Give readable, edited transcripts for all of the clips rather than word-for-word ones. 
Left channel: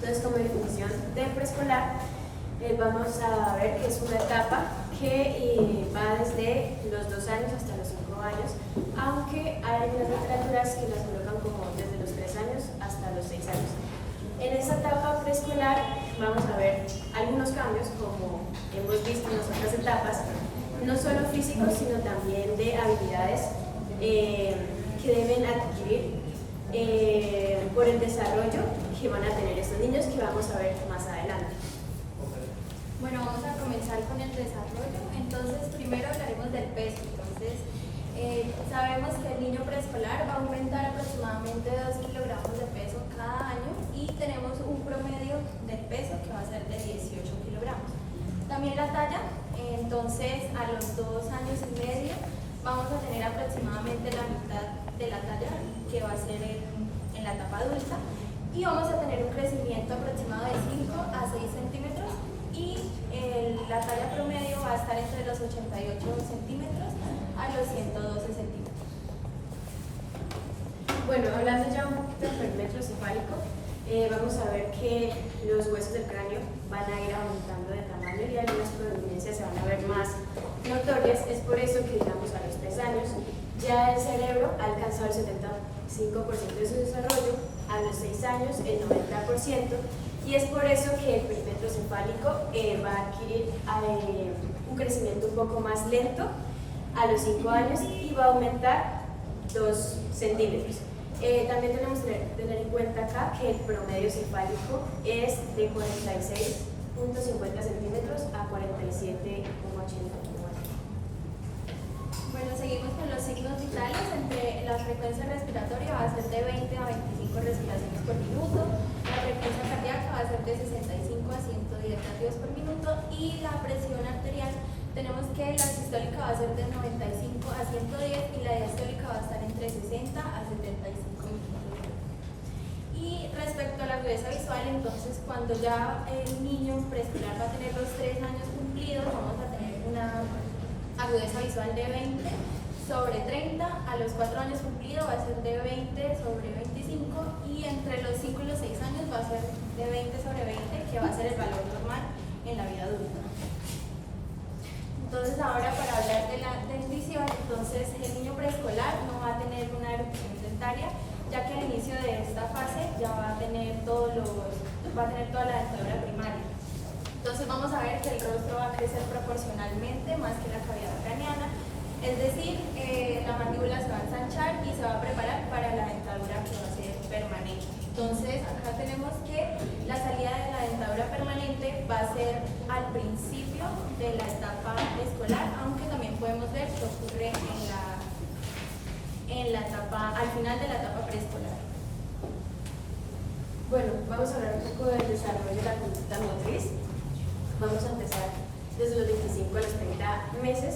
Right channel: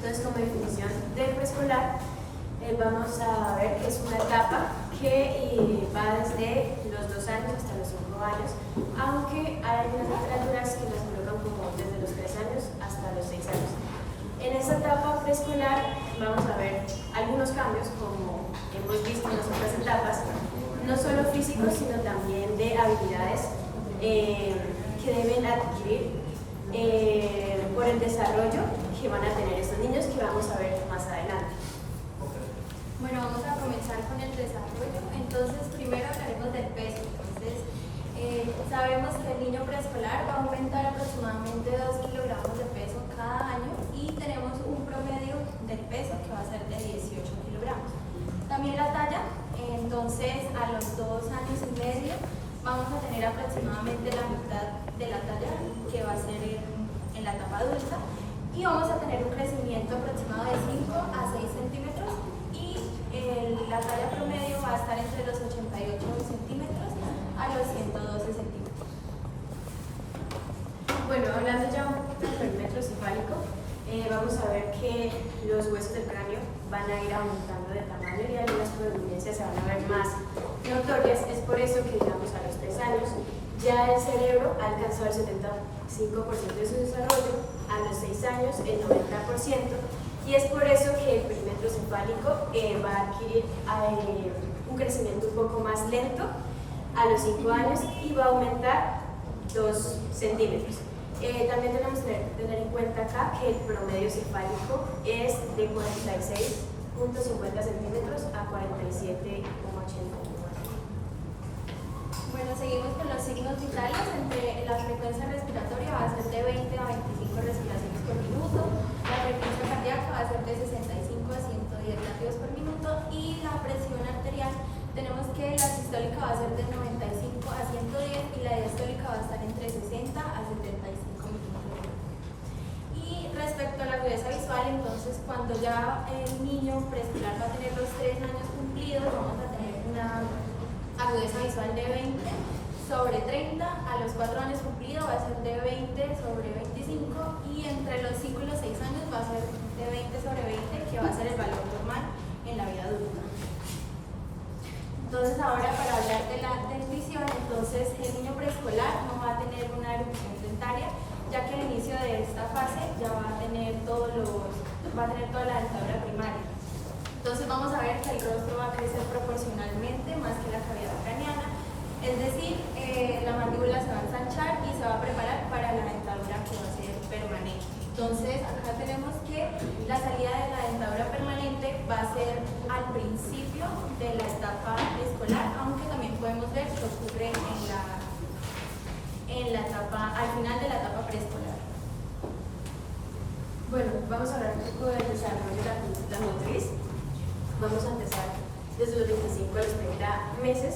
Entonces, como definición de preescolar, vamos a ver que es una etapa que va desde los 2 años hasta los 5 años, aunque hay algunas literaturas que las colocan como desde los 3 años hasta los 6 años. En esta etapa preescolar vamos a ver algunos cambios, como hemos visto en las otras etapas, no solo físicos, sino también de habilidades que deben adquirir por el desarrollo que van a tener estos niños, que vamos a ver más adelante. Bueno, vamos a comenzar con el desarrollo. Entonces, primero hablaremos del peso. Entonces, sabemos que el niño preescolar va a aumentar aproximadamente 2 kilogramos de peso cada año y tenemos un promedio del peso que va a ser de 18 kilogramos. También la talla, entonces a los 2 años y medio vamos a tener aproximadamente la mitad de la talla que va a ser en la etapa adulta y vamos a tener un crecimiento aproximado de 5 a 6 centímetros y la talla promedio va a estar entre los 88 centímetros a los 112 centímetros. Bueno, hablando ya un poquito del perímetro cefálico, vamos a ver que los huesos del cráneo van a ir aumentando de tamaño y algunas prominencias se van a ver más notorias. Es por eso que, digamos, a los 3 años ya el cerebro ha alcanzado el 75% de su desarrollo, a los 6 años el 90%, y es por eso que el perímetro cefálico va a adquirir un crecimiento un poco más lento a los 5 años y va a aumentar 2 centímetros. También tenemos que tener en cuenta acá que el promedio cefálico es de 46.50 centímetros a 47,81. Bueno, seguimos con los signos vitales. Entre la frecuencia respiratoria va a ser de 20 a 25 respiraciones por minuto, la frecuencia cardíaca va a ser de 65 a 110 latidos por minuto y la presión arterial tenemos que la sistólica va a ser de 95 a 110 y la diastólica va a estar entre 60 a 75 milímetros. Y respecto a la agudeza visual, entonces cuando ya el niño preescolar va a tener los 3 años cumplidos, vamos a tener una agudeza visual de 20 sobre 30, a los 4 años cumplidos va a ser de 20 sobre 25 y entre los 5 y los 6 años va a ser de 20 sobre 20, que va a ser el valor normal en la vida adulta. Entonces ahora para hablar de la dentición, entonces el niño preescolar no va a tener una erupción dentaria, ya que al inicio de esta fase ya va a tener toda la dentadura primaria. Entonces vamos a ver que el rostro va a crecer proporcionalmente más que la cavidad craneana, es decir, la mandíbula se va a ensanchar y se va a preparar para la dentadura que va a ser permanente. Entonces acá tenemos que la salida de la dentadura permanente va a ser al principio de la etapa escolar, aunque también podemos ver que ocurre al final de la etapa preescolar. Bueno, vamos a hablar un poco del desarrollo de la conducta motriz. Vamos a empezar desde los 25 a los 30 meses.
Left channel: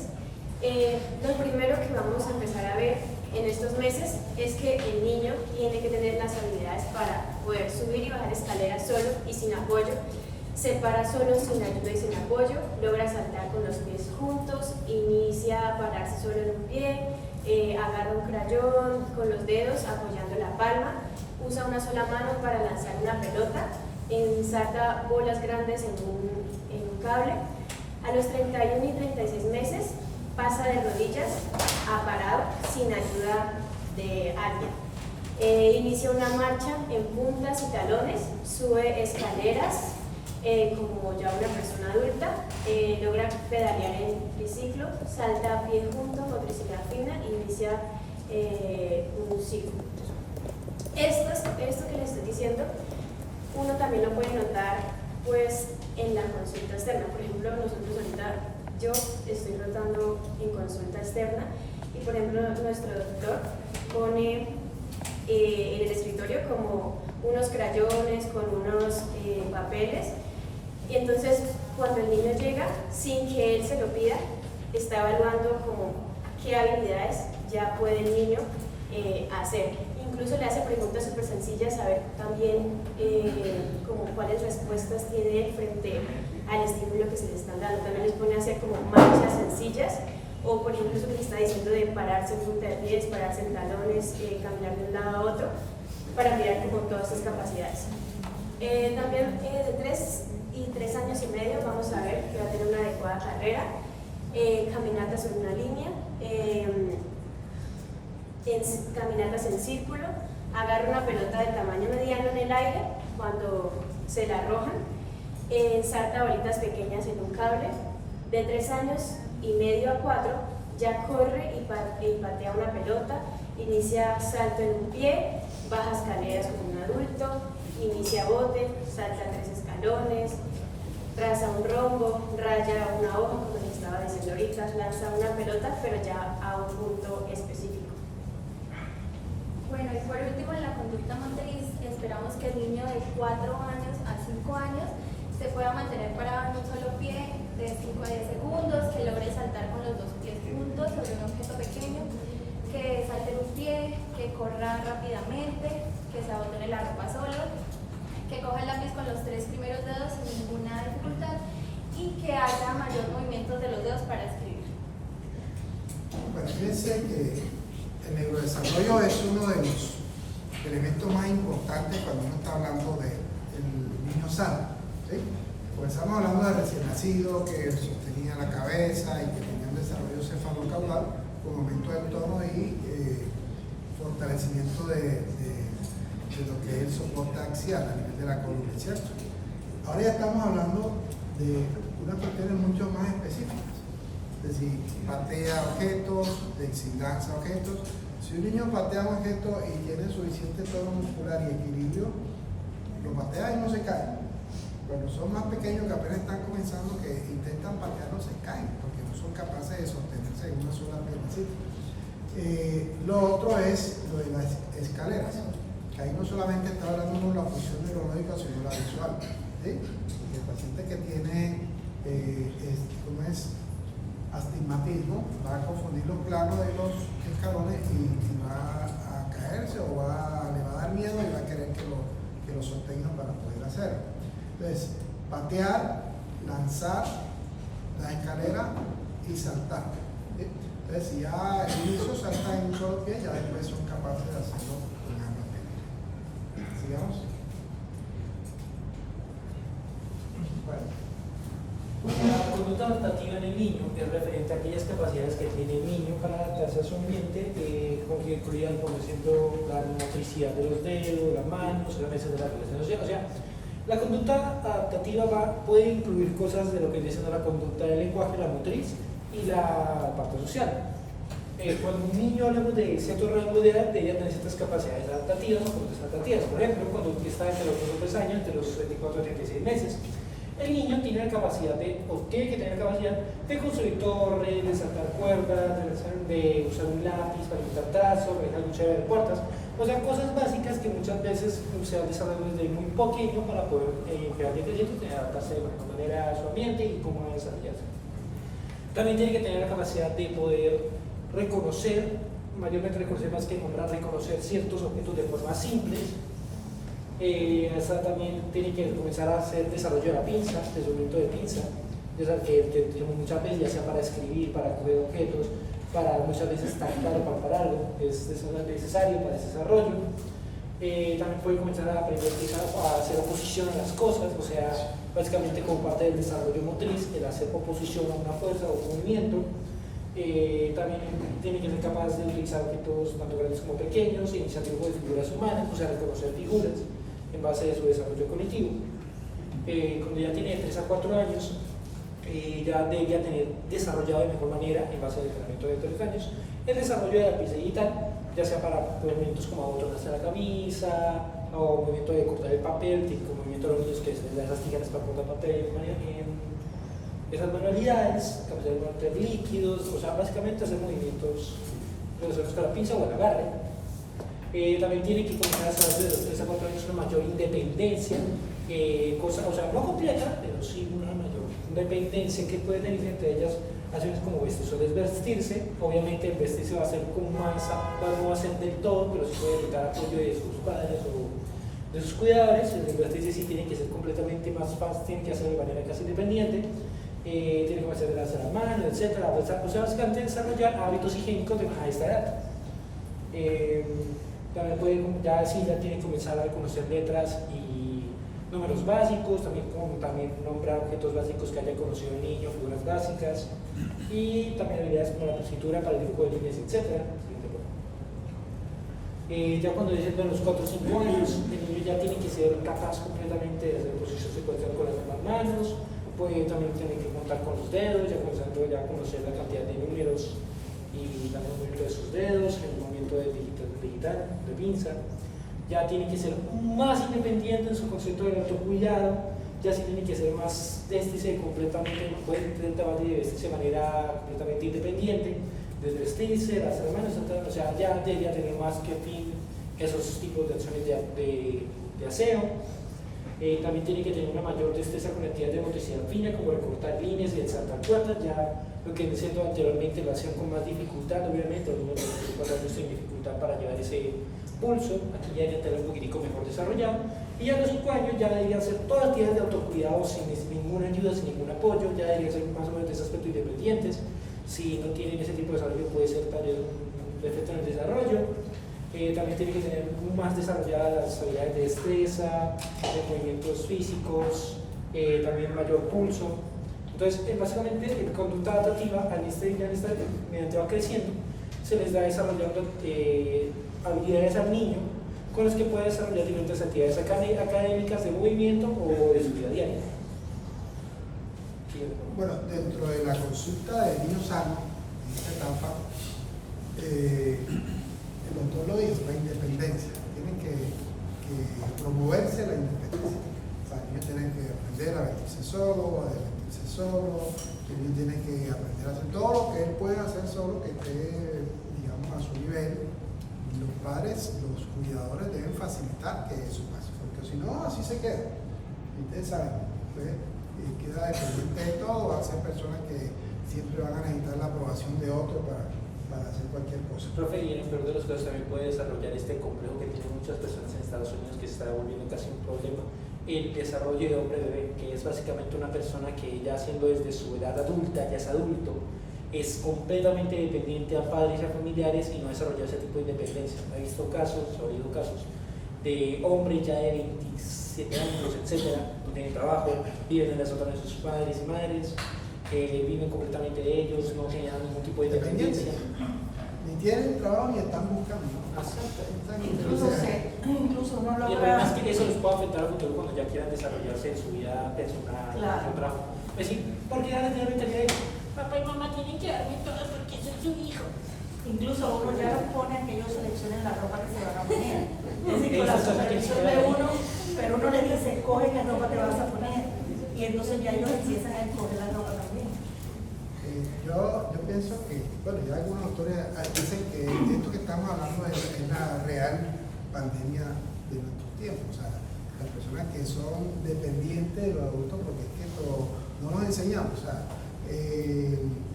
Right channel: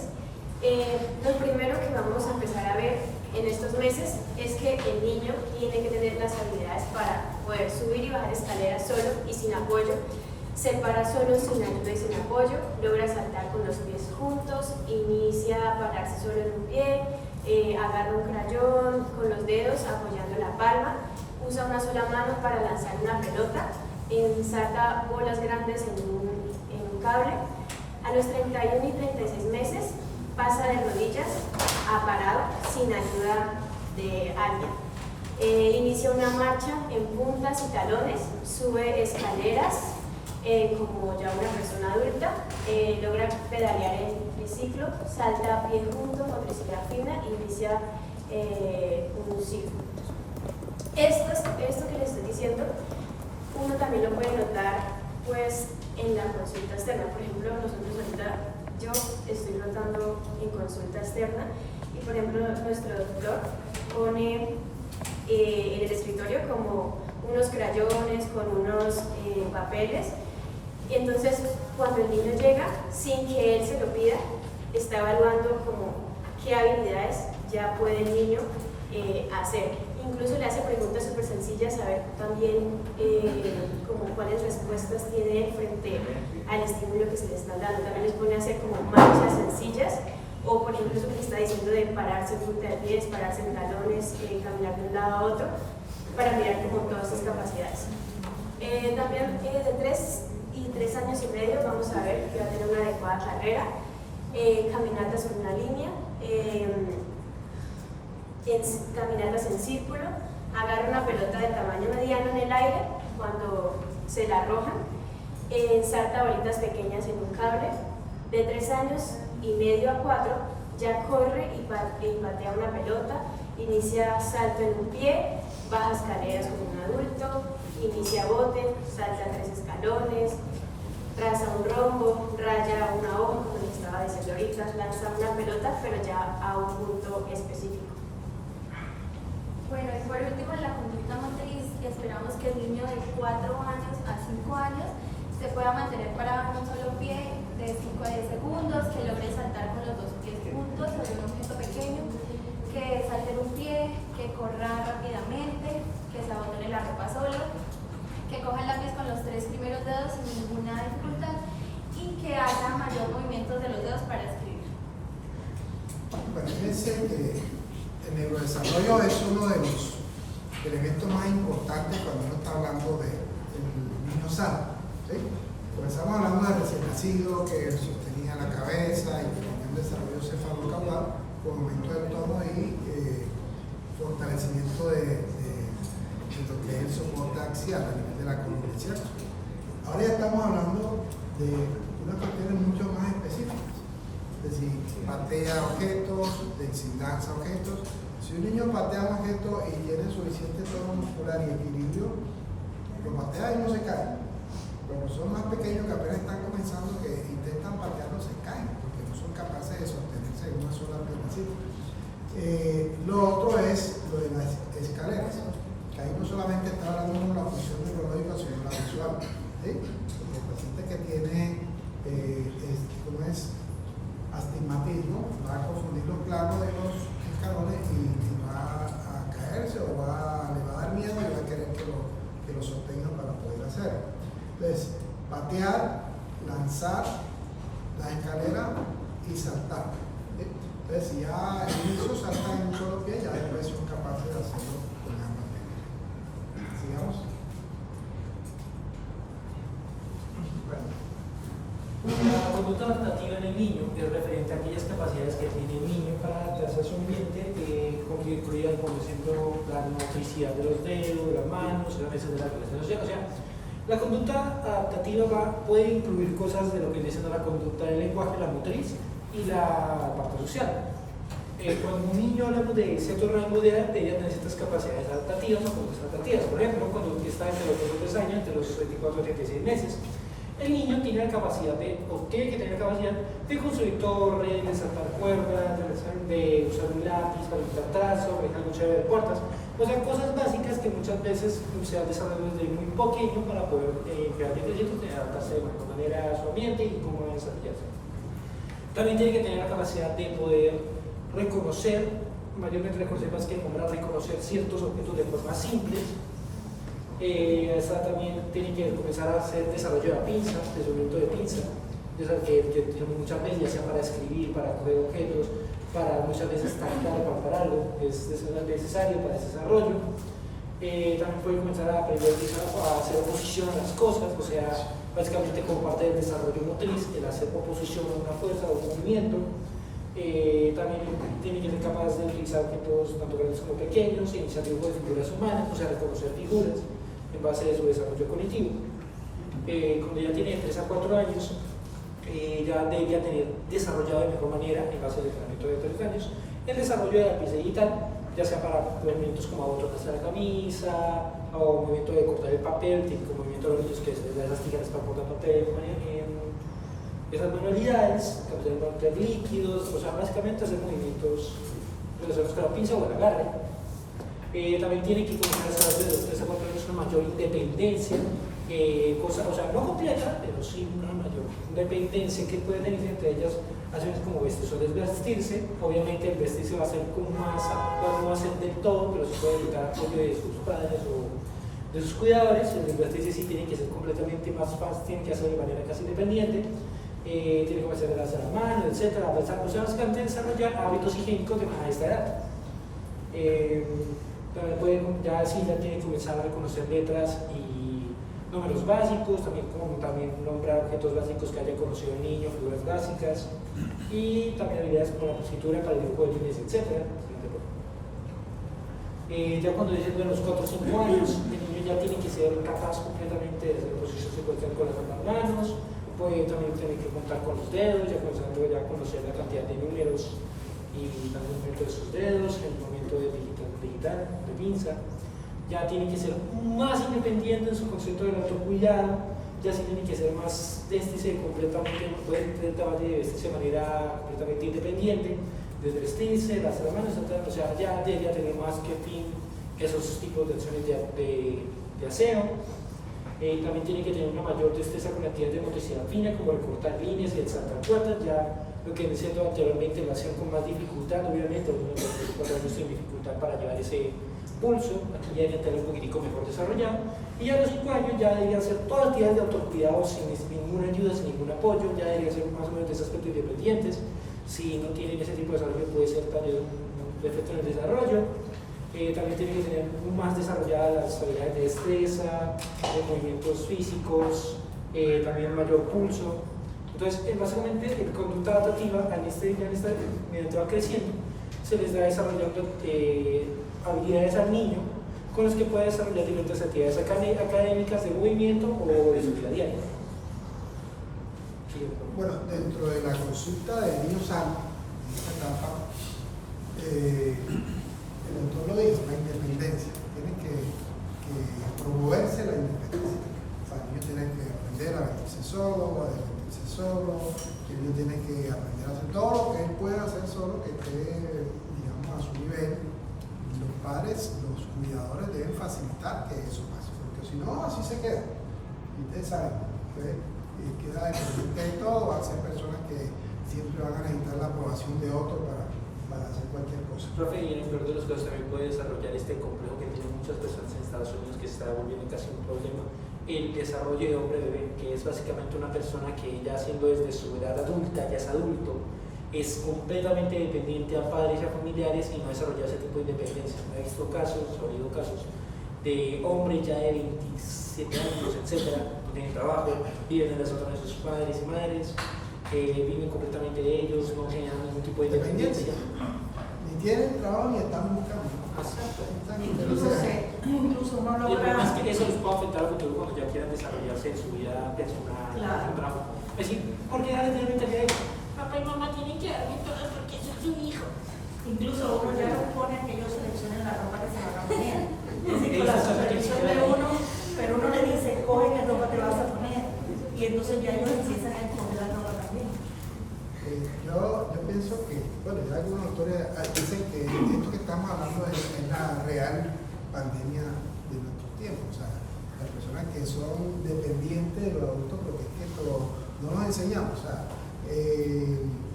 Lo primero que vamos a empezar a ver en estos meses es que el niño tiene que tener las habilidades para poder subir y bajar escaleras solo y sin apoyo, se para solo sin ayuda y sin apoyo, logra saltar con los pies juntos, inicia a pararse solo en un pie, agarra un crayón con los dedos apoyando la palma, usa una sola mano para lanzar una pelota, ensarta bolas grandes en un cable. A los 31 y 36 meses pasa de rodillas a parado sin ayuda de alguien. Inicia una marcha en puntas y talones, sube escaleras como ya una persona adulta, logra pedalear en triciclo, salta a pie junto, motricidad fina e inicia un ciclo. Esto que les estoy diciendo, uno también lo puede notar pues en la consulta externa. Por ejemplo, nosotros ahorita, yo estoy notando en consulta externa y por ejemplo nuestro doctor pone en el escritorio como unos crayones con unos papeles y entonces cuando el niño llega, sin que él se lo pida, está evaluando como qué habilidades ya puede el niño hacer. Incluso le hace preguntas súper sencillas, a ver también como cuáles respuestas tiene él frente al estímulo que se le está dando. También les pone a hacer como marchas sencillas, o por ejemplo eso que le está diciendo de pararse en punta de pies, pararse en talones, caminar de un lado a otro, para mirar como todas estas capacidades. también de 3 y 3 años y medio vamos a ver que va a tener una adecuada carrera, caminatas sobre una línea, caminatas en círculo, agarra una pelota de tamaño mediano en el aire cuando se la arrojan, salta bolitas pequeñas en un cable. De 3 años y medio a 4 ya corre y patea una pelota, inicia salto en un pie, baja escaleras como un adulto, inicia bote, salta 3 escalones, traza un rombo, raya una hoja, como les estaba diciendo ahorita, lanza una pelota, pero ya a un punto específico. Bueno, y por último, en la conducta motriz, esperamos que el niño de 4 años a 5 años se pueda mantener parado en un solo pie de 5 a 10 segundos, que logre saltar con los 2 pies juntos sobre un objeto pequeño, que salte en un pie, que corra rápidamente, que se abotone la ropa solo, que coja el lápiz con los 3 primeros dedos sin ninguna dificultad y que haya mayor movimiento de los dedos para escribir. Bueno, fíjense que el neurodesarrollo es uno de los elementos más importantes cuando uno está hablando del niño sano, ¿sí? Porque estamos hablando de recién nacido que sostenía la cabeza y que tenía un desarrollo cefalocaudal con aumento del tono y fortalecimiento de lo que es el soporte axial a nivel de la columna, ¿cierto? Ahora ya estamos hablando de unas cuestiones mucho más específicas, es decir, patea objetos, lanza objetos. Si un niño patea un objeto y tiene suficiente tono muscular y equilibrio, lo patea y no se cae. Cuando son más pequeños que apenas están comenzando, que intentan patearlo, se caen porque no son capaces de sostenerse en una sola pierna. Lo otro es lo de las escaleras. Ahí no solamente está hablando de la función neurológica, sino la visual, ¿sí? Porque el paciente que tiene astigmatismo va a confundir los planos de los escalones y va a caerse o le va a dar miedo y va a querer que lo sostengan para poder hacerlo. Entonces, patear, lanzar la escalera y saltar, ¿sí? Entonces, si ya el inicio salta en un solo pie, ya después son capaces de hacerlo con ambas piernas. Sigamos. La conducta adaptativa en el niño es referente a aquellas capacidades que tiene el niño para adaptarse a su ambiente, que incluyan, por ejemplo, la motricidad de los dedos, de las manos, de la relación social. O sea, la conducta adaptativa puede incluir cosas de lo que viene siendo la conducta del lenguaje, la motriz y la parte social. Cuando un niño hablamos de cierto rango de edad, debería tener ciertas capacidades adaptativas o conductas adaptativas. Por ejemplo, cuando está entre los 2 años, entre los 24 y 36 meses, el niño tiene la capacidad tiene que tener la capacidad de construir torres, de saltar cuerdas, de usar un lápiz para pintar trazo, manejar un chévere de puertas. O sea, cosas básicas que muchas veces se han desarrollado desde muy pequeño para poder crear proyectos de adaptarse de alguna manera a su ambiente y cómo desarrollarse. También tiene que tener la capacidad de poder reconocer, mayormente reconocer más que nombrar, reconocer ciertos objetos de forma simples. Esta también tiene que comenzar a hacer desarrollo de pinzas, de sonido de pinza, que muchas veces ya sea para escribir, para coger objetos, para muchas veces tactar o palpar algo, es necesario para ese desarrollo. También puede comenzar a aprender a hacer oposición a las cosas, o sea, básicamente como parte del desarrollo motriz, el hacer oposición a una fuerza o un movimiento. También tiene que ser capaz de utilizar objetos tanto grandes como pequeños, iniciar dibujo de figuras humanas, o sea, reconocer figuras en base a su desarrollo cognitivo. Cuando ya tiene 3 a 4 años, ya debería tener desarrollado de mejor manera, en base al entrenamiento de 3 años, el desarrollo de la pieza digital, ya sea para movimientos como abotonarse la camisa, o movimiento de cortar el papel, típico movimiento de los niños que se les da esas tijeras para cortar papel, esas manualidades, capacidad de cortar líquidos, o sea, básicamente hacer movimientos relacionados con la pinza o el agarre. También tiene que comenzar a desarrollar de los 3 a 4 años una mayor independencia, o sea, no completa, pero sí una mayor independencia que puede tener entre ellas acciones como vestirse o desvestirse. Obviamente el vestirse va a ser con más, no va a ser del todo, pero sí puede evitar apoyo de sus padres o de sus cuidadores. El desvestirse sí tiene que ser completamente más fácil, tiene que hacerlo de manera casi independiente. Tiene que comenzar a lavarse la mano, etc. O sea, básicamente desarrollar hábitos higiénicos a esta edad. También ya tiene que comenzar a reconocer letras y números básicos, también nombrar objetos básicos que haya conocido el niño, figuras básicas, y también habilidades como la escritura para el dibujo de líneas, etc. Ya cuando dicen de los 4 o 5 años, el niño ya tiene que ser capaz completamente de hacer ejercicio secuencial con las manos, puede también tener que contar con los dedos, ya comenzando ya a conocer la cantidad de números y el movimiento de sus dedos, el movimiento digital, de pinza. Ya tiene que ser más independiente en su concepto del autocuidado, ya sí tiene que ser más completamente, puede vestirse de manera completamente independiente, desvestirse, las manos, etc. O sea, ya debería tener más que fin esos tipos de acciones de aseo. También tiene que tener una mayor destreza con actividades de motricidad fina, como recortar líneas y saltar puertas, ya lo que decía anteriormente lo hacían con más dificultad, obviamente, los niños de 4 años tienen dificultad para llevar ese pulso, aquí ya debería tener un poquitico mejor desarrollado, y a los 5 años ya deberían ser todas actividades de autocuidado sin ninguna ayuda, sin ningún apoyo, ya deberían ser más o menos de ese aspecto independientes. Si no tienen ese tipo de desarrollo puede ser tal vez un defecto en el desarrollo. También tienen que tener más desarrolladas las habilidades de destreza, de movimientos físicos, también mayor pulso. Entonces, básicamente, la conducta adaptativa mediante va creciendo, se les da desarrollando habilidades al niño con las que puede desarrollar diferentes actividades académicas, de movimiento o de su vida diaria. Bueno, dentro de la consulta del niño sano, en esta etapa, el doctor lo dijo, la independencia. Tiene que promoverse la independencia. O sea, el niño tiene que aprender a vestirse solo, a divertirse solo, el niño tiene que aprender a hacer todo lo que él pueda hacer solo, que esté, digamos, a su nivel. Y los padres, los cuidadores deben facilitar que eso pase, porque si no, así se queda. Y ustedes saben, ¿ves? Y queda dependiente de todo, van a ser personas que siempre van a necesitar la aprobación de otro para hacer cualquier cosa. Profe, y en el peor de los casos también puede desarrollar este complejo que tienen muchas personas en Estados Unidos, que se está volviendo casi un problema, el desarrollo de hombre-bebé, que es básicamente una persona que ya siendo desde su edad adulta, ya es adulto, es completamente dependiente a padres y a familiares y no desarrolla ese tipo de independencia. He visto casos, he oído casos de hombres ya de 27 años, etcétera, no tienen trabajo, viven en las sótanos de sus padres y madres, viven completamente de ellos, no generan ningún tipo de independencia. Ni tienen trabajo ni están buscando. Incluso uno Y el logra. problema es que eso les puede afectar al futuro cuando ya quieran desarrollarse en su vida personal, Claro. en su trabajo. Es decir, porque ya les mentalidad de Papá y mamá tienen que darme todo porque yo soy su hijo. Incluso uno ya los pone a que ellos seleccionen la ropa que se van a poner. Es decir, con la Eso es lo que supervisión quisiera de ver. uno, pero uno le dice, escoge qué ropa te vas a poner. Y entonces ya ellos empiezan a escoger la ropa también. Yo pienso que, bueno, ya algunos autores dicen que esto que estamos hablando es la real pandemia de nuestros tiempos. O sea, las personas que son dependientes de los adultos, porque es que no nos enseñamos. O sea,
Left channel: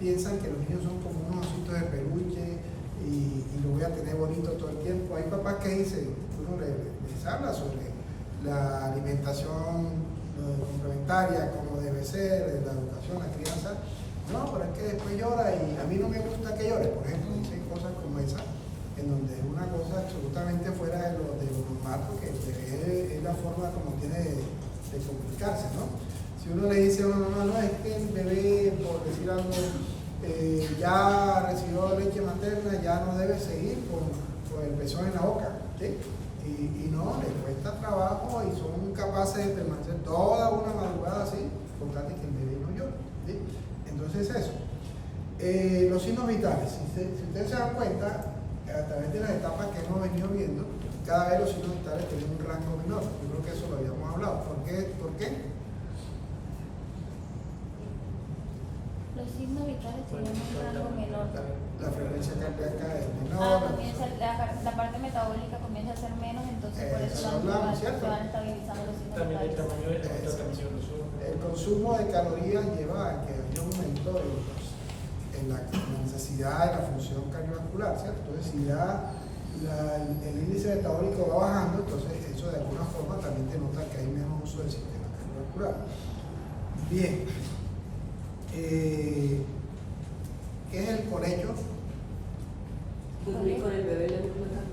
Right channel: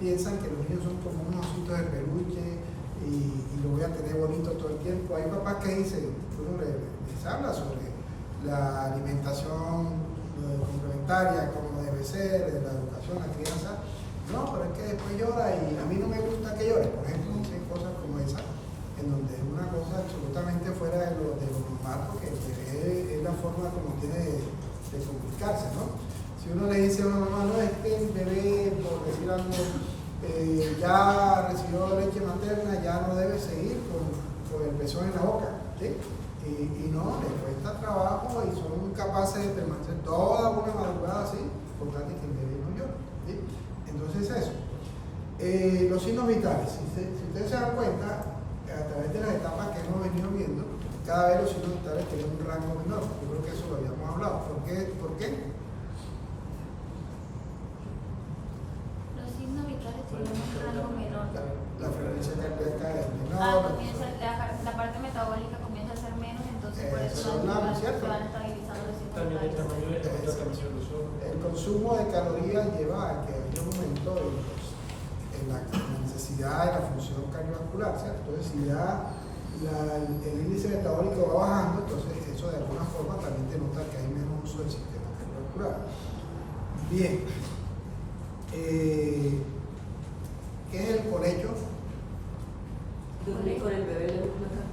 piensan que los niños son como unos ositos de peluche y lo voy a tener bonito todo el tiempo. Hay papás que dicen, uno les habla sobre la alimentación complementaria, como debe ser, la educación, la crianza. No, pero es que después llora y a mí no me gusta que llore. Por ejemplo, dicen cosas como esa, en donde es una cosa absolutamente fuera de lo normal, porque es la forma como tiene de complicarse, ¿no? Si uno le dice a una mamá, no, es que el bebé, por decir algo, ya recibió leche materna, ya no debe seguir con el pezón en la boca, ¿sí? Y no, les cuesta trabajo y son capaces de permanecer toda una madrugada así, por tal de que el bebé no llore, ¿sí? Entonces eso. Los signos vitales, si ustedes se dan cuenta, a través de las etapas que hemos venido viendo, cada vez los signos vitales tienen un rango menor. Yo creo que eso lo habíamos hablado. ¿Por qué? Los signos vitales tienen un rango menor. La frecuencia cardíaca es menor. La parte metabólica comienza a ser menos, entonces por eso Eso hablamos, ¿cierto? se van estabilizando los signos también el vitales. tamaño de la contaminación de los ojos. El consumo de calorías lleva a que haya un aumento en la necesidad de la función cardiovascular, ¿cierto? Entonces, si ya el índice metabólico va bajando, entonces eso de alguna forma también denota que hay menos uso del sistema cardiovascular. Bien. ¿Qué es el colecho? Dormir con el bebé en la cama.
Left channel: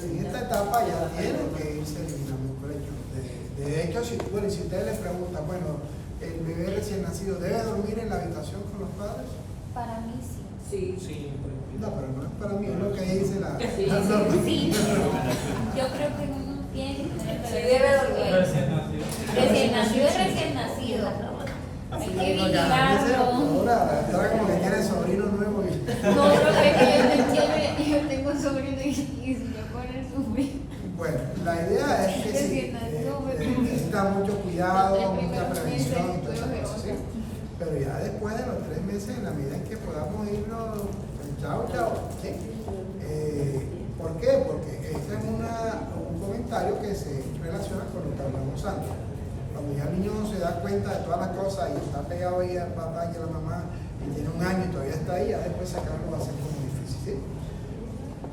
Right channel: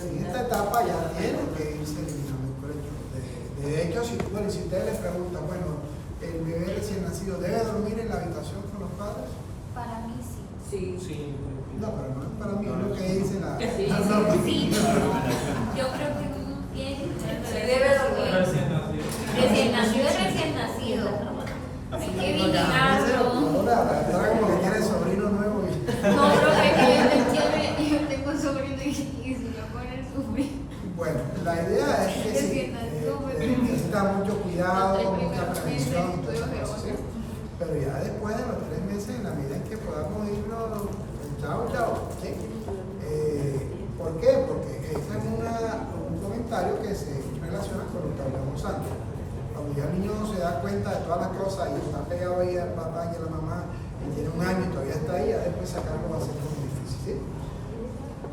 En esta etapa ya tienen que irse eliminando el colecho. De hecho, si ustedes les preguntan, bueno, el bebé recién nacido debe dormir en la habitación con los padres. Para mí sí. Sí. Sí, No, pero no es para mí, es lo que dice la Sí, norma. Sí, yo creo que bien. Se debe dormir. Recién nacido es recién nacido. Hay que vigilarlo. Ahora está como que tiene sobrino nuevo. No, profe, que yo tengo un sobrino y si lo ponen sufrir. Bueno, la idea es que sí, necesita mucho cuidado, mucha prevención y todas esas cosas, ¿sí? Pero ya después de los 3 meses, en la medida en que podamos irnos, chao, ¿sí? ¿Por qué? Porque ese es un comentario que se relaciona con lo que hablamos antes. Cuando ya el niño se da cuenta de todas las cosas y está pegado ahí al papá y a la mamá y tiene 1 año y todavía está ahí, ya después sacarlo va a ser como difícil, ¿sí?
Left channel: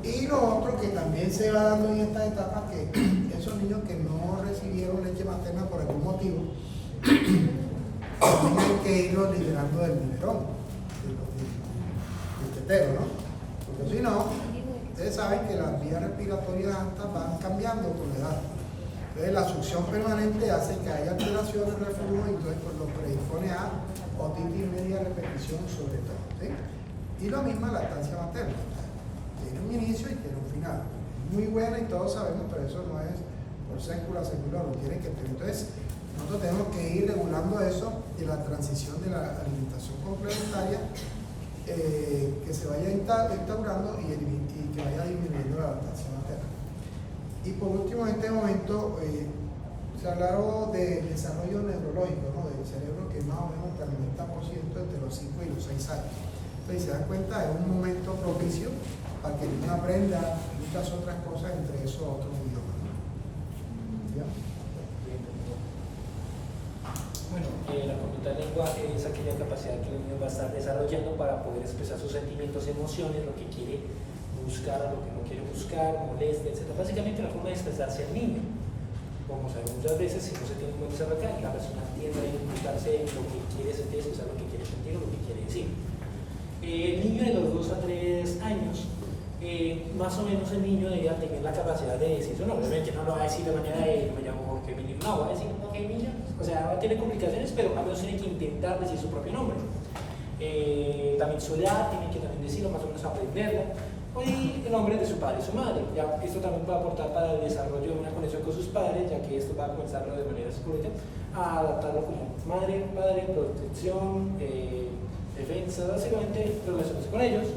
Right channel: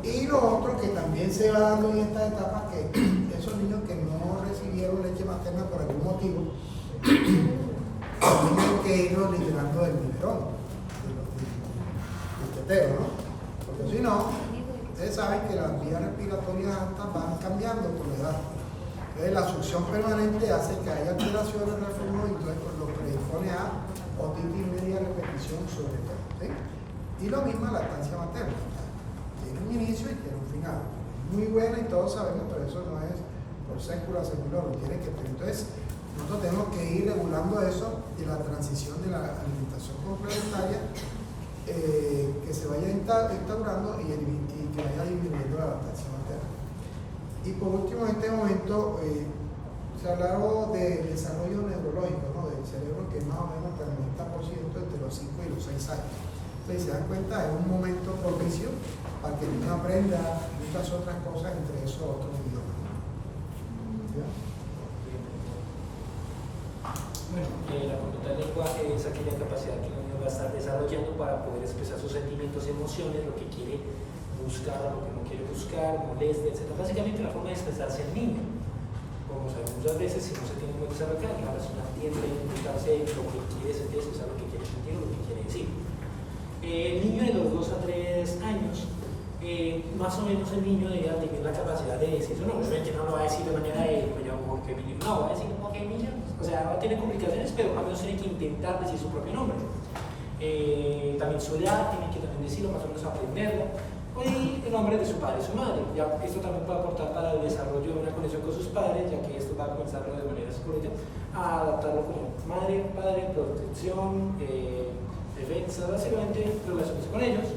Y lo otro que también se va dando en esta etapa, que esos niños que no recibieron leche materna por algún motivo, también hay que irlos liberando del biberón, del tetero, ¿no? Porque si no, ustedes saben que las vías respiratorias altas van cambiando con la edad. Entonces la succión permanente hace que haya alteraciones del reflujo y entonces lo predispone a otitis media repetición sobre todo, ¿sí? Y lo mismo lactancia materna. Tiene un inicio y tiene un final. Muy buena y todos sabemos, pero eso no es por sécula secular, lo tiene que tener. Entonces, nosotros tenemos que ir regulando eso y la transición de la alimentación complementaria que se vaya instaurando y que vaya disminuyendo la lactancia materna. Y por último, en este momento, se hablaron del desarrollo neurológico, ¿no? Del cerebro, que más o menos hasta el 90% entre los 5 y los 6 años. Entonces, si se dan cuenta, es un momento propicio para que el niño aprenda muchas otras cosas, entre esos otros idiomas. ¿Ya? Bueno, la conducta del lenguaje es aquella capacidad que el niño va a estar desarrollando para poder expresar sus sentimientos, emociones, lo que quiere buscar o lo que no quiere buscar, molestia, etc. Básicamente la forma de expresarse el niño. Como sabemos muchas veces, si no se tiene un buen desarrollo, la persona tiende a identificarse lo que quiere sentir, expresar lo que quiere sentir o lo que quiere decir. El niño de los 2 a 3 años, más o menos el niño debería tener la capacidad de decir su nombre. Obviamente no lo va a decir de manera de me llamo Jorge Emilio, no, va a decir Jorge Emilio, o sea, va a tener complicaciones, pero al menos tiene que intentar decir su propio nombre. También su edad, tiene que también decirlo, más o menos aprenderlo, y el nombre de su padre y su madre. Ya, esto también puede aportar para el desarrollo de una conexión con sus padres, ya que esto va a comenzarlo de manera psicológica a adaptarlo como madre, padre, protección, defensa, básicamente relaciones con ellos.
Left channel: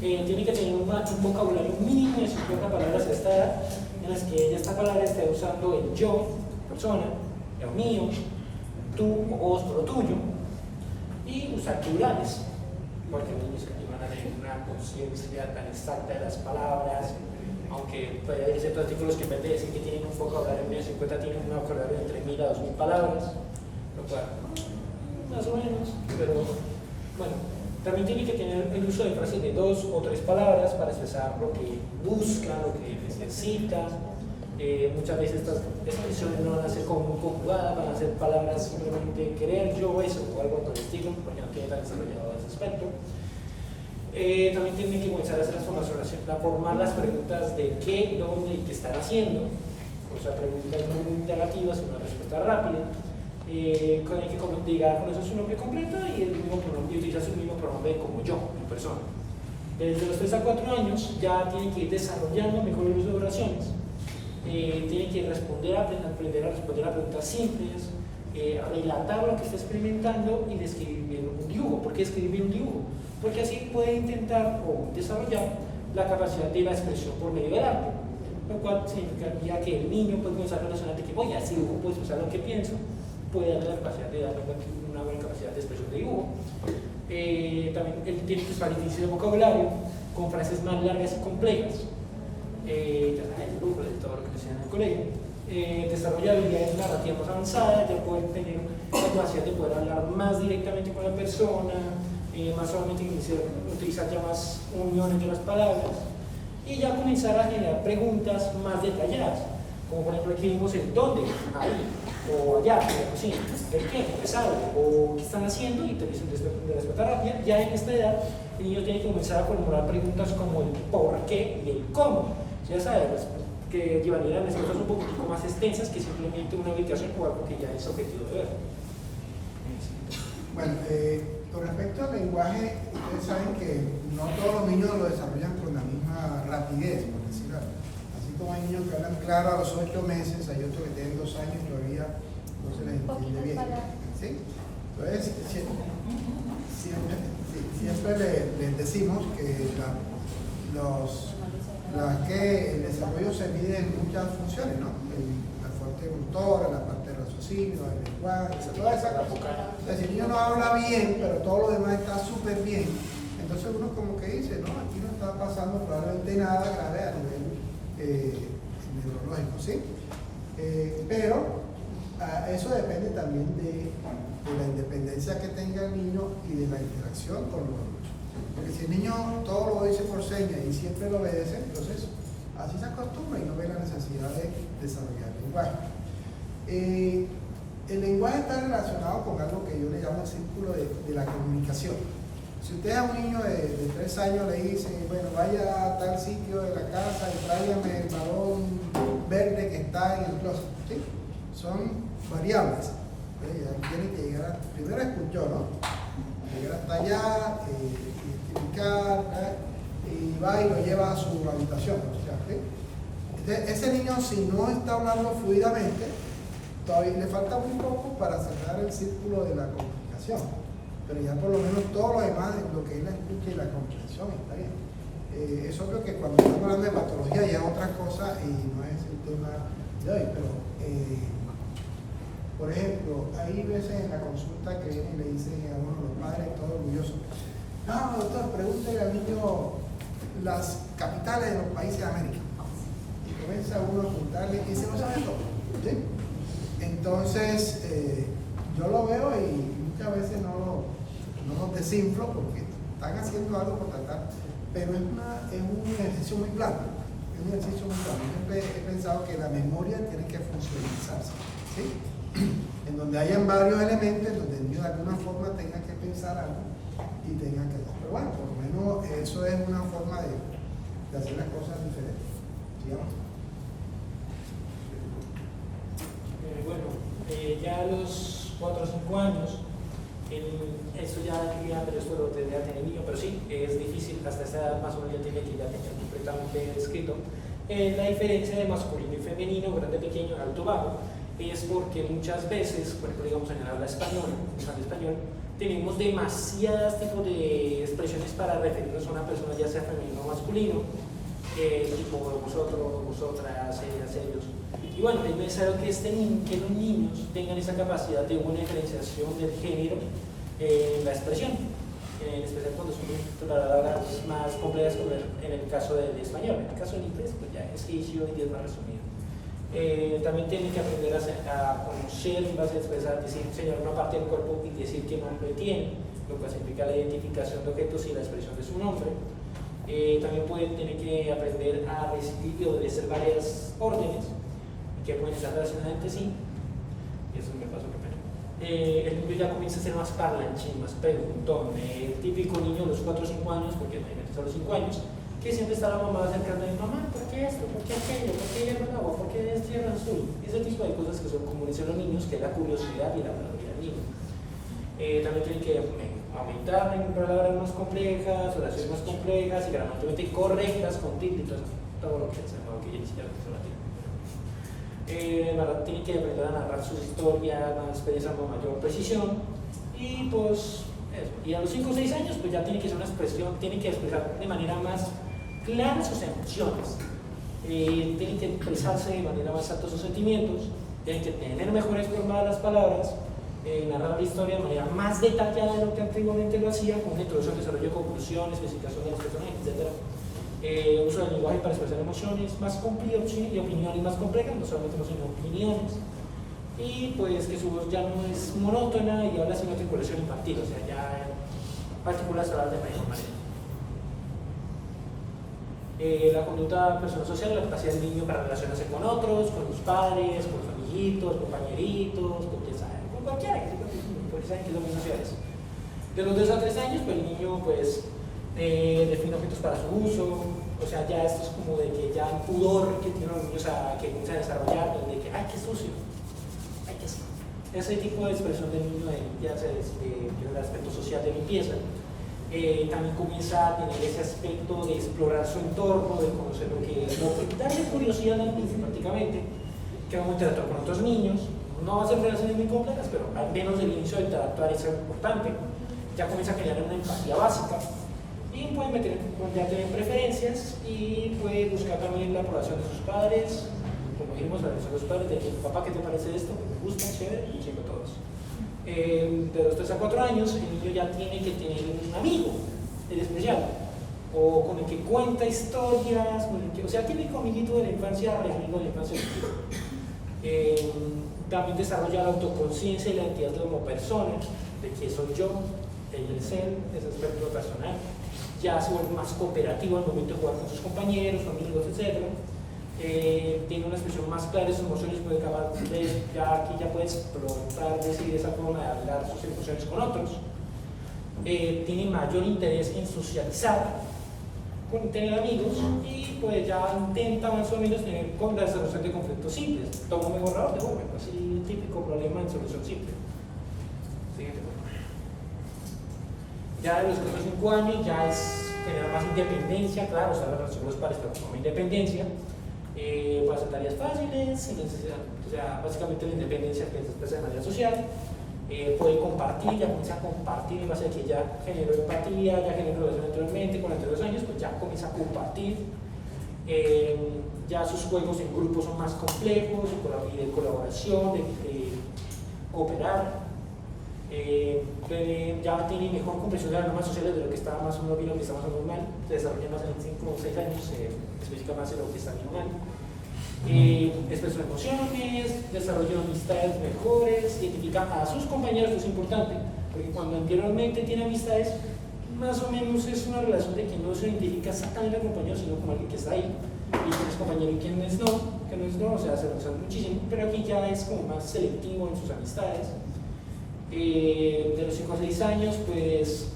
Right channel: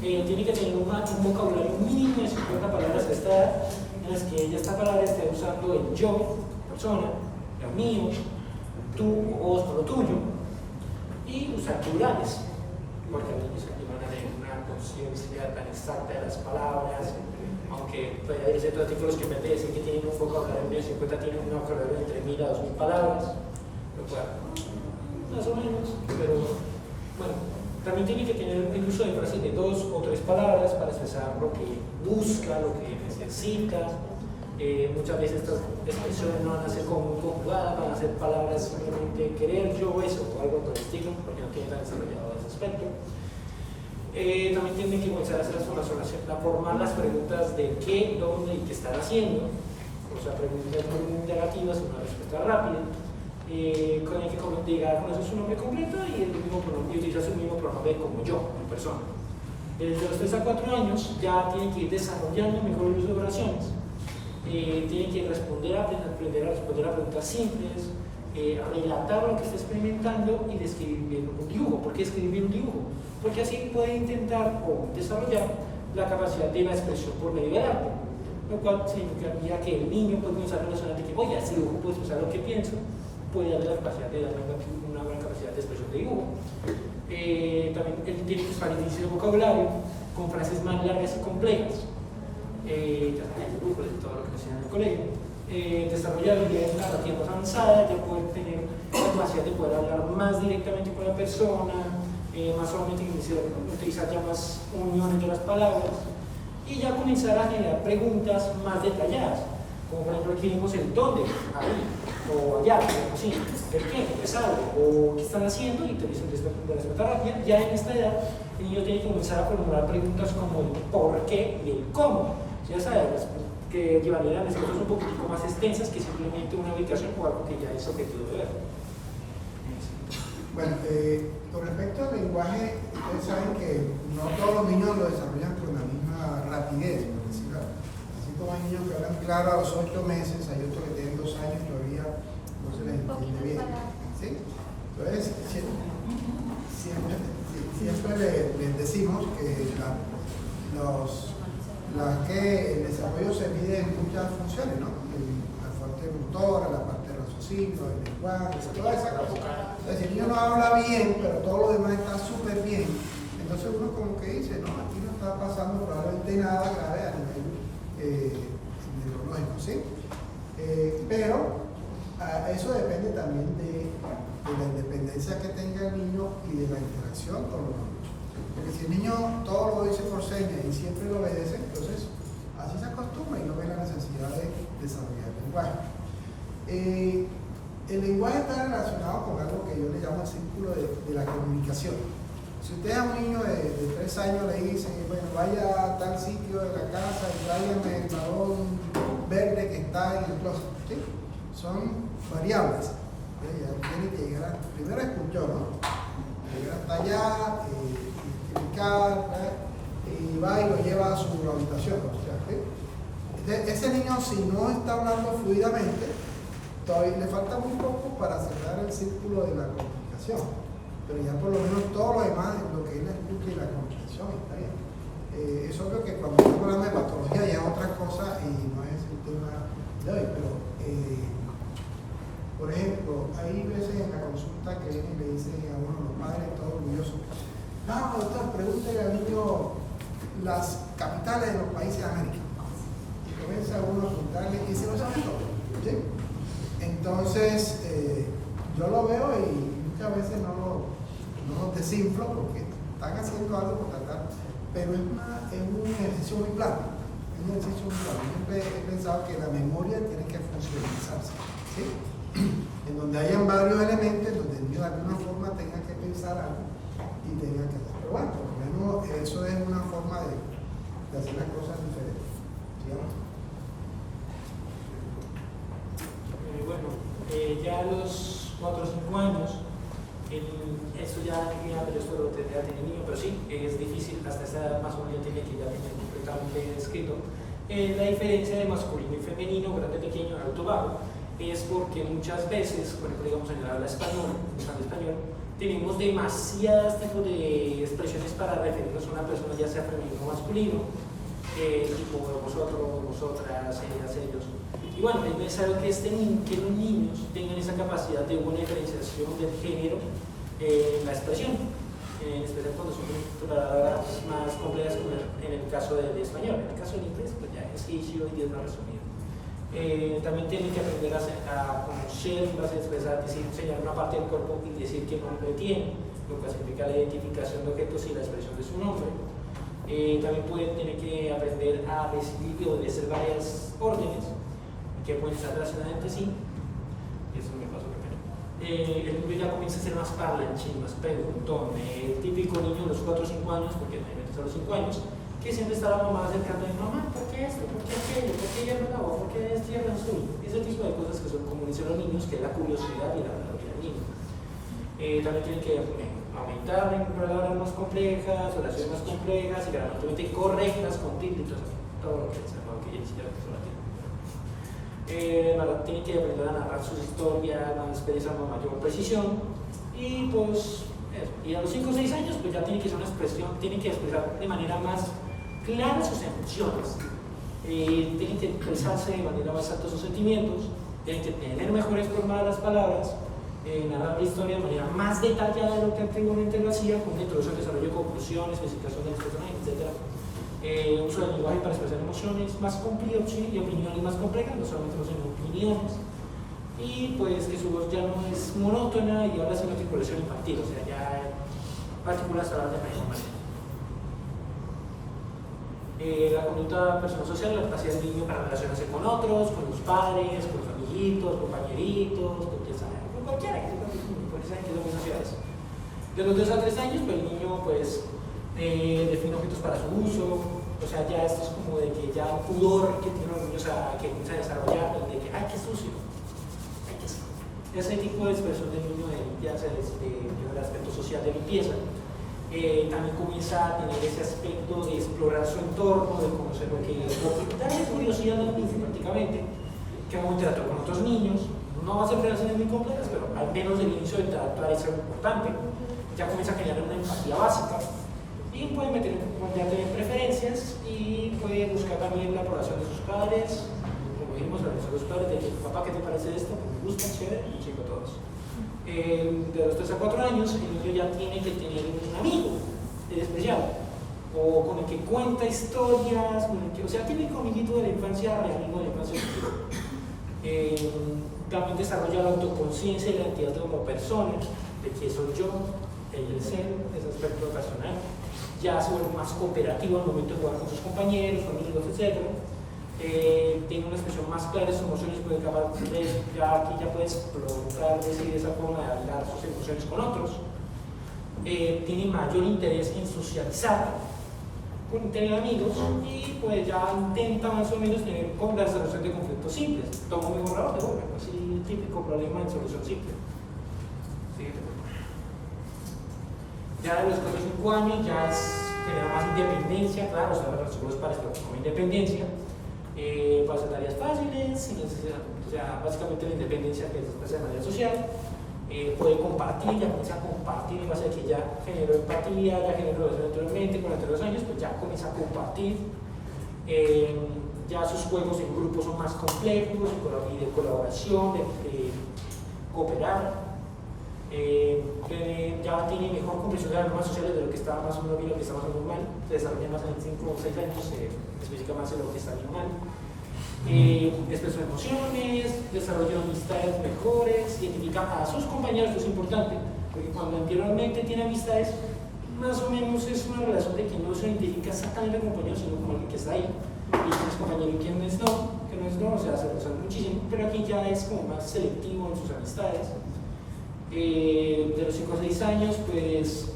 Tiene que tener un vocabulario mínimo de 50 palabras a esta edad, en las que ella esta palabra esté usando el yo, persona, lo mío, tú o vos por lo tuyo, y usar plurales, porque los niños que van a tener una conciencia tan exacta de las palabras, aunque puede haber ciertos artículos que en vez de decir que tienen un vocabulario de 50 tienen un vocabulario de entre 1000 a 2000 palabras, lo cual, más o menos, pero bueno. También tiene que tener el uso de frases de 2 o 3 palabras para expresar lo que busca, lo que necesita. Muchas veces estas expresiones no van a ser como conjugadas, van a ser palabras simplemente querer, yo, eso, o algo por el estilo, porque no tiene tan desarrollado ese aspecto. También tiene que comenzar a hacer a formar las preguntas de qué, dónde y qué están haciendo. O sea, preguntas muy negativas, una respuesta rápida. Hay que llegar con eso su nombre completo y el mismo pronombre, utilizar su mismo pronombre como yo, en persona. Desde los 3 a 4 años ya tienen que ir desarrollando mejor el uso de oraciones. Tienen que aprender a responder a preguntas simples, relatar lo que está experimentando y describir bien un dibujo. ¿Por qué escribir bien un dibujo? Porque así puede intentar o desarrollar la capacidad de la expresión por medio del arte, lo cual significaría que el niño puede comenzar a relacionar de que voy a hacer dibujo, puedo expresar lo que pienso, puede darle la capacidad de dar una buena capacidad de expresión de dibujo. También él tiene que usar inicio de vocabulario con frases más largas y complejas. Ya saben, el grupo, todo lo que nos enseñan en el colegio. Desarrollar habilidades narrativas avanzadas, ya pueden tener la capacidad de poder hablar más directamente con la persona, más solamente utilizar ya más uniones de las palabras, y ya comenzar a generar preguntas más detalladas, como por ejemplo aquí vimos el dónde, ahí, o allá, o así, el qué, es algo, o qué están haciendo, y te dicen de respuesta rápida. Ya en esta edad el niño tiene que comenzar a formular preguntas como el por qué y el cómo. Ya sabes, que llevarían a respuestas un poquitico más extensas que simplemente una ubicación o algo que ya es objetivo de ver. Bueno, con respecto al lenguaje, ustedes saben que no todos los niños lo desarrollan con la misma rapidez, por decirlo así. Así como hay niños que hablan claro a los 8 meses, hay otros que tienen 2 años y todavía no se les entiende bien. ¿Sí? Entonces, siempre les decimos que el desarrollo se mide en muchas funciones, ¿no? La fuente motora, la parte de raciocinio, el lenguaje, toda esa cosa. O sea, si el niño no habla bien, pero todo lo demás está súper bien, entonces uno como que dice, no, aquí no está pasando probablemente nada grave a nivel neurológico, ¿sí? Pero eso depende también de la independencia que tenga el niño y de la interacción con los adultos. Porque si el niño todo lo dice por señas y siempre lo obedece, entonces así se acostumbra y no ve la necesidad de desarrollar el lenguaje. El lenguaje está relacionado con algo que yo le llamo el círculo de la comunicación. Si usted a un niño de 3 años le dice, bueno, vaya a tal sitio de la casa y tráigame el balón verde que está en el closet, ¿sí? Son variables. Ya tiene que llegar, primero escuchó, ¿no? Llegar hasta allá, identificar, ¿verdad? Y va y lo lleva a su habitación, ¿no? ¿Sí? Ese niño, si no está hablando fluidamente, todavía le falta muy poco para cerrar el círculo de la comunicación, pero ya por lo menos todo lo demás, lo que es la escucha y la comprensión, está bien. Es obvio que cuando estamos hablando de patología ya es otra cosa y no es el tema de hoy, pero por ejemplo, hay veces en la consulta que vienen y le dicen a uno, los padres, todos orgullosos, no, doctor, pregúntele al niño las capitales de los países de América. Y comienza uno a preguntarle y se lo sabe todo, ¿sí? Entonces, yo lo veo y muchas veces no los desinflo porque están haciendo algo por tratar, pero es un ejercicio muy plano. Es un ejercicio muy plano. Siempre he pensado que la memoria tiene que funcionalizarse, ¿sí? En donde hayan varios elementos, en donde el niño de alguna forma tenga que pensar algo y tenga que hacer. Pero bueno, por lo menos eso es una forma de hacer las cosas diferentes. Sigamos. Ya a los 4 o 5 años, eso ya después lo tendría que tener el niño, pero sí, es difícil, hasta esa edad más o menos ya tiene que ya tener completamente descrito. La diferencia de masculino y femenino, grande, pequeño, alto, bajo, es porque muchas veces, por ejemplo, digamos en el habla español, tenemos demasiadas tipos de expresiones para referirnos a una persona, ya sea femenino o masculino, tipo vosotros, vosotras, ellas, ellos. Y bueno, es necesario que los niños tengan esa capacidad de una diferenciación del género en la expresión, en especial cuando son palabras más complejas como en el caso del español. En el caso del inglés, pues ya es easier y es más resumido. También tienen que aprender a conocer, vas a expresar, decir, señalar una parte del cuerpo y decir qué nombre tiene, lo que significa la identificación de objetos y la expresión de su nombre. También pueden tener que aprender a recibir y obedecer varias órdenes que pueden estar relacionadas entre sí. Eso me pasó primero. El niño ya comienza a ser más parlanchín, más preguntón. El típico niño de los 4 o 5 años, porque normalmente son los 5 años, que siempre está la mamá acercando a mi mamá, ¿por qué esto? ¿Por qué aquello? ¿Por qué hierba acá? ¿Por qué es tierra azul? Ese tipo de cosas que son, como dicen los niños, que es la curiosidad y la palabra del niño. También tienen que aumentar en palabras más complejas, oraciones más complejas y gramaticalmente correctas, con tilde, todo lo que se llama, que ya ni siquiera la tiene. Tienen que aprender a narrar sus historias, a expresar con mayor precisión y pues eso. Y a los 5 o 6 años pues ya tienen que ser una expresión, tienen que expresar de manera más clara sus emociones, tienen que expresarse de manera más alta sus sentimientos, tienen que tener mejores formadas las palabras, narrar la historia de manera más detallada de lo que antiguamente lo hacían, con introducción, desarrollo de conclusiones, especificación de los personajes, etc. Uso del lenguaje para expresar emociones más complejas y opiniones más complejas, no solamente no son opiniones. Y pues que su voz ya no es monótona y ahora se una articulación infantil, o sea, ya partículas hablar de mayor manera. La conducta personal social, la capacidad del niño para relacionarse con otros, con los padres, con los amiguitos, compañeritos, con cualquiera, pues saben que son muy sociales. De los 2 a 3 años, pues el niño pues define objetos para su uso, O sea, ya esto es como de que ya el pudor que tienen los niños que comienzan a desarrollar, de que, ay, qué sucio, ay, qué sucio. Ese tipo de expresión del niño ya se el aspecto social de limpieza. También comienza a tener ese aspecto de explorar su entorno, de conocer darle curiosidad al niño prácticamente, que va a interactuar con otros niños. No va a ser relaciones muy complejas, pero al menos el inicio de interactuar es algo importante. Ya comienza a generar una empatía básica y puede tener preferencias y puede buscar también la aprobación de sus padres, como dijimos, la aprobación de sus padres, de que papá, ¿qué te parece esto? Me gusta, chévere, y chico todos. De los 3 a 4 años, el niño ya tiene que tener un amigo especial, o con el que cuenta historias, o sea, típico amiguito de la infancia real, de la infancia también desarrolla la autoconciencia y la identidad como persona, de que soy yo, el ser, ese aspecto personal. Ya se vuelve más cooperativo al momento de jugar con sus compañeros, amigos, etc. Tiene una expresión más clara de sus emociones, puede acabar aquí ya puede explotar, decir, esa forma de hablar sus emociones con otros. Tiene mayor interés en socializar, con tener amigos, y pues ya intenta más o menos tener resolución de conflictos simples. Toma un borrador de obra, así típico problema en solución simple. Ya de los 4 o 5 años ya genera más independencia, claro, o sea, los padres como independencia, puede hacer tareas fáciles, sin necesidad, o sea, básicamente la independencia que se expresa de manera social, puede compartir, ya comienza a compartir, en base a que ya generó empatía, ya generó relación anteriormente, con los años, pues ya comienza a compartir, ya sus juegos en grupo son más complejos, de colaboración, de cooperar. Ya tiene mejor comprensión de las normas sociales de lo que está más o menos bien, lo que está más o menos mal, se desarrolla más en 5 o 6 años, se especifica más en lo que está bien o mal. Expresa emociones, desarrolla amistades mejores, identifica a sus compañeros, que es importante, porque cuando anteriormente tiene amistades, más o menos es una relación de que no se identifica exactamente como compañero, sino como alguien que está ahí, y quién es compañero y quién no, o sea, se relaciona muchísimo, pero aquí ya es como más selectivo en sus amistades. De los 5 a 6 años, pues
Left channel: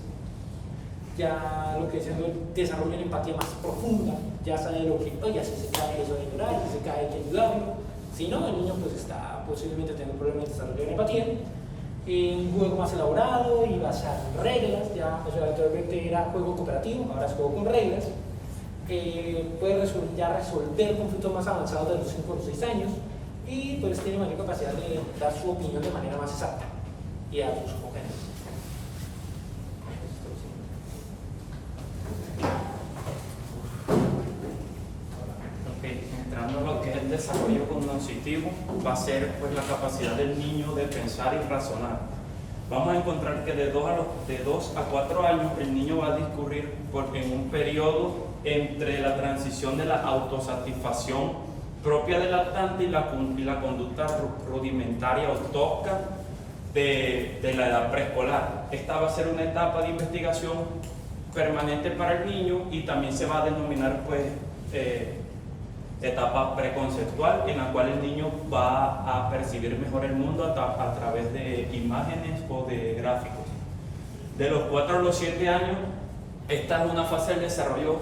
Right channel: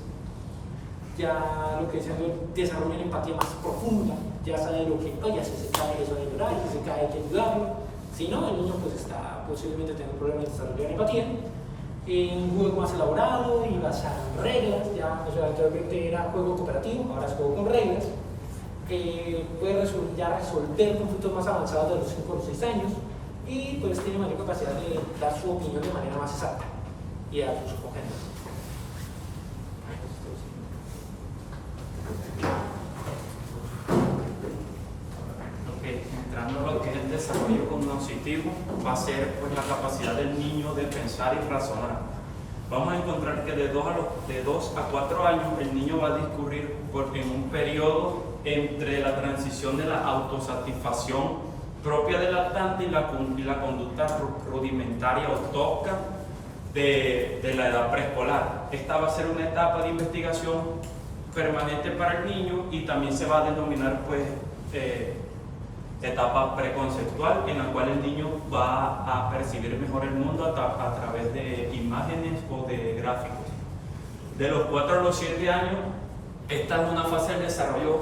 ya lo que es desarrolla una empatía más profunda, ya sabe lo que, oye, si se cae eso de llorar, si se cae hay que ayudarlo, si no, el niño pues está posiblemente teniendo problemas de desarrollar empatía. Un juego más elaborado y basado en reglas, ya, o sea, anteriormente era juego cooperativo, ahora es juego con reglas. Puede resolver conflictos más avanzados de los 5 o 6 años y pues tiene mayor capacidad de dar su opinión de manera más exacta y a sus compañeros. Entrando a lo que es el desarrollo cognitivo, va a ser pues la capacidad del niño de pensar y razonar. Vamos a encontrar que de 2 a 4 años el niño va a discurrir en un periodo entre la transición de la autosatisfacción propia del lactante y la conducta rudimentaria o tosca de la edad preescolar. Esta va a ser una etapa de investigación permanente para el niño y también se va a denominar pues etapa preconceptual, en la cual el niño va a percibir mejor el mundo a través de imágenes o de gráficos. De los 4 a los 7 años, esta es una fase del desarrollo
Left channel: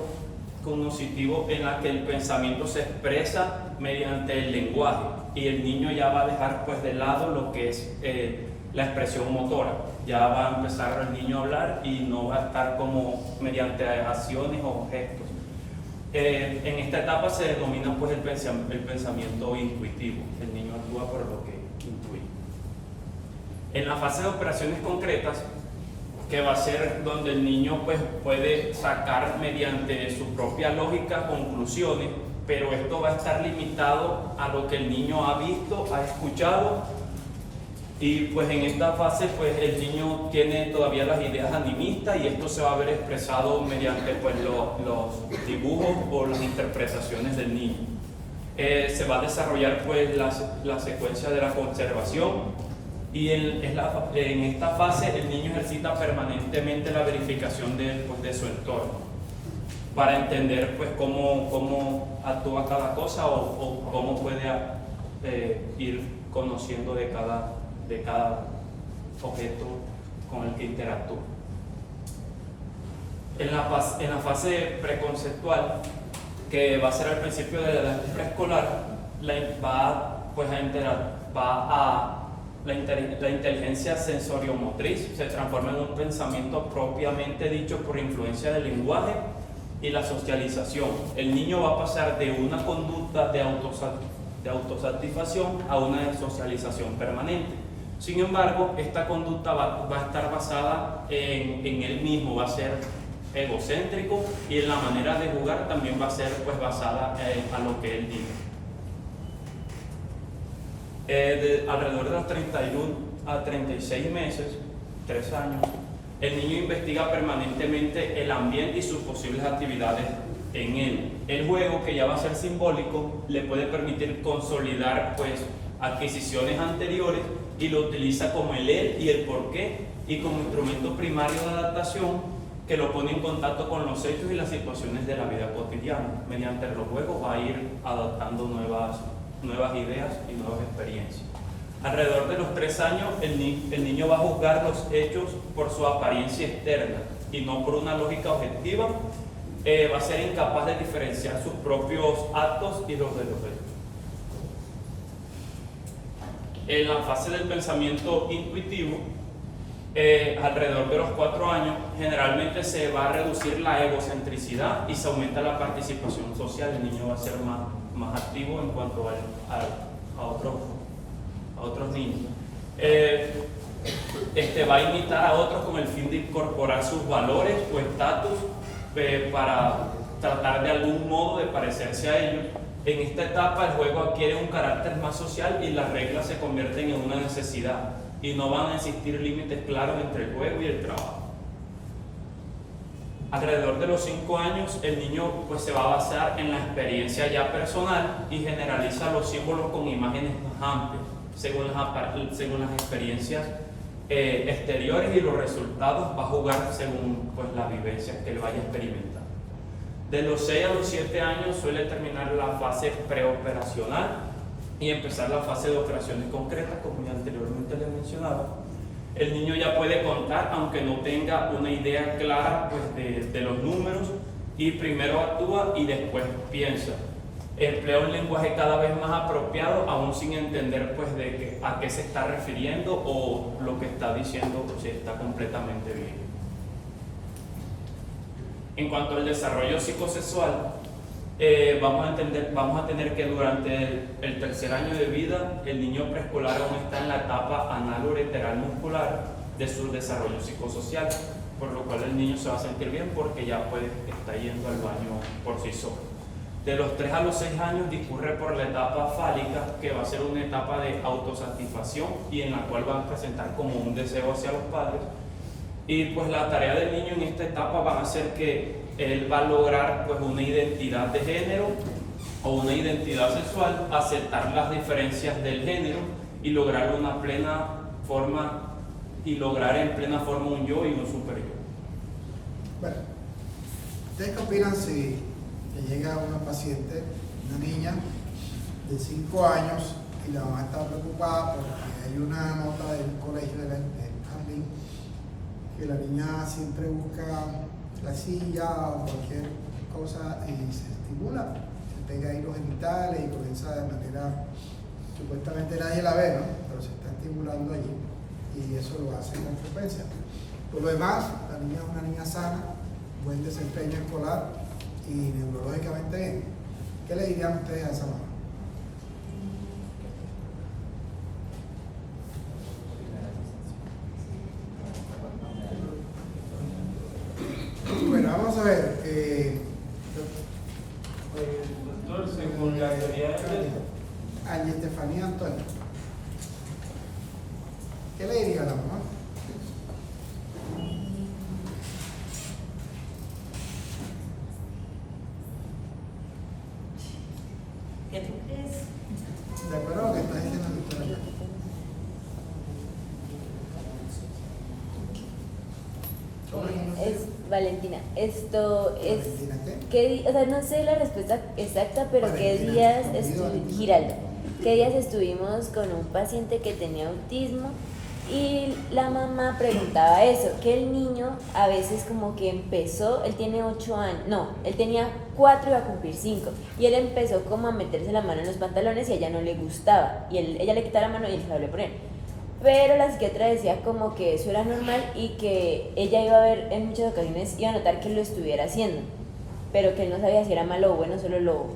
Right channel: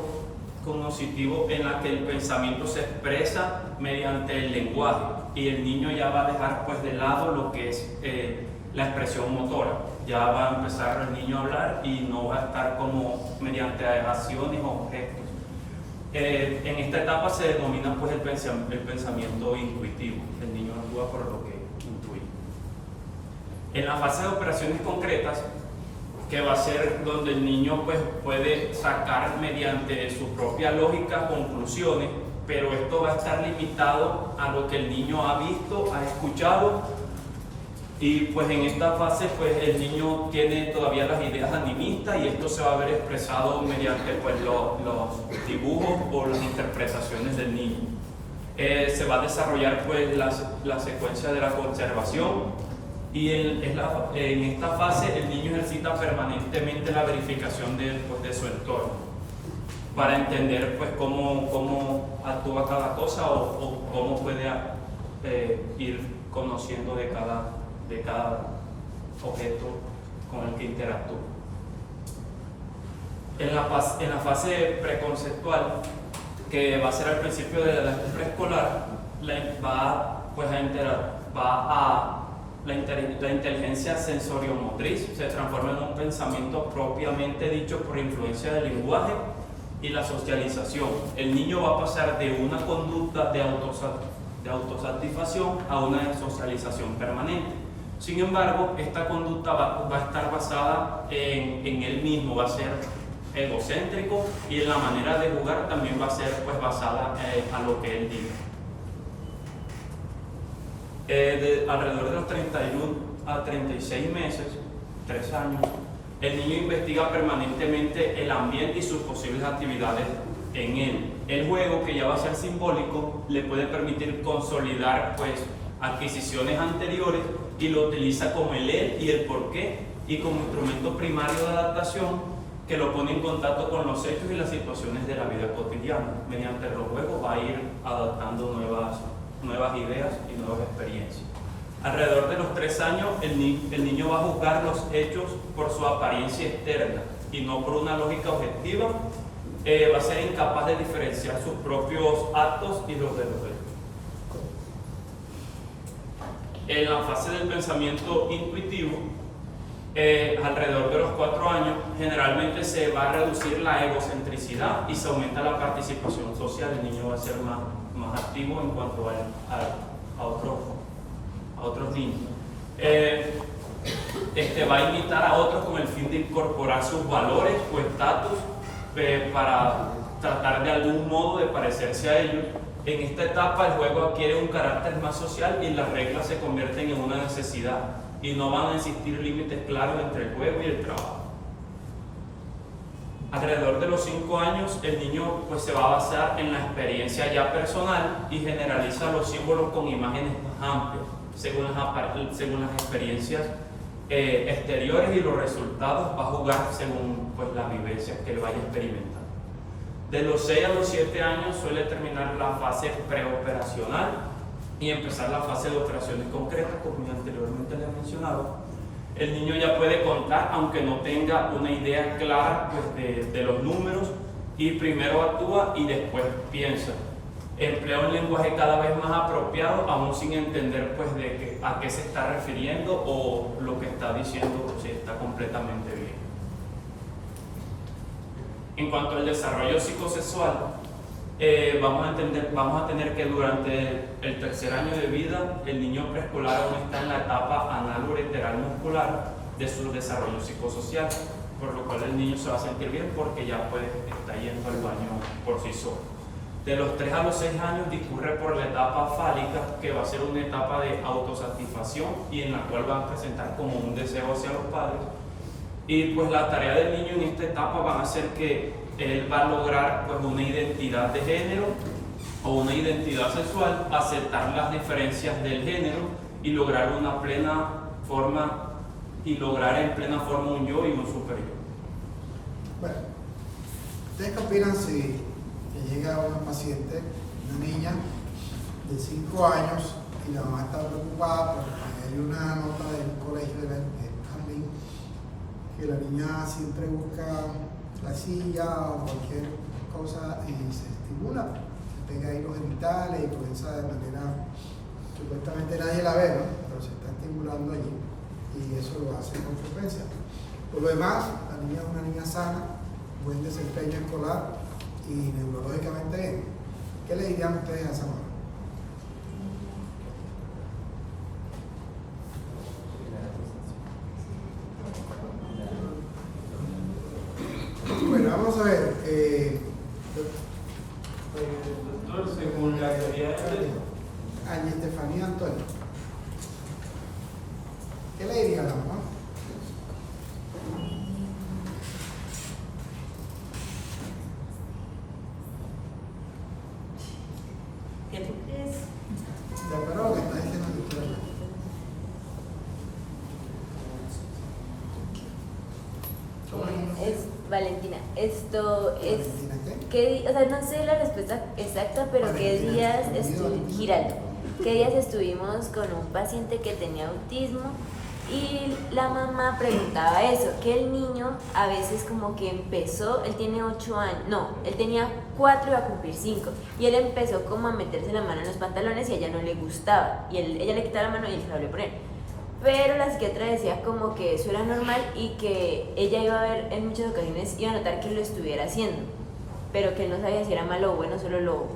cognitivo en la que el pensamiento se expresa mediante el lenguaje y el niño ya va a dejar pues de lado lo que es la expresión motora. Ya va a empezar el niño a hablar y no va a estar como mediante acciones o gestos. En esta etapa se denomina pues el pensamiento intuitivo. El niño actúa por lo que intuye. En la fase de operaciones concretas, que va a ser donde el niño pues puede sacar mediante su propia lógica conclusiones, pero esto va a estar limitado a lo que el niño ha visto, ha escuchado, y pues en esta fase pues el niño tiene todavía las ideas animistas y esto se va a ver expresado mediante pues los dibujos o las interpretaciones del niño. Se va a desarrollar pues la secuencia de la conservación. Y en esta fase el niño ejercita permanentemente la verificación de su entorno para entender pues cómo actúa cada cosa o cómo puede ir conociendo de cada objeto con el que interactúa. En la fase preconceptual que va a ser al principio de la preescolar, la inteligencia sensoriomotriz se transforma en un pensamiento propiamente dicho por influencia del lenguaje y la socialización. El niño va a pasar de una conducta de autosatisfacción a una de socialización permanente. Sin embargo, esta conducta va a estar basada en él mismo, va a ser egocéntrico, y en la manera de jugar también va a ser pues basada a lo que él diga. Alrededor de los 31 a 36 meses, 3 años, el niño investiga permanentemente el ambiente y sus posibles actividades en él. El juego, que ya va a ser simbólico, le puede permitir consolidar pues adquisiciones anteriores, y lo utiliza como el él y el por qué, y como instrumento primario de adaptación que lo pone en contacto con los hechos y las situaciones de la vida cotidiana. Mediante los juegos va a ir adaptando nuevas ideas y nuevas experiencias. Alrededor de los 3 años, el niño va a juzgar los hechos por su apariencia externa y no por una lógica objetiva. Va a ser incapaz de diferenciar sus propios actos y los de los hechos. En la fase del pensamiento intuitivo, alrededor de los 4 años, generalmente se va a reducir la egocentricidad y se aumenta la participación social. El niño va a ser más activo en cuanto a otros niños. Va a imitar a otros con el fin de incorporar sus valores o estatus para tratar de algún modo de parecerse a ellos. En esta etapa el juego adquiere un carácter más social y las reglas se convierten en una necesidad, y no van a existir límites claros entre el juego y el trabajo. Alrededor de los 5 años, el niño pues se va a basar en la experiencia ya personal y generaliza los símbolos con imágenes más amplias, según las experiencias exteriores, y los resultados va a jugar según pues las vivencias que él vaya experimentando. De los 6 a los 7 años suele terminar la fase preoperacional y empezar la fase de operaciones concretas, como ya anteriormente le he mencionado. El niño ya puede contar, aunque no tenga una idea clara pues, de los números, y primero actúa y después piensa. Emplea un lenguaje cada vez más apropiado, aún sin entender pues, a qué se está refiriendo o lo que está diciendo si está completamente bien. En cuanto al desarrollo psicosexual, vamos a tener que durante el 3er año de vida, el niño preescolar aún está en la etapa anal-ureteral muscular de su desarrollo psicosocial, por lo cual el niño se va a sentir bien porque ya está yendo al baño por sí solo. De los 3 a los 6 años discurre por la etapa fálica, que va a ser una etapa de autosatisfacción y en la cual va a presentar como un deseo hacia los padres. Y pues la tarea del niño en esta etapa va a ser que él va a lograr pues una identidad de género o una identidad sexual, aceptar las diferencias del género y lograr en plena forma un yo y un superior. Bueno, ¿ustedes qué opinan si le llega una paciente, una niña de 5 años, y la mamá está preocupada porque hay una nota del colegio del jardín que la niña siempre busca la silla o cualquier cosa y se estimula, se pega ahí los genitales y comienza de manera, supuestamente nadie la ve, ¿no? Pero se está estimulando allí, y eso lo hace con frecuencia. Por lo demás, la niña es una niña sana, buen desempeño escolar y neurológicamente bien. ¿Qué le dirían ustedes a esa mamá? Bueno, vamos a ver. Doctor, según la teoría de Angie Estefanía Antonio. ¿Qué le diría a la mamá? ¿Qué tú crees? ¿De acuerdo a lo que está diciendo el doctor acá? Valentina, esto es, ¿Valentina o sea, no sé la respuesta exacta, pero ¿qué días Giraldo. Giraldo, qué días estuvimos con un paciente que tenía autismo Y la mamá preguntaba eso, que el niño a veces como que empezó, él tiene 8 años, no, él tenía 4 y iba a cumplir 5, y él empezó como a meterse la mano en los pantalones y a ella no le gustaba, y ella le quitaba la mano y él se la volvió a poner. Pero la psiquiatra decía como que eso era normal y que ella iba a ver en muchas ocasiones, iba a notar que lo estuviera haciendo, pero que él no sabía si era malo o bueno, solo lo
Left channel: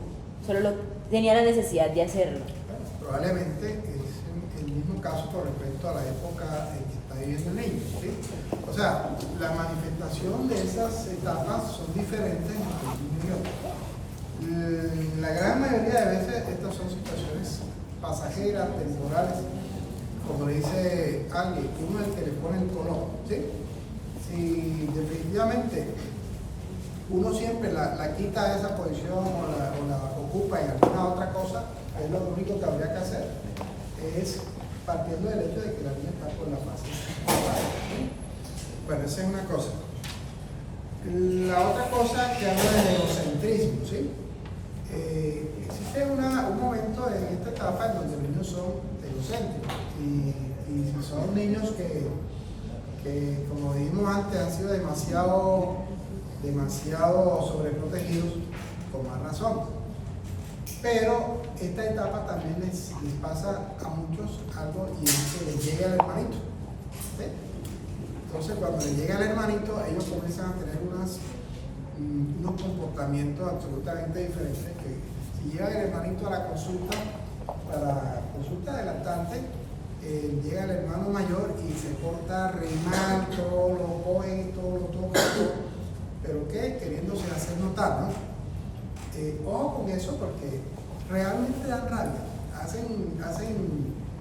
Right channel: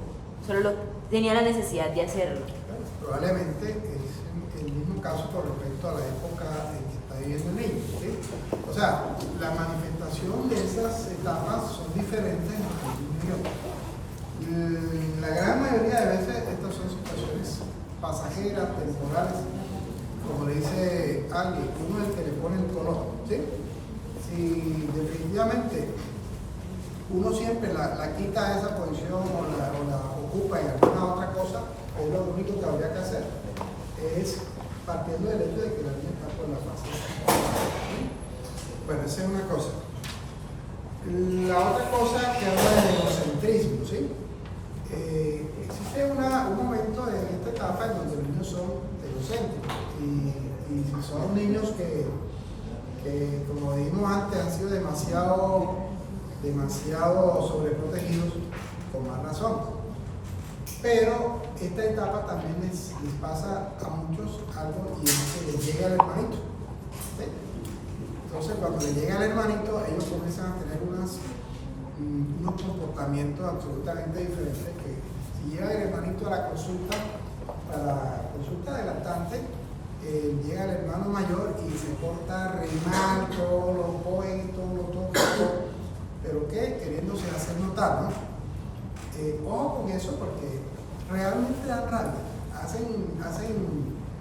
tenía la necesidad de hacerlo. Bueno, probablemente es el mismo caso con respecto a la época en que está viviendo el niño, ¿sí? O sea, la manifestación de esas etapas son diferentes entre el niño y otro. La gran mayoría de veces estas son situaciones pasajeras, temporales, como le dice alguien, uno es el que le pone el color, ¿sí? Si definitivamente uno siempre la quita de esa posición o la ocupa en alguna otra cosa, es lo único que habría que hacer, es partiendo del hecho de que la niña está por la fase. Bueno, esa es una cosa. La otra cosa que habla del egocentrismo, ¿sí? Existe un momento en esta etapa en donde los niños son egocéntricos y si son niños que como dijimos antes han sido demasiado sobreprotegidos, con más razón. Pero esta etapa también les pasa a muchos algo y es que les llega el hermanito, ¿sí? Entonces cuando les llega el hermanito ellos comienzan a tener unos comportamientos absolutamente diferentes, que si llega el hermanito a la consulta, para consulta adelantante, llega el hermano mayor y se porta re mal, todo lo coge, todo lo toca, pero que queriéndose hacer notar, ¿no? Ojo con eso porque realmente dan rabia, hacen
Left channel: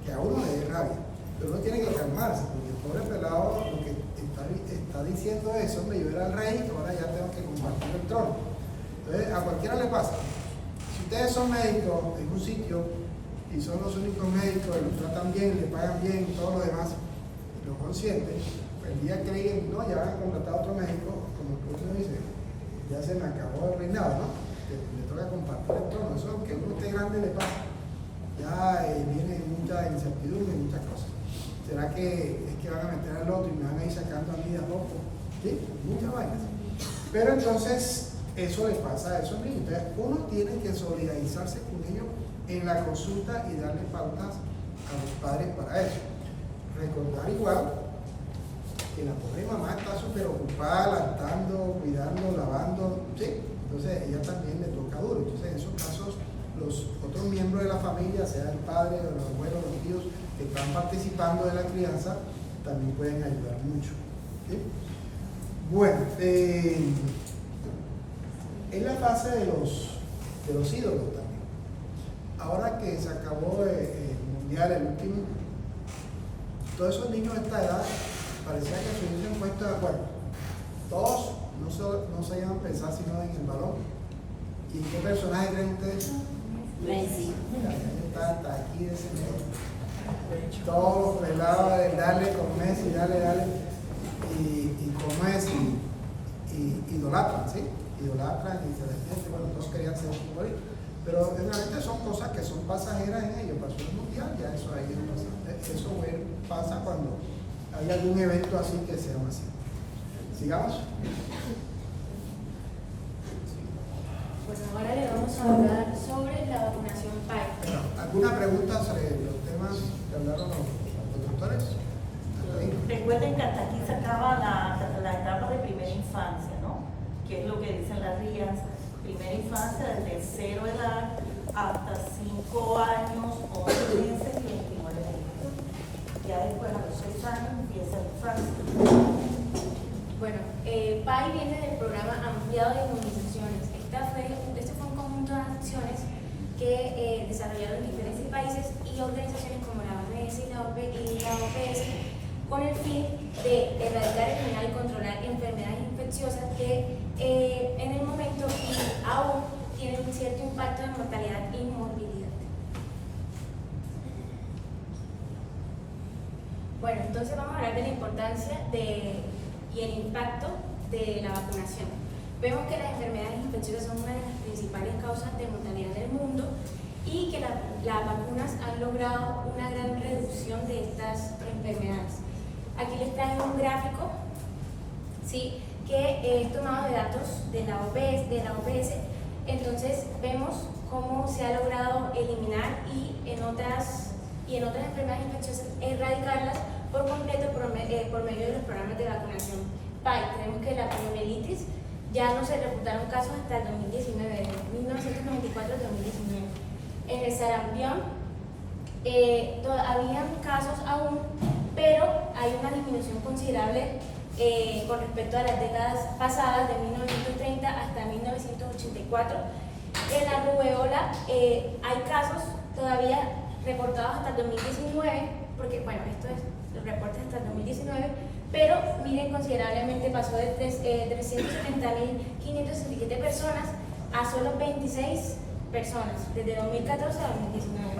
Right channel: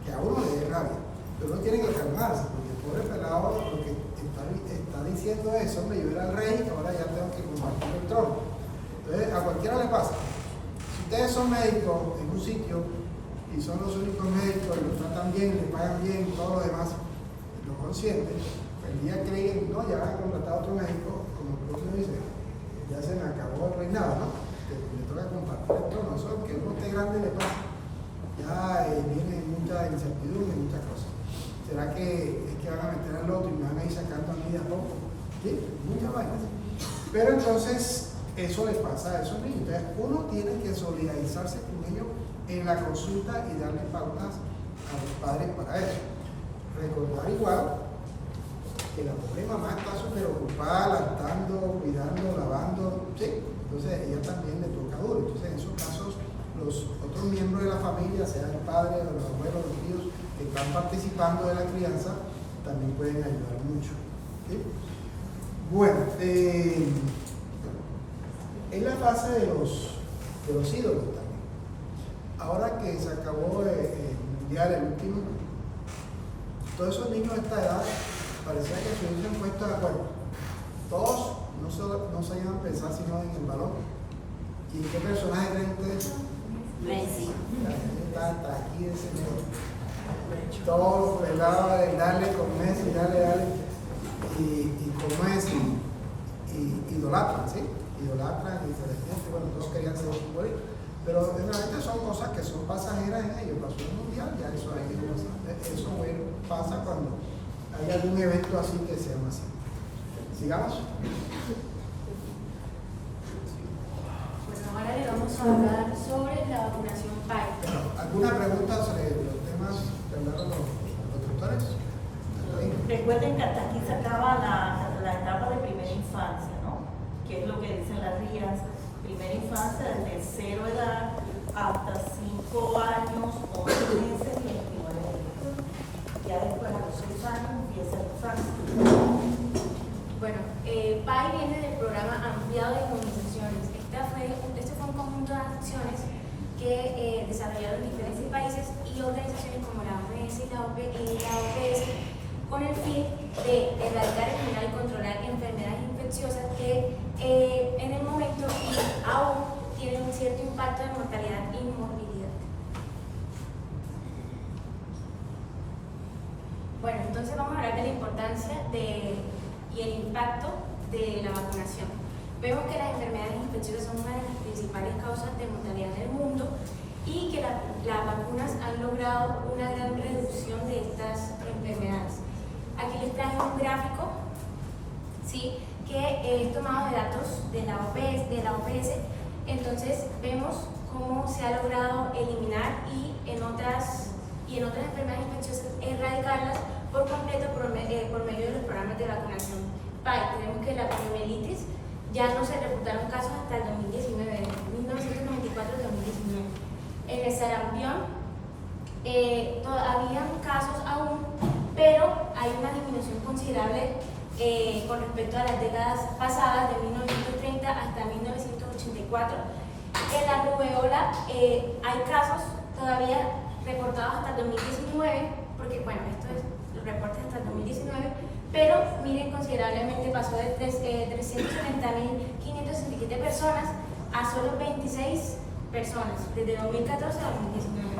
que a uno le dé rabia, pero uno tiene que calmarse, porque el pobre pelado lo que está diciendo es, hombre, yo era el rey, ahora ya tengo que compartir el trono. Entonces a cualquiera le pasa. Si ustedes son médicos en un sitio y son los únicos médicos, los tratan bien, le pagan bien y todo lo demás, lo consienten, el día que digan, no, ya van a contratar a otro médico, como el propio dice, ya se me acabó el reinado, ¿no? Que le toca compartir el trono. Eso, aunque uno esté grande, le pasa. Ya viene mucha incertidumbre y muchas cosas. ¿Será que es que van a meter al otro y me van a ir sacando a mí a poco? ¿Sí? Muchas vainas. Pero entonces, eso le pasa a esos niños. Entonces, uno tiene que solidarizarse con ellos en la consulta y darle pautas a los padres para eso. Recordar igual que la pobre mamá está súper ocupada, lactando, cuidando, lavando, ¿sí? Entonces ella también le toca duro. Entonces en esos casos los otros miembros de la familia, sea el padre, o los abuelos, los tíos que están participando de la crianza, también pueden ayudar mucho, ¿sí? Bueno, es la fase de los ídolos también. Ahora que se acabó el mundial, el último, todos esos niños de esta edad parecía que se hubiesen puesto de acuerdo. Todos no se iban a pensar sino en el balón. ¿Y qué personaje creen ustedes? Messi. Está aquí de ese medio. Todos los pelados de darle con Messi, dale. Y con Messi, idolatran, ¿sí? Idolatran y se les siente, bueno, todos querían ser futbolistas. Pero realmente son cosas que son pasajeras en ellos. Pasó el mundial, ya eso ahí no pasa. Eso pasa cuando hay algún evento así que sea así. Sigamos. Pues ahora le vamos a hablar sobre la vacunación PAI. ¿Alguna pregunta sobre los temas que hablaron los doctores? Recuerden que hasta aquí se acaba la etapa de primera infancia, ¿no? Que es lo que dicen las guías. Primera infancia desde 0 edad hasta 5 años, 11 meses y 29 meses. Ya después a los 6 años empieza la infancia. Bueno, PAI viene del programa ampliado de inmunizaciones. Este fue un conjunto de acciones que desarrollaron diferentes países y organizaciones como la OMS y la OPS con el fin de erradicar, eliminar y controlar enfermedades infecciosas que en el momento aún tienen un cierto impacto de mortalidad y morbilidad. Bueno, entonces vamos a hablar de la importancia y el impacto de la vacunación. Vemos que las enfermedades infecciosas son una de las principales causas de mortalidad del mundo y que las vacunas han logrado una gran reducción de estas enfermedades. traje un gráfico, ¿sí?, que he tomado de datos de la OPS. Entonces vemos cómo se ha logrado eliminar y en otras enfermedades infecciosas erradicarlas por completo por medio de los programas de vacunación PAI. Tenemos que la poliomielitis ya no se reportaron casos hasta el 2019, 1994-2019. En el sarampión había casos aún, pero hay una disminución considerable con respecto a las décadas pasadas, de 1930 hasta 1984. En la rubeola hay casos todavía reportados hasta el 2019, porque bueno, esto es el reporte hasta el 2019, pero miren, considerablemente pasó de 370.567 personas a solo 26 personas, desde 2014 a 2019.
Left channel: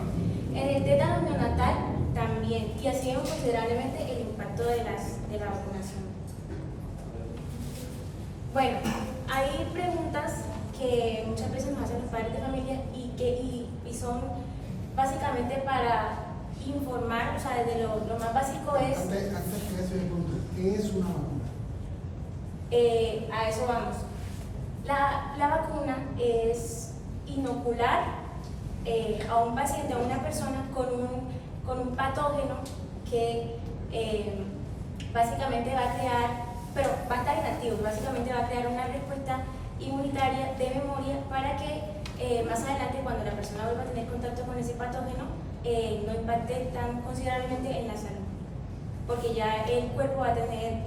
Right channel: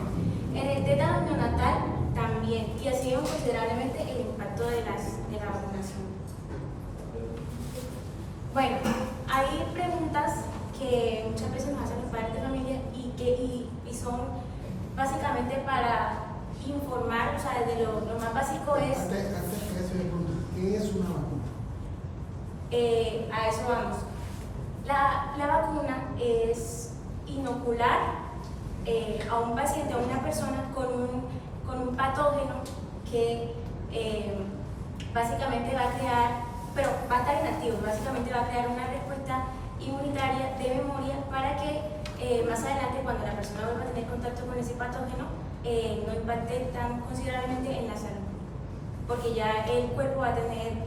En el tétano neonatal también, y así vemos considerablemente el impacto de la vacunación. Bueno, hay preguntas que muchas veces nos hacen los padres de familia y son básicamente para informar, o sea, desde lo más básico es... Antes que eso, ¿qué es una vacuna? A eso vamos. La vacuna es inocular a un paciente, a una persona con un patógeno que básicamente va a crear, pero va a estar inactivo, básicamente va a crear una respuesta inmunitaria de memoria para que más adelante, cuando la persona vuelva a tener contacto con ese patógeno, no impacte tan considerablemente en la salud, porque ya el cuerpo va a tener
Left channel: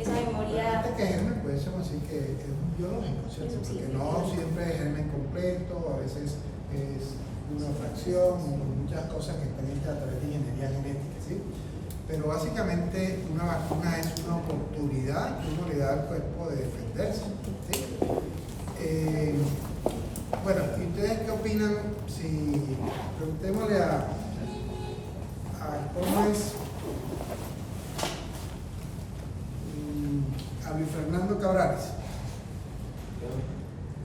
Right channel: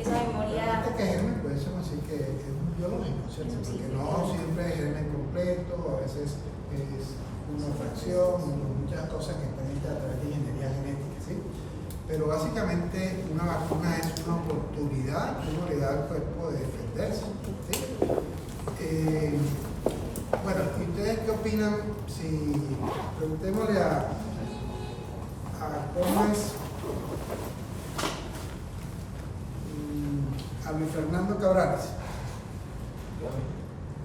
esa memoria. Antes que germen, podemos decir que es un biológico, ¿cierto? Porque no siempre es germen completo, a veces es una fracción, muchas cosas que están hechas a través de ingeniería genética, ¿sí? Pero básicamente una vacuna es una oportunidad que uno le da al cuerpo de defenderse, ¿sí? Bueno, ¿y ustedes qué opinan si preguntémosle a cómo es a Luis Fernando Cabrales?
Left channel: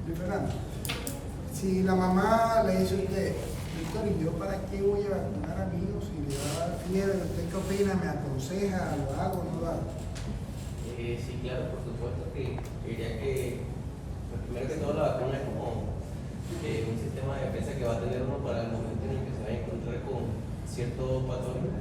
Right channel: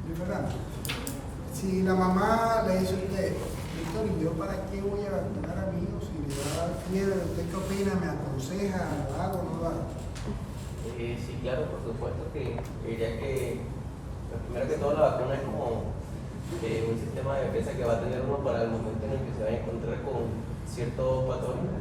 Luis Fernando, si la mamá le dice a usted, Víctor, ¿y yo para qué voy a vacunar a mi hijo si le va a dar fiebre? ¿Usted qué opina? ¿Me aconseja? ¿Lo hago o no lo hago? Sí, claro, por supuesto que diría que primero que todo la vacuna es como un sistema de defensa que va a tener uno para el momento en el que se va a encontrar con ciertos patrones.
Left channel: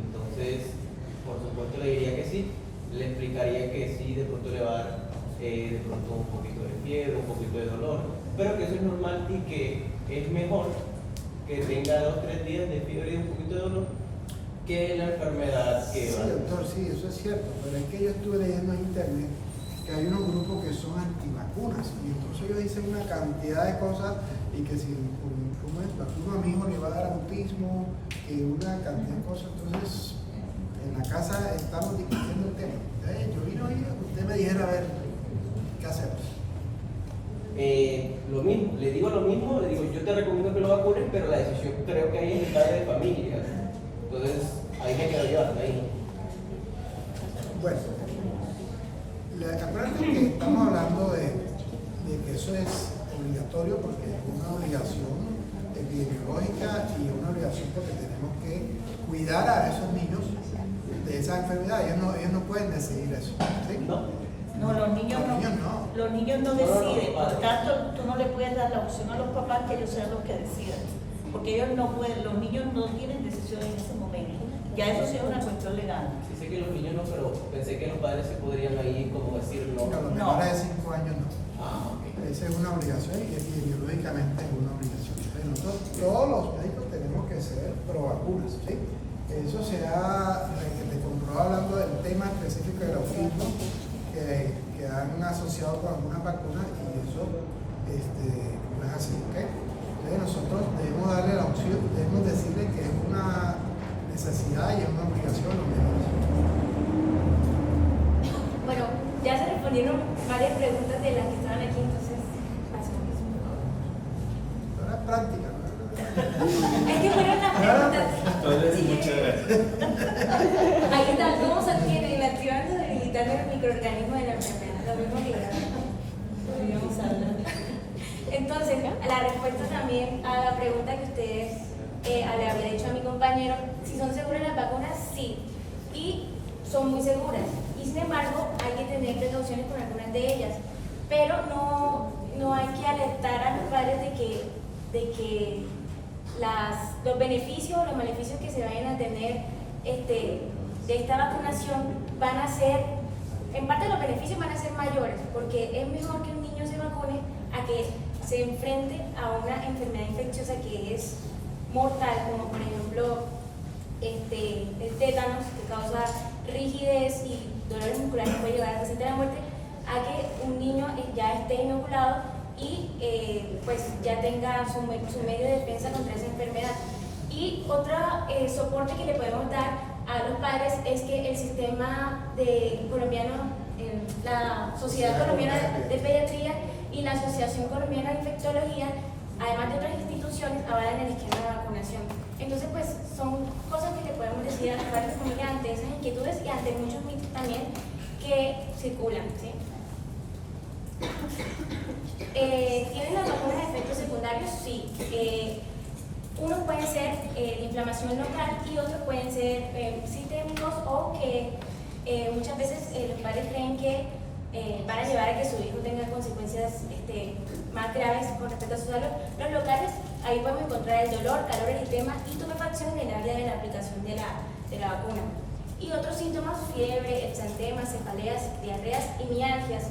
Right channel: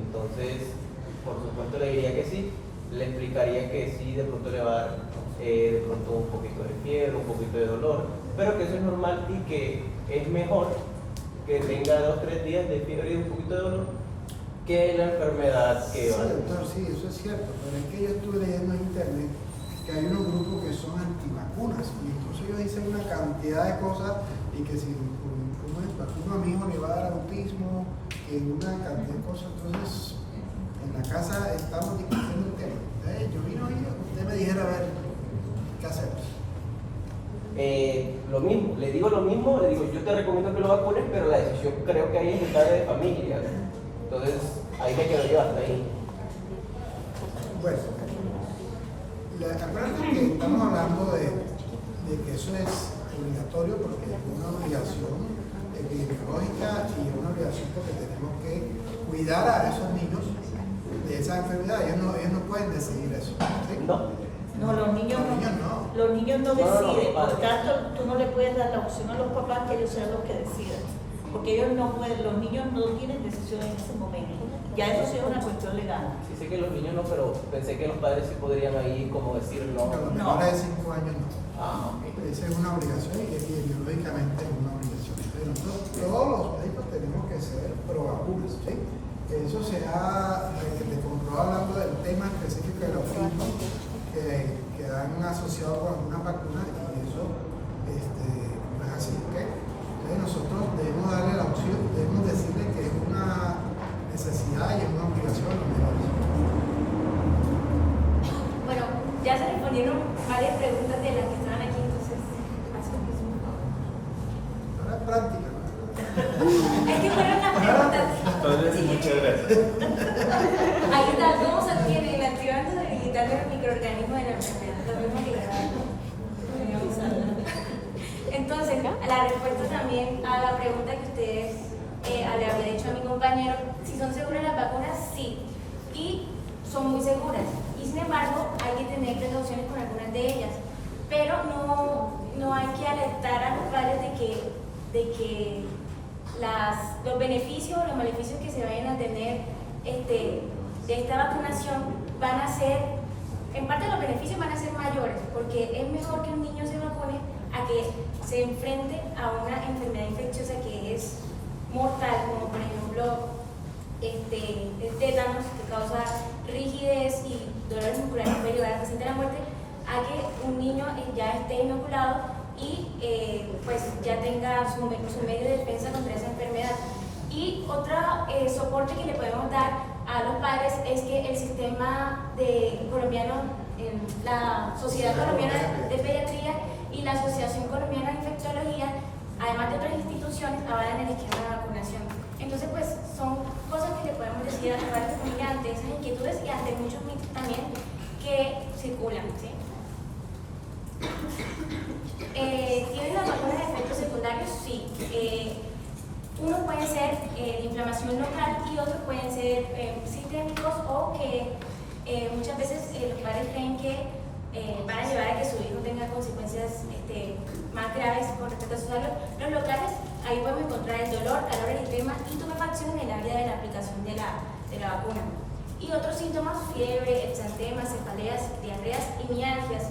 Entonces, por supuesto le diría que sí, le explicaría que sí, de pronto le va a dar de pronto un poquito de fiebre, un poquito de dolor, pero que eso es normal y que es mejor que tenga 2 o 3 días de fiebre y un poquito de dolor que la enfermedad que Sí, va a doctor, sí, eso es cierto, pero es que yo estuve leyendo en internet que hay unos grupos que son antivacunas y entonces ellos dicen una cantidad de cosas y que si vacuno a mi hijo le va a dar autismo, que una cantidad de cosas. Entonces en la casa estamos discutiendo el tema. Yo vine hoy a que usted me dijera, a ver, ¿qué hacemos? Lo mismo, le digo, yo te recomiendo que lo vacunes, pero la decisión creo que ahí es de familia. Entonces, ahí me quiero llevar ahí. Bueno, acuérdate que estamos hablando de que eso es obligatorio porque es una obligación epidemiológica y una obligación porque tenemos que cuidar a esos niños de esa enfermedad. Ellos no pueden decidir eso, ¿sí? No, los niños no deciden, por tanto tú no le puedes dar la opción a los papás que ellos sean los que decidan, porque ellos no pueden, los niños no tienen decisión en ese momento, ya eso sí es una cuestión legal. Sí sé que los niños no, pero pensé que los padres se podrían ahí como decir no. A los menores de 5 años no. Okay. Esa es una obligación y epidemiológicamente es una obligación. Pero nosotros, todos los médicos tenemos que ser pro vacunas, ¿sí? Eso se ha comprobado hablando del tema específico del autismo que han asociado con algunas vacunas y eso no es así, ¿ok? Entonces nosotros debemos darle la opción, debemos decirle que es una necesidad y es una obligación a los menores. Bueno, ya se respondieron varias preguntas de las que estaban aquí, entonces paso. Pero es práctica, ¿no? Es que fueron las preguntas. Entonces, muchas gracias. Ahí está, ¿cómo se obtiene el activante debilitante de los microorganismos de la enfermedad? Lo mismo que entonces, la respuesta también a la pregunta que ustedes le había dicho a mi compañero, si son seguras las vacunas, sí. Y son muy seguras y sin embargo hay que tener precauciones con algunas de ellas, pero no hay que alertar a los padres de que los beneficios o los maleficios que se vayan a tener de esta vacunación van a ser, en parte los beneficios van a ser mayores, porque es mejor que un niño se vacune a que se enfrente a una enfermedad infecciosa que es mortal, como por ejemplo el tétanos, que causa rigidez y dolores musculares que puede llevar al paciente a la muerte, a que un niño ya esté inoculado y pues ya tenga su medio de defensa contra esa enfermedad. Y otro soporte que le podemos dar a los padres es que el sistema colombiano, la Sociedad Colombiana de Pediatría y la Asociación Colombiana de Infectología, además de otras instituciones, avalan el esquema de vacunación. Entonces, pues son cosas que le podemos decir a los padres familiares ante esas inquietudes y ante muchos mitos también que circulan, ¿sí? ¿Tienen las vacunas de efectos secundarios? Sí. Unos pueden ser inflamación local y otros pueden ser sistémicos o que muchas veces los padres creen que van a llevar a que su hijo tenga consecuencias más graves con respecto a su salud. Los locales, ahí podemos encontrar el dolor, calor, eritema y tumefacción en el área de la aplicación de la vacuna. Y otros síntomas, fiebre, exantemas, cefaleas, diarreas y mialgias.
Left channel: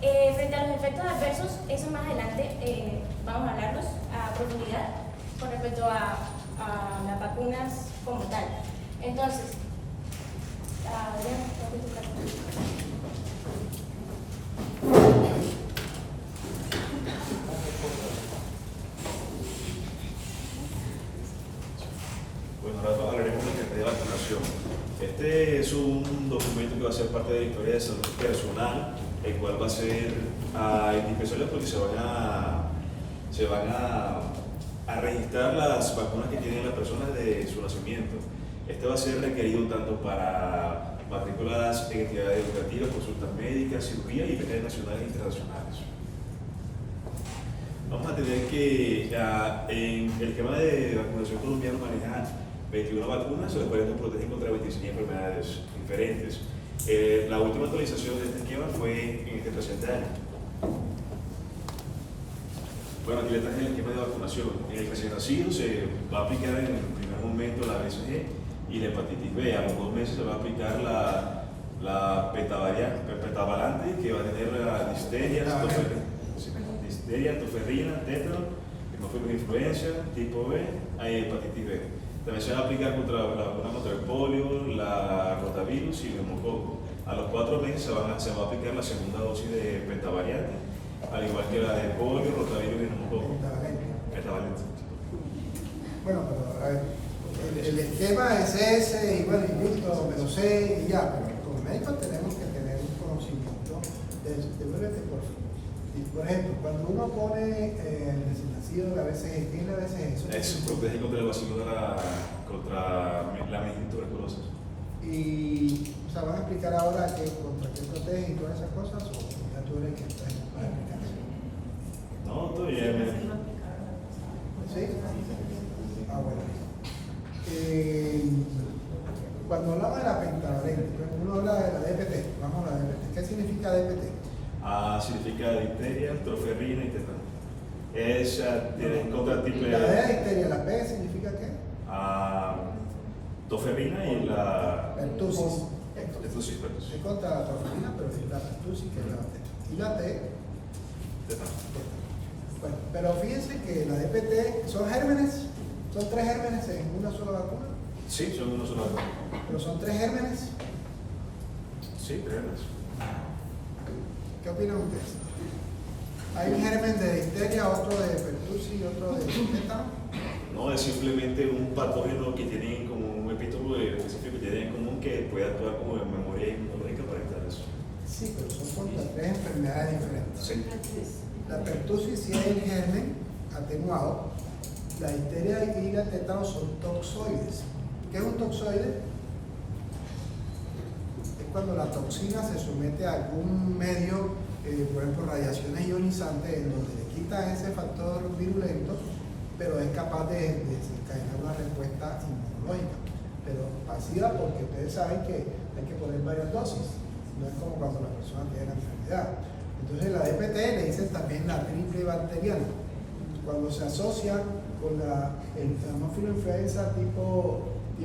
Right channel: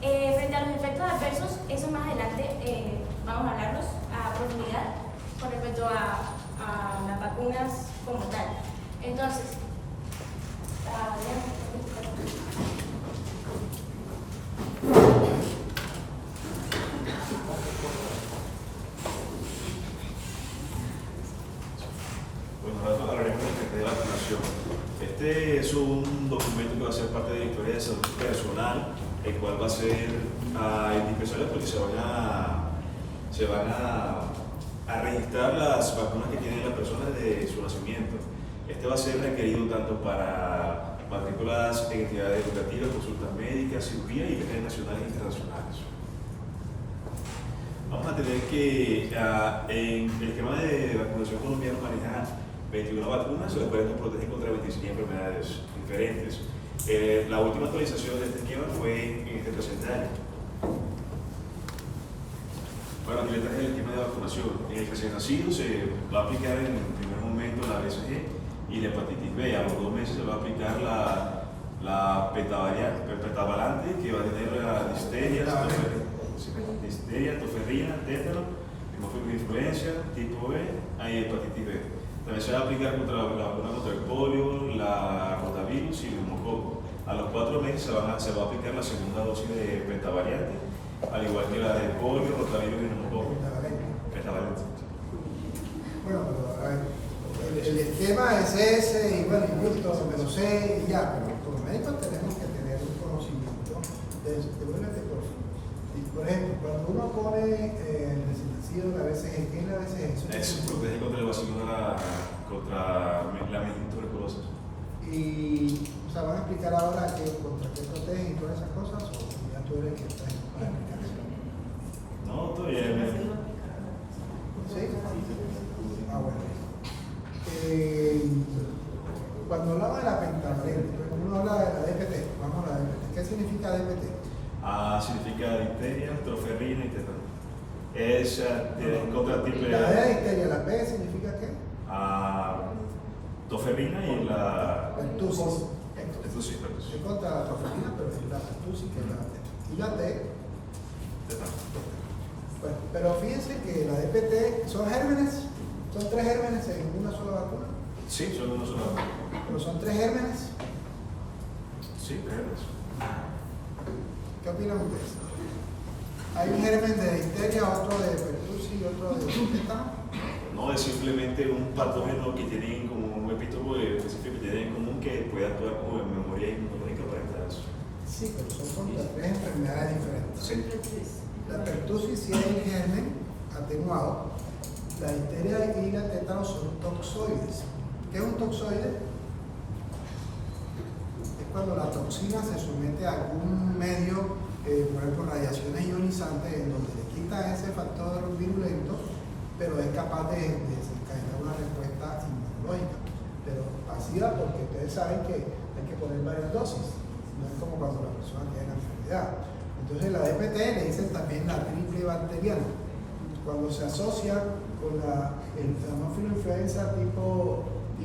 Frente a los efectos adversos, eso más adelante vamos a hablarlos a profundidad con respecto a las vacunas como tal. Entonces, Bueno, ahora hablaremos de vacunación. Este es un documento que va a ser parte de la historia de salud personal, el cual va a ser indispensable porque se van a registrar las vacunas que tienen las personas desde su nacimiento. Este va a ser requerido tanto para matrículas en entidades educativas, consultas médicas, cirugía y redes nacionales e internacionales. Vamos a tener que en el esquema de vacunación colombiano maneja 21 vacunas, las cuales nos protegen contra 25 enfermedades diferentes. La última actualización de este esquema fue en este presente año. Bueno, aquí le traje el esquema de vacunación. En el recién nacido se va a aplicar en el primer momento la BCG y la hepatitis B. A los 2 meses se va a aplicar la pentavalente, que va a tener la disteria, toferrina, tétano, hemófilos de influenza, tipo B, y hepatitis B. También se va a aplicar la vacuna contra el polio, la rotavirus y el neumococo. A los 4 meses se va a aplicar la segunda dosis de pentavariante, al igual que la de polio, rotavirus y neumococo. Pentavalente. Bueno, pero a ver, el esquema es ese, y bueno, yo me lo sé y ya, pero como médicos tenemos que tener un conocimiento. Devuélvete, por favor. Y por ejemplo, cuando uno pone el recién nacido, la BCG, ¿qué es la BCG? Eso protege contra la meningotuberculosis. Y, o sea, ¿van a explicar ahora contra qué protege y todas esas cosas? ¿O ya tú eres que estás en la explicación? No, todavía no. ¿Sí? Ah, bueno. Cuando hablaba de la pentavalente, uno habla de la DPT. Vamos a la DPT. ¿Qué significa DPT? Significa difteria, troferrina y tétano. Es contra tipo La D es difteria, la P significa qué? Toferrina y la Pertussis. pertussis. Es contra la toferrina, pero es la pertussis que es la T. Y la T, Tétano. bueno, pero fíjense que la DPT son gérmenes, son 3 gérmenes en una sola vacuna, Sí, son una sola. pero son 3 gérmenes. Sí, gérmenes. ¿Qué opinan ustedes? ¿Hay un germen de difteria, otro de pertussis y otro de tétano? No, es simplemente un patógeno que tiene como un epítopo específico que tiene en común que puede actuar como memoria inmunológica para estas. Sí, pero son contra 3 enfermedades diferentes. Sí. La pertussis sí es el germen atenuado. La difteria y la tétano son toxoides. ¿Qué es un toxoide? Es cuando la toxina se somete a algún medio, por ejemplo, radiaciones ionizantes, en donde le quita ese factor virulento, pero es capaz de desencadenar una respuesta inmunológica. Pero pasiva, porque ustedes saben que hay que poner varias dosis. No es como cuando la persona tiene la enfermedad. Entonces la DPT le dicen también la triple bacteriana. Cuando se asocia con la Haemophilus influenza tipo E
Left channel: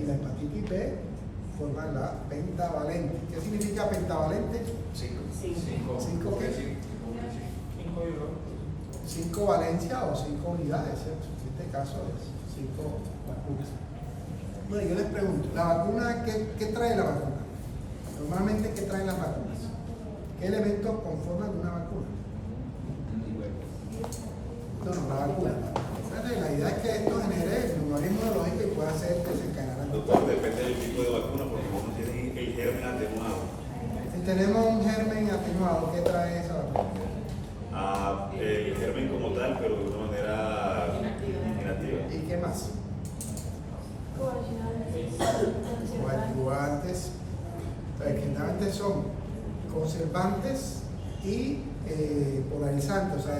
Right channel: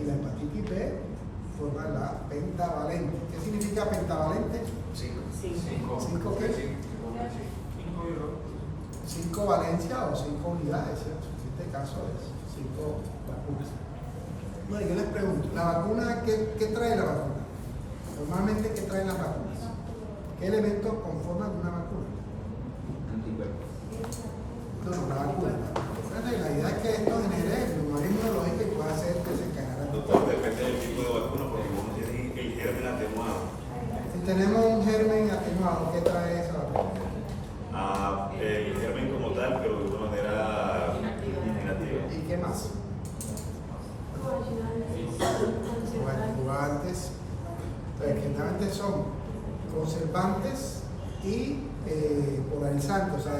y la hepatitis B, forman la pentavalente. ¿Qué significa pentavalente? 5 valencias o 5 unidades, ¿cierto? En este caso es 5 vacunas. Bueno, yo les pregunto, ¿la vacuna qué trae la vacuna? Normalmente, ¿qué traen las vacunas? ¿Qué elementos conforman una vacuna? No, la vacuna. La idea es que esto genere memoria inmunológica y pueda hacer desencadenar Doctor, anticuerpos. depende del tipo de vacuna, porque uno tiene el germen atenuado. Si tenemos un germen atenuado, ¿qué trae esa vacuna? El germen como tal, pero de una manera inactiva. ¿Y qué más? Coadyuvantes. Generalmente son conservantes y polarizantes, o sea,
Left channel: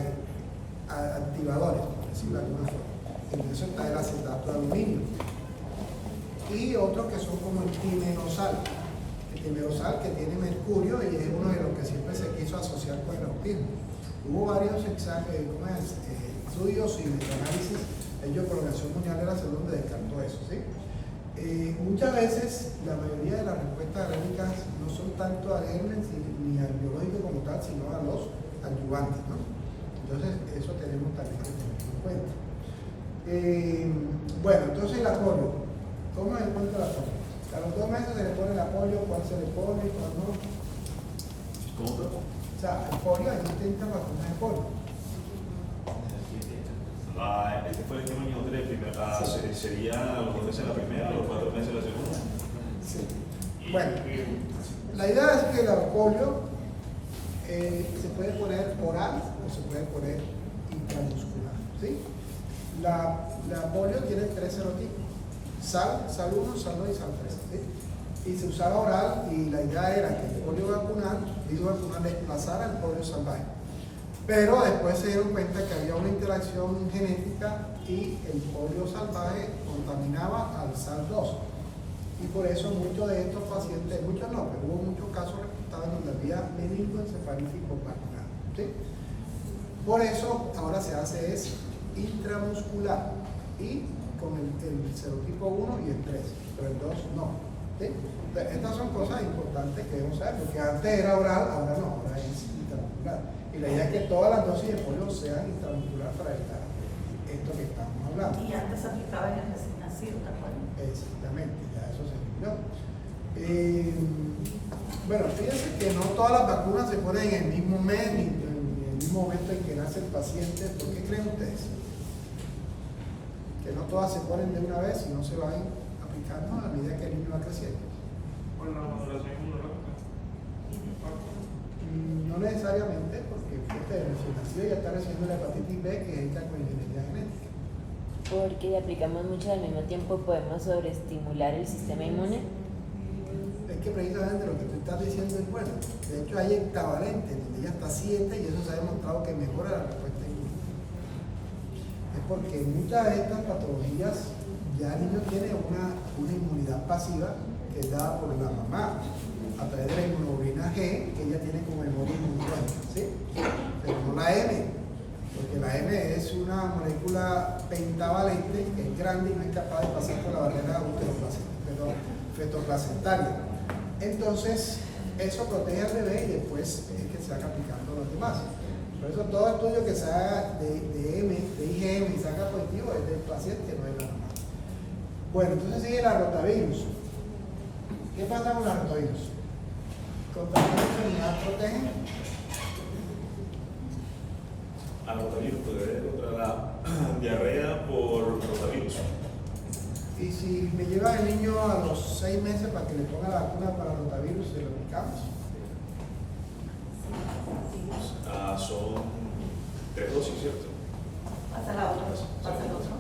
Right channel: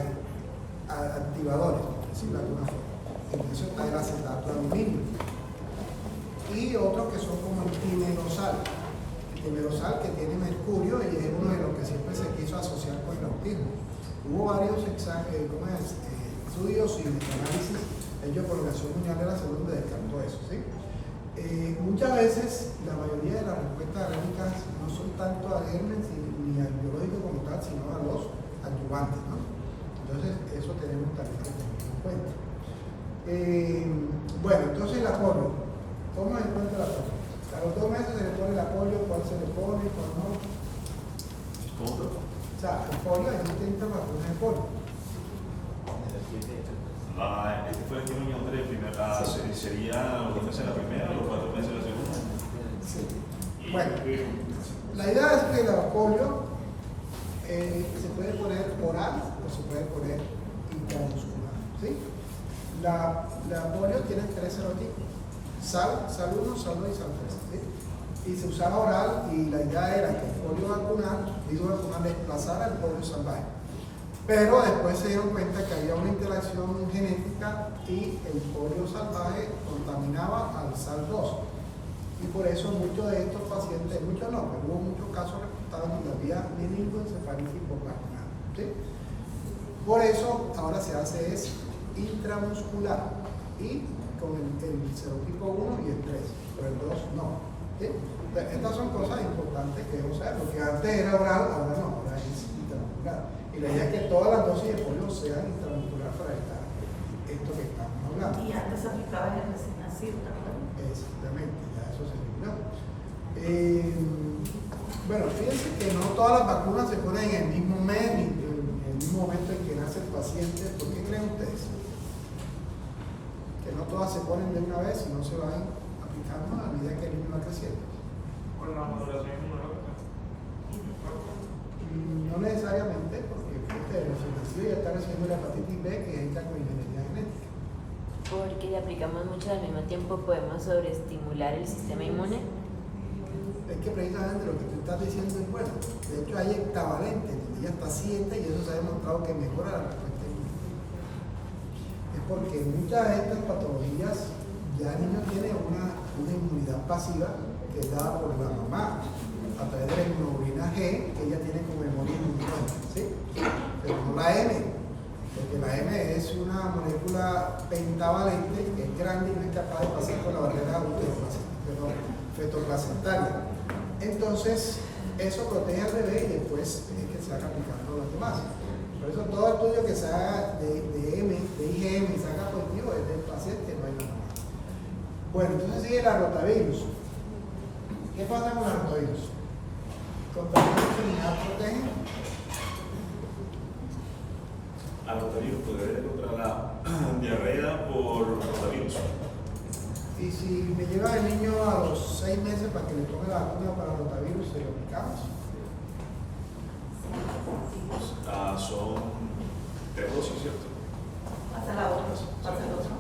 activadores, por decirlo de alguna forma. En eso está el acetato de aluminio. Y otros que son como el timerosal. El timerosal que tiene mercurio y es uno de los que siempre se quiso asociar con el autismo. Hubo varios estudios y metaanálisis hechos por la Organización Mundial de la Salud donde descartó eso, ¿sí? Muchas veces la mayoría de las respuestas alérgicas no son tanto al germen ni al biológico como tal, sino a los adyuvantes, ¿no? Entonces eso tenemos también que tener en cuenta. Bueno, entonces la polio. ¿Cómo se encuentra la polio? A los 2 meses se le pone la polio, ¿cuál se le pone, cuál no? ¿Cómo? O sea, el polio, hay distintas vacunas de polio. Este fue el que me encontré primero. ¿Sería los 2 meses la primera o los 4 meses la segunda? Sí. Bueno, la idea es que la polio se puede poner oral o se puede poner intramuscular, ¿sí? La polio tiene 3 serotipos: sal 1, sal 2 y sal 3, ¿sí? Y se usaba oral y la idea era que el polio vacunal desplazara el polio salvaje. Pero después se dieron cuenta que había una interacción genética y el polio salvaje contaminaba al SARS-2. Y por eso muchos de estos pacientes, muchos no, pero hubo muchos casos reportados donde había meningoencefalitis por vacunado, ¿sí? Por eso ahora se hace es intramuscular y con el serotipo 1 y el 3, pero el 2 no, ¿sí? Entonces, estas son cosas importantes que debemos saber, porque antes era oral, ahora no, ahora es intramuscular. Y la idea es que todas las dosis de polio sean intramuscular para evitar esto que estamos hablando. Y antes se aplicaba en el recién nacido, ¿te acuerdas? Exactamente, ya eso se eliminó. Bueno, fíjense que no todas las vacunas se ponen en el mismo mes ni en el mismo momento en que nace el paciente. ¿Por qué creen ustedes? Que no todas se ponen de una vez y no se van aplicando a medida que el niño va creciendo. Con la maduración inmunológica. No necesariamente, porque el recién nacido ya está recibiendo la hepatitis B, que es con ingeniería genética. Porque le aplicamos mucho al mismo tiempo, podemos sobreestimular el sistema inmune. Es que precisamente lo que tú estás diciendo es bueno. De hecho, hay hectavalentes, donde ya hasta 7, y eso se ha demostrado que mejora la respuesta inmune. Es porque muchas de estas patologías ya el niño tiene una inmunidad pasiva que es dada por la mamá a través de la inmunoglobulina G, que ella tiene como memoria inmunológica, ¿sí? Pero no la M, porque la M es una molécula pentavalente que es grande y no es capaz de pasar por la barrera fetoplacentaria. Entonces, eso protege al bebé y después es que se van aplicando los demás. Por eso todo estudio que se haga de IgM y salga positivo es del paciente, no hay nada más. Bueno, entonces sigue la rotavirus. ¿Qué pasa con la rotavirus? ¿Contra qué enfermedad protege? Al rotavirus, pues contra la diarrea por rotavirus. Y si me lleva el niño a los 6 meses para que le ponga la vacuna para el rotavirus, ¿se lo aplicamos? Son 3 dosis, ¿cierto? Pasa la otra, pasa el otro.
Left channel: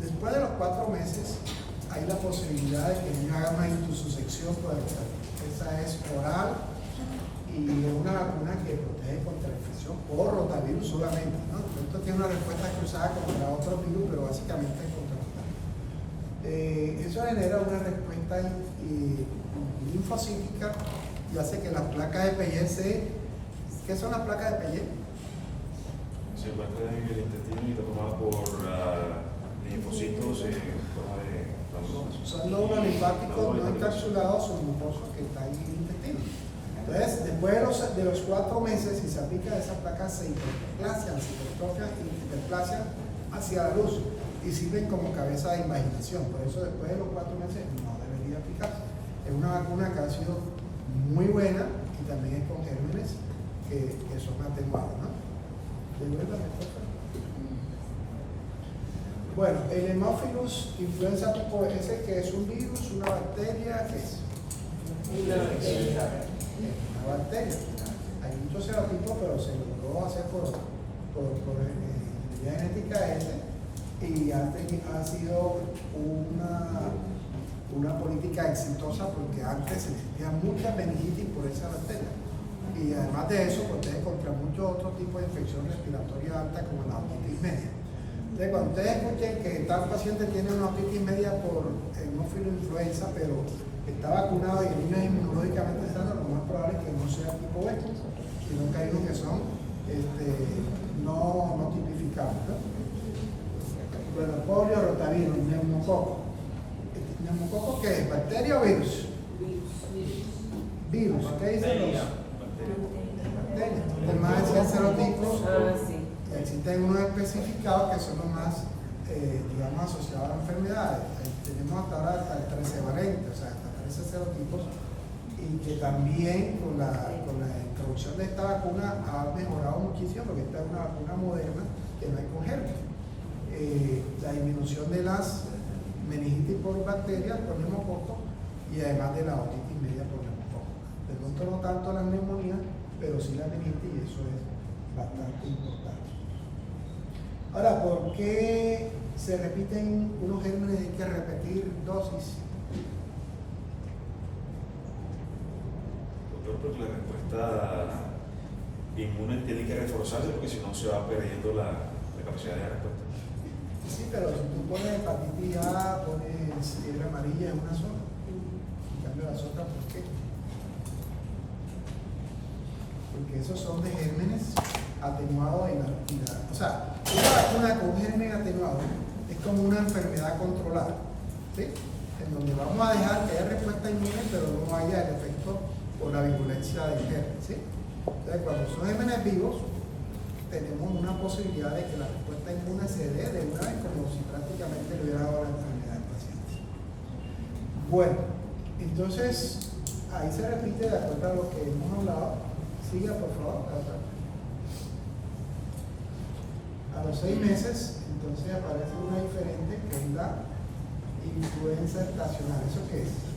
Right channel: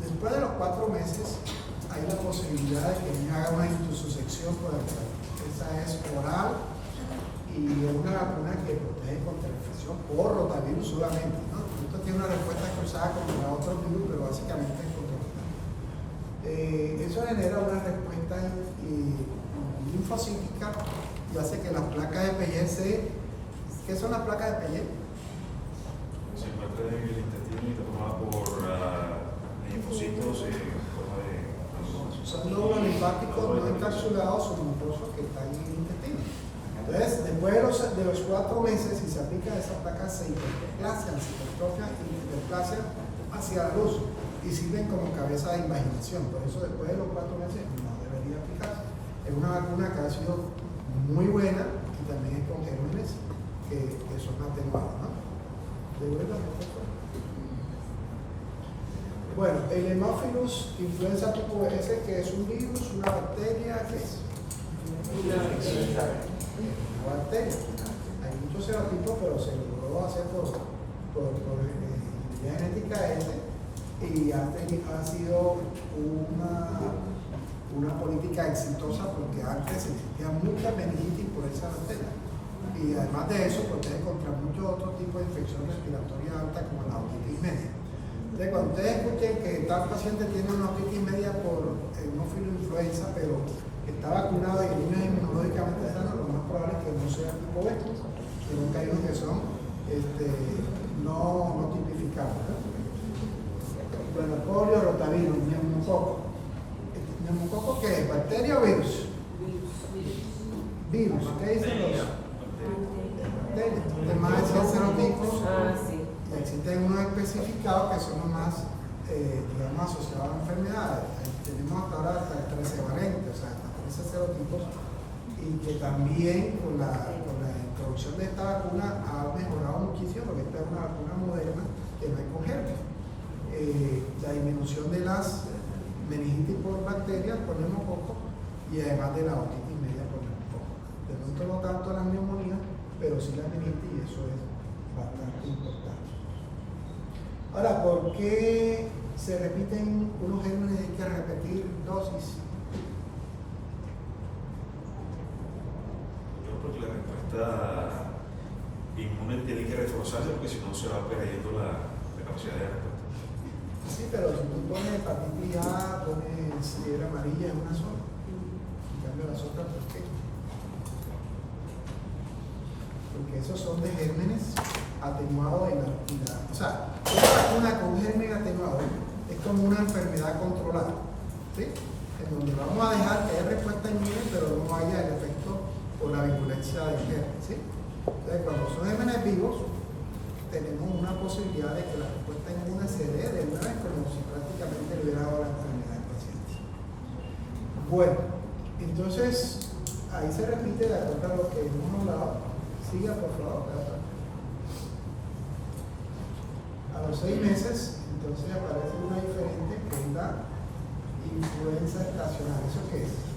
Después de los 4 meses, hay la posibilidad de que el niño haga una intususección por el rotavirus. Esa es oral y es una vacuna que protege contra la infección por rotavirus solamente, ¿no? Esto tiene una respuesta cruzada contra otros virus, pero básicamente es contra rotavirus. Eso genera una respuesta linfocítica y hace que las placas de Peyet ¿Qué son las placas de Peyet? Se encuentra en el intestino y está tomada por linfocitos en forma de granulomas. Son lóbulos linfáticos no encapsulados o mucosos que están en el intestino. Entonces, después de los 4 meses, si se aplica esa placa, se hiperplasian hacia la luz y sirven como cabeza de invaginación. Por eso, después de los 4 meses, no debería aplicarse. Es una vacuna que ha sido muy buena y también es con gérmenes que son atenuados, ¿no? Bueno, el Haemophilus influenza tipo S, que es un virus, una bacteria, ¿qué es? Una bacteria. Hay muchos serotipos, pero se logró hacer por ingeniería genética S y ha sido una política exitosa porque antes existía mucha meningitis por esa bacteria. Y además de eso, protege contra muchos otros tipos de infección respiratoria alta como la otitis media. Entonces, cuando ustedes escuchen que tal paciente tiene una otitis media por Haemophilus influenza, pero está vacunado y el niño es inmunológicamente sano, lo más probable es que no sea tipo B, sino que hay unos que son no tipificados, ¿no? Bueno, polio, rotavirus, neumococo. ¿Neumococo qué es? ¿Bacteria o virus? Virus. ¿Qué dicen los? De más de 100 serotipos y existen unos especificados que son los más, digamos, asociados a enfermedades. Tenemos hasta ahora hasta el 13 valente, o sea, hasta 13 serotipos, y que también con la introducción de esta vacuna ha mejorado muchísimo porque esta es una vacuna moderna que no hay con germen. La disminución de las meningitis por bacterias por neumococo y además de la otitis media por neumococo. De pronto no tanto las neumonías, pero sí la meningitis, y eso es bastante importante. Ahora, ¿por qué se repiten unos gérmenes y hay que repetir dosis? Porque la respuesta inmune tiene que reforzarse porque si no se va perdiendo la capacidad de respuesta. Sí, pero si tú pones hepatitis A, pones fiebre amarilla en una sola, en cambio las otras, ¿por qué? Porque esos son de gérmenes atenuados o sea, una vacuna con un germen atenuado es como una enfermedad controlada, ¿sí? En donde vamos a dejar que haya respuesta inmune, pero no haya el efecto o la virulencia del germen, ¿sí? Entonces, cuando son gérmenes vivos, tenemos una posibilidad de que la respuesta inmune se dé de una vez como si prácticamente le hubiera dado la enfermedad al paciente. Bueno, entonces ahí se repite de acuerdo a lo que hemos hablado. Siga, por favor. A los 6 meses, entonces aparece una diferente que es la influenza estacional. ¿Eso qué es?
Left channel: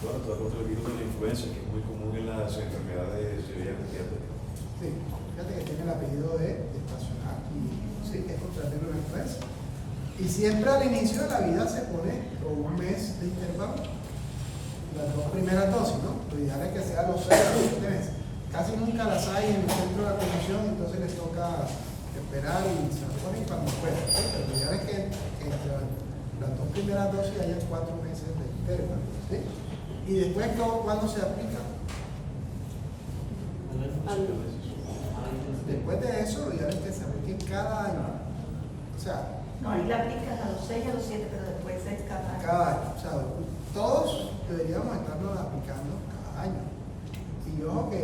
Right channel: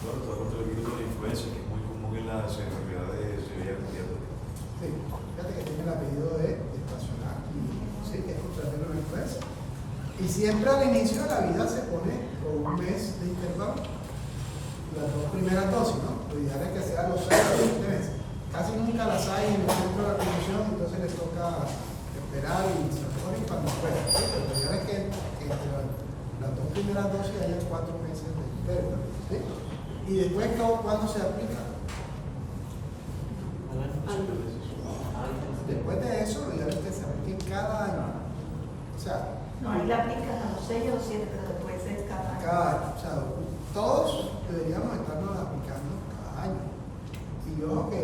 Bueno, todo contra el virus de la influenza, que es muy común en las enfermedades pediátricas. Sí, fíjate que tiene el apellido de estacional y sí, que es contra el virus de la influenza. Y siempre al inicio de la vida se pone con un mes de intervalo las 2 primeras dosis, ¿no? Lo ideal es que sean los 6 a los 7 meses. Casi nunca las hay en el centro de la promoción, entonces les toca esperar y se ponen cuando puedan, ¿sí? Pero lo ideal es que entre las 2 primeras dosis haya 4 meses de intervalo, ¿sí? Y después, ¿cuándo se aplica? Después de eso, lo ideal es que se aplique cada año. O sea, no, ahí la aplicas a los 6 y a los 7, pero después es cada año. Cada año. O sea, todos deberíamos estarnos aplicando cada año. Y ojo que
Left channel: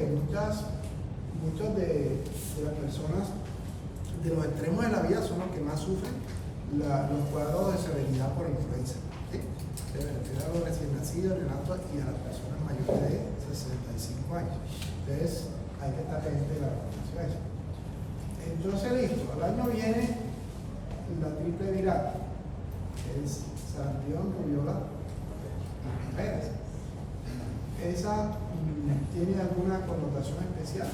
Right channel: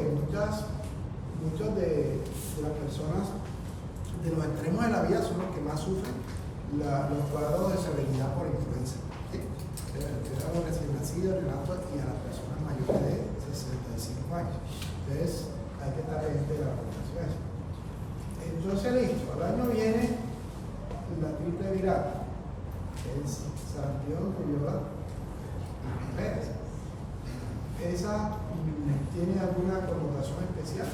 muchos de las personas de los extremos de la vida son los que más sufren los cuadros de severidad por influenza. ¿Sí? Se refiere a los recién nacidos, neonatos y a las personas mayores de 65 años. Entonces, hay que estar pendiente de la vacunación. Entonces, listo, al año viene la triple viral, que es sarampión, rubiola y viruela. ¿Esa tiene alguna connotación especial?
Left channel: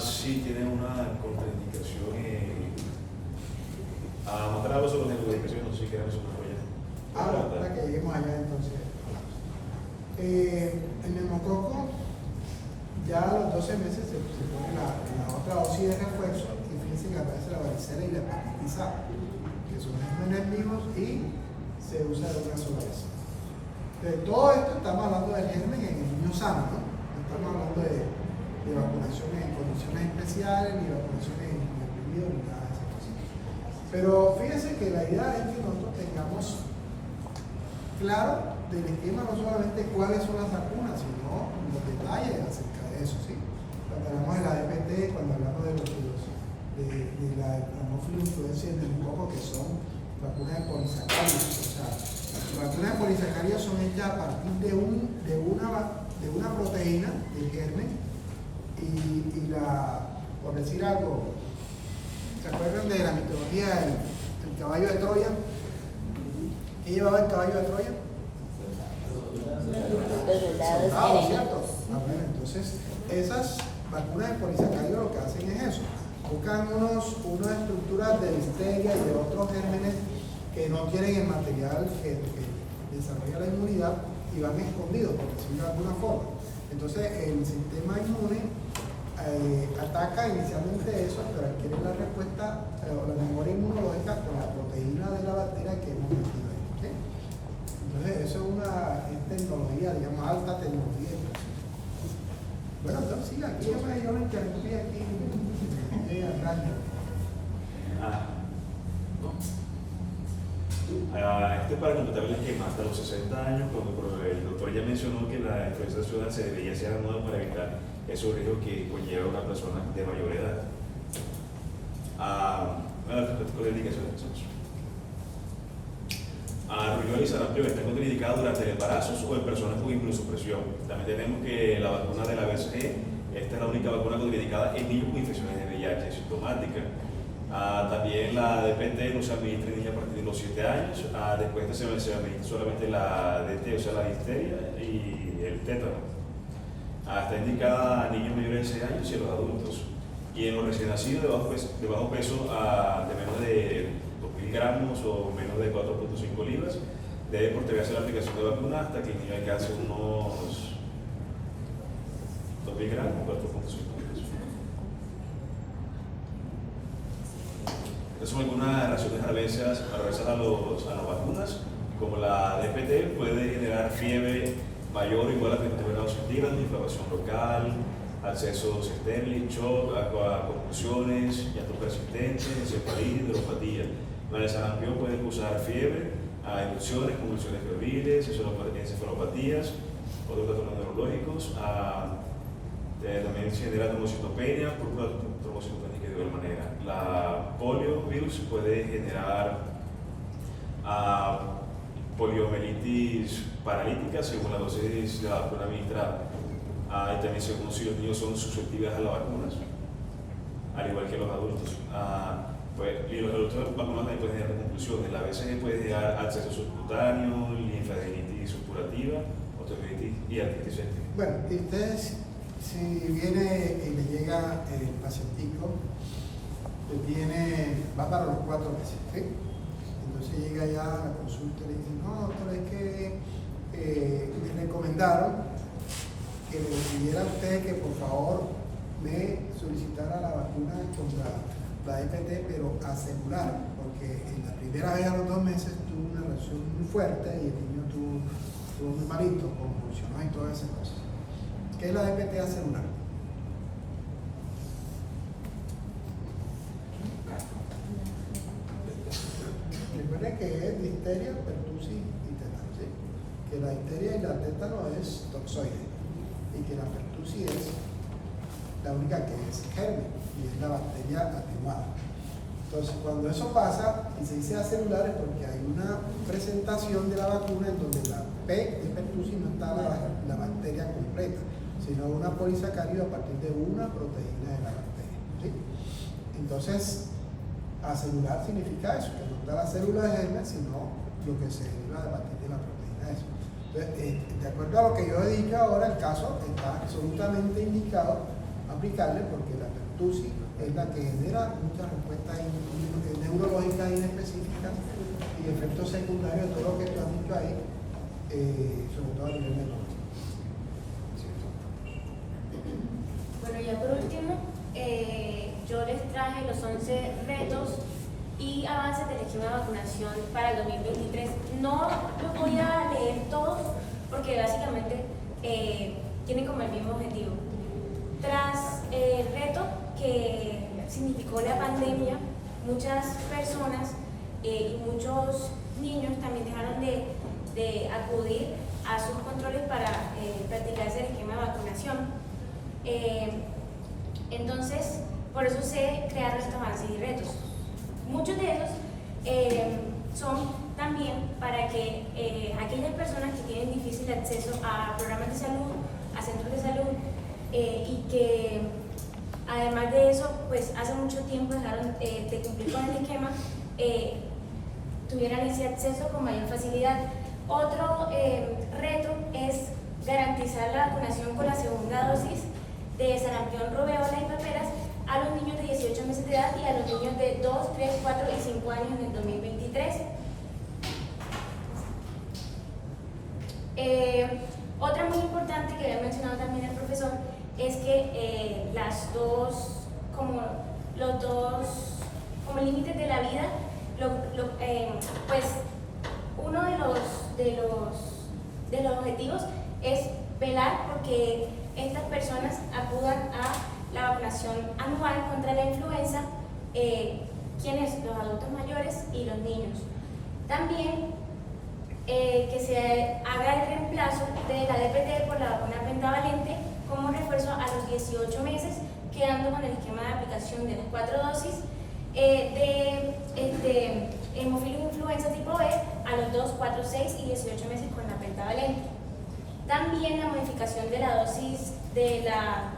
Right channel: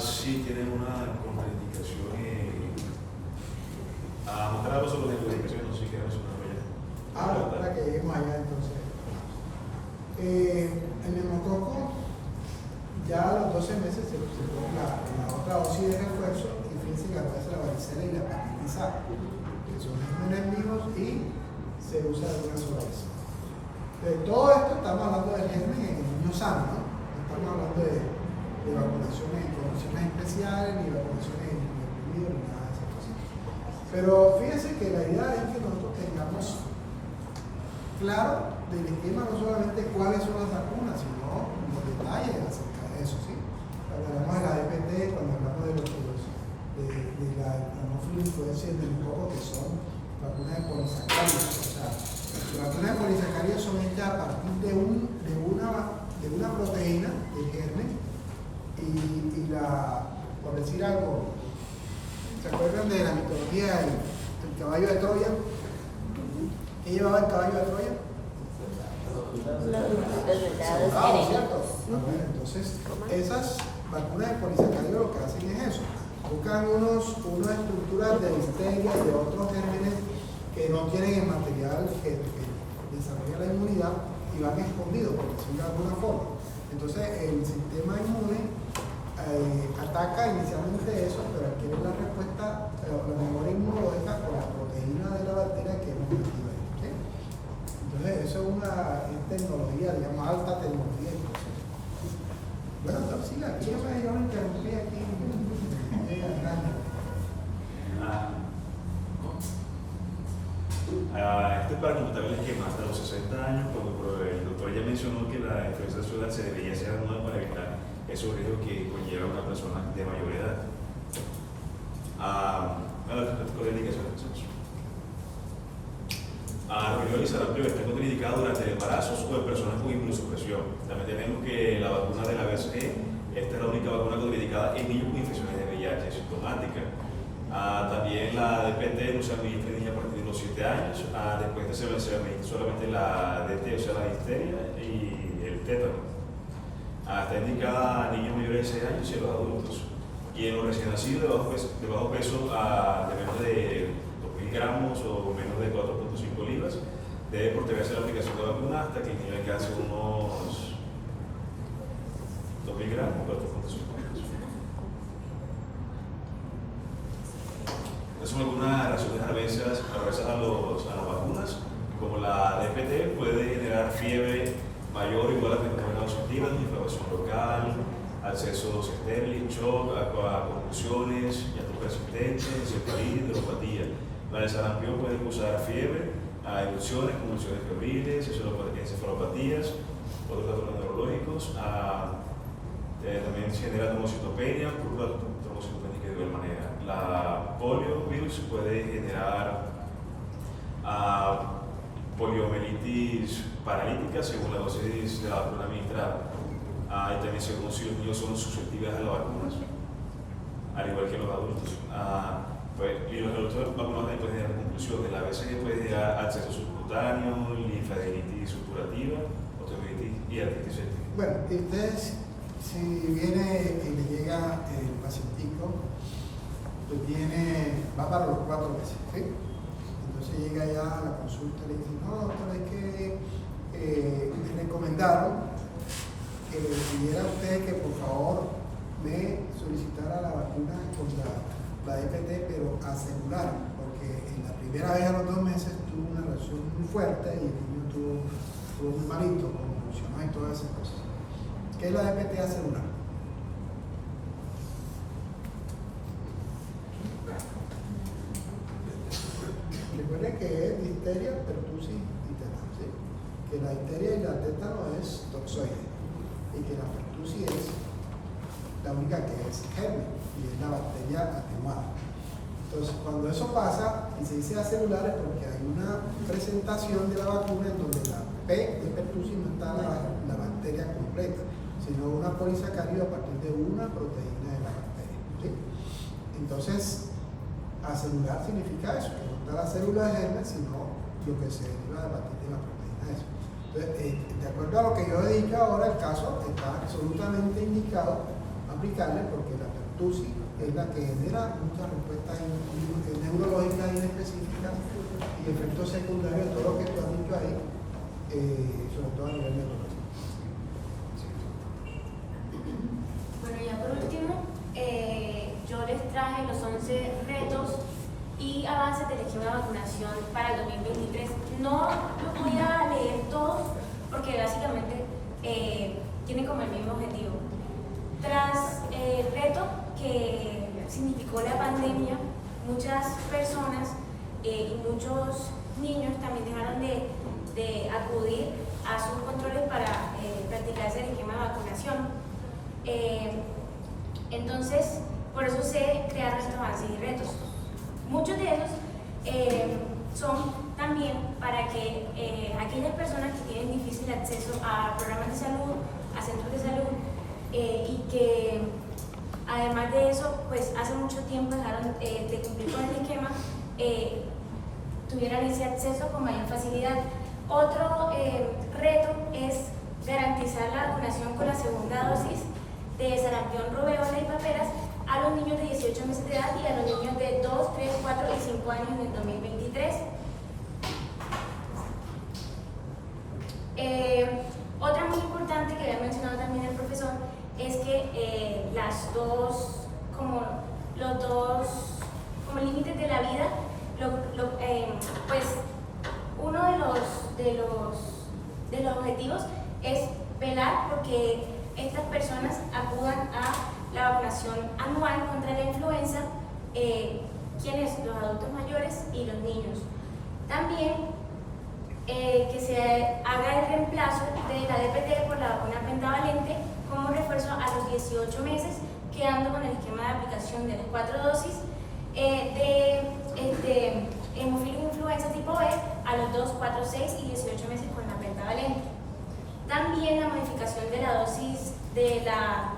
Sí, tiene una contraindicación a mostrar los ojos de la indicación, no sé si queda eso. Para que lleguemos allá entonces. El neumococo, ya a los 12 meses se pone la otra dosis de refuerzo y fíjense que aparece la varicela y la hepatitis A, que son gérmenes vivos y se usa de una sola vez. De todo esto estamos hablando del germen en el niño sano, ¿no? Estamos hablando de vacunaciones en condiciones especiales, ni vacunaciones en deprimidos, ni nada de esas cosas. Pero fíjense que la idea es que nosotros tengamos claro del esquema no solamente cuáles son las vacunas, sino los detalles acerca de eso, ¿sí? Cuando hablamos de la DPT, cuando hablamos de la Haemophilus influenzae y el neumococo, que son vacunas de polisacáridos, o sea, las vacunas de polisacáridos son hechas a partir de una proteína del germen y por decir algo, ¿se acuerdan de la mitología del caballo de Troya? ¿Qué llevaba el caballo de Troya? Soldados, ¿cierto? Bueno, entonces, esas vacunas de polisacáridos lo que hacen es eso. Buscan unas estructuras de difteria y de otros gérmenes que no tienen el material que desarrolla la inmunidad y van escondidos, por decirlo de alguna forma. Entonces, el sistema inmune ataca inicialmente eso, pero adquiere la respuesta, la memoria inmunológica con la proteína de la bacteria que hemos metido ahí. ¿Sí? Entonces, eso es una tecnología, digamos, alta tecnología. Bueno, entonces, sí, aquí yo me interrumpí aquí. Este es para completarles que hasta los 60 años, cuando el doctor ya mencionó que la influenza anual se debería hacer anual para evitar esos riesgos que conlleva una persona de mayor edad. Respecto de indicaciones. Rubiola y sarampión están contraindicados durante el embarazo o en personas con inmunosupresión. También tenemos que la vacuna de la BCG, esta es la única vacuna contraindicada en niños con infecciones de VIH sintomática. También la DPT no se administra en niños a partir de los 7 años. Después se administra solamente la DT, o sea, la difteria y el tétano. Está indicada a niños mayores de 6 años y a los adultos. Y en los recién nacidos de bajo peso, de menos de 2.000 gramos o menos de 4.5 libras, debe postergarse la aplicación de vacuna hasta que el niño alcance unos 2.000 gramos o 4.5 libras. Estas son algunas reacciones adversas a las vacunas, como la DPT puede generar fiebre mayor o igual a 39 grados centígrados, inflamación local, accesos estériles, shock, convulsiones, llanto persistente, encefalitis, neuropatía. La de sarampión puede causar fiebre, erupciones, convulsiones febriles, encefalopatías, otros trastornos neurológicos. También se genera trombocitopenia, trombocitopénica de igual manera. La poliovirus puede generar poliomielitis paralítica según la dosis de la vacuna administrada. Y también según si los niños son susceptibles a las vacunas, al igual que los adultos. Y los adultos vacunados también pueden generar conclusiones. La BCG puede generar acceso subcutáneo, linfadenitis supurativa, osteomielitis y artritis séptica. Bueno, y ustedes, si viene y le llega el pacientico, va para los 4 meses, ¿sí? Entonces llega ya a la consulta y le dice, no, doctor, es que me recomendaron que le pidiera a usted que por favor me solicitara la vacuna contra la DPT, pero a celular, porque en la primera vez a los 2 meses tuvo una reacción muy fuerte y el niño estuvo muy malito, convulsionó y todas esas cosas. ¿Qué es la DPT a celular? Recuerden que es difteria, pertussis y tétano, ¿sí? Que la difteria y la tétano es toxoide y que la pertussis es la única que es germen y es la bacteria atenuada. Entonces, cuando eso pasa y se dice acelular es porque hay una presentación de la vacuna en donde la P de pertussis no está la bacteria completa, sino una polisacárido a partir de una proteína de la bacteria, ¿sí? Entonces, acelular significa eso, que no está la célula de germen, sino lo que se deriva a partir de la proteína de eso. Entonces, de acuerdo a lo que yo he dicho ahora, el caso está absolutamente indicado aplicarle porque la pertussis es la que genera muchas respuestas neurológicas inespecíficas y efectos secundarios de todo lo que tú has dicho ahí, sobre todo a nivel neurológico. traje los 11 retos y avances del esquema de vacunación para el 2023. No los voy a leer todos porque básicamente tienen como el mismo objetivo. Tras el reto que significó la pandemia, muchas personas y muchos niños también dejaron de acudir a sus controles para practicar ese esquema de vacunación. Entonces, por eso se crearon estos avances y retos. Muchos de esos son también para que aquellas personas que tienen difícil acceso a programas de salud, a centros de salud, y que además de eso, pues hace mucho tiempo dejaron de cumplir con el esquema, tuvieran ese acceso con mayor facilidad. Otro reto es garantizar la vacunación con la segunda dosis de sarampión, rubéola y paperas a los niños de 18 meses de edad y a los niños de 2, 3, 4 y 5 años en el 2023. Otra muy importante que había mencionado también el profesor es que los dos límites de la vida, pues uno de los objetivos es velar porque estas personas acudan a la vacunación anual contra la influenza, quienes, los adultos mayores y los niños. También que se haga el reemplazo de la DPT por la vacuna pentavalente como refuerzo a los 18 meses, quedando con el esquema de aplicación de las 4 dosis de hemofilus influenza tipo B a los 2, 4, 6 y 18 meses con la pentavalente. También la modificación de la dosis de la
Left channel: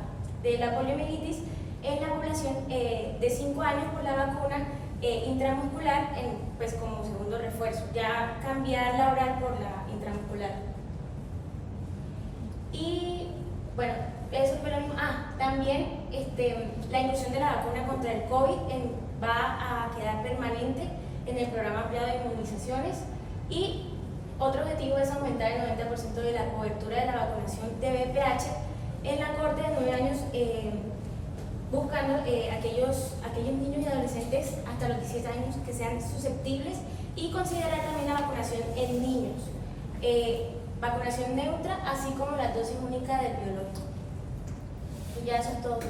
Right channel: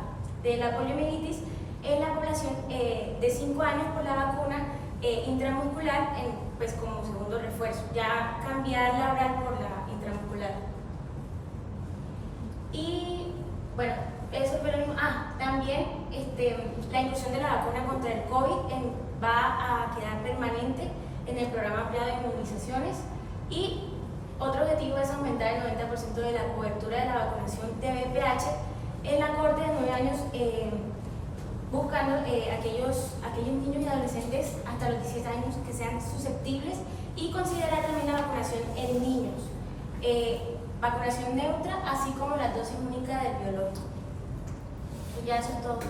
poliomielitis en la población de 5 años por la vacuna intramuscular pues como segundo refuerzo, ya cambiar la oral por la intramuscular. Y bueno, eso fue lo mismo. También la inclusión de la vacuna contra el COVID va a quedar permanente en el programa ampliado de inmunizaciones, y otro objetivo es aumentar el 90% de la cobertura de la vacunación de VPH en la corte de 9 años, buscando aquellos niños y adolescentes hasta los 17 años que sean susceptibles, y considerar también la vacunación en niños, vacunación neutra, así como la dosis única del biológico. Pues ya eso es todo.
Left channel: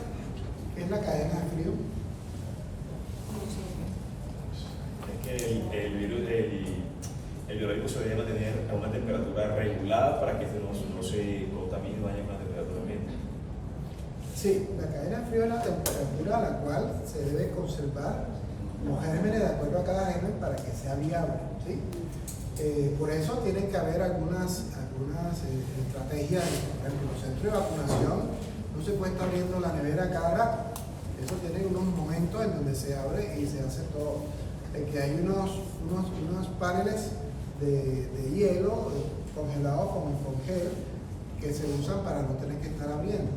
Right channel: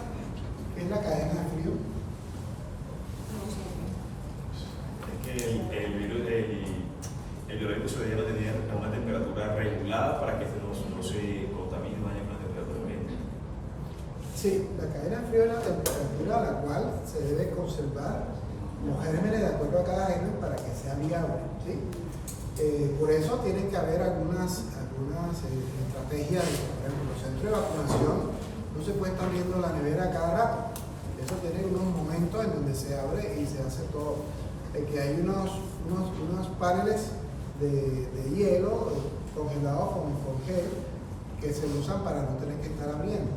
¿Qué es la cadena de frío? Es que el biológico se debe tener a una temperatura regulada para que no se contamine y vaya a una temperatura ambiente. Sí, la cadena de frío es la temperatura a la cual se debe conservar los gérmenes de acuerdo a cada germen para que sea viable, ¿sí? Por eso tienen que haber algunas estrategias. Por ejemplo, los centros de vacunación no se puede estar abriendo la nevera cada rato. Eso tiene unos momentos en donde se abre y se hace todo. Que hay unos paneles de hielo congelados con gel que se usan para no tener que estar abriendo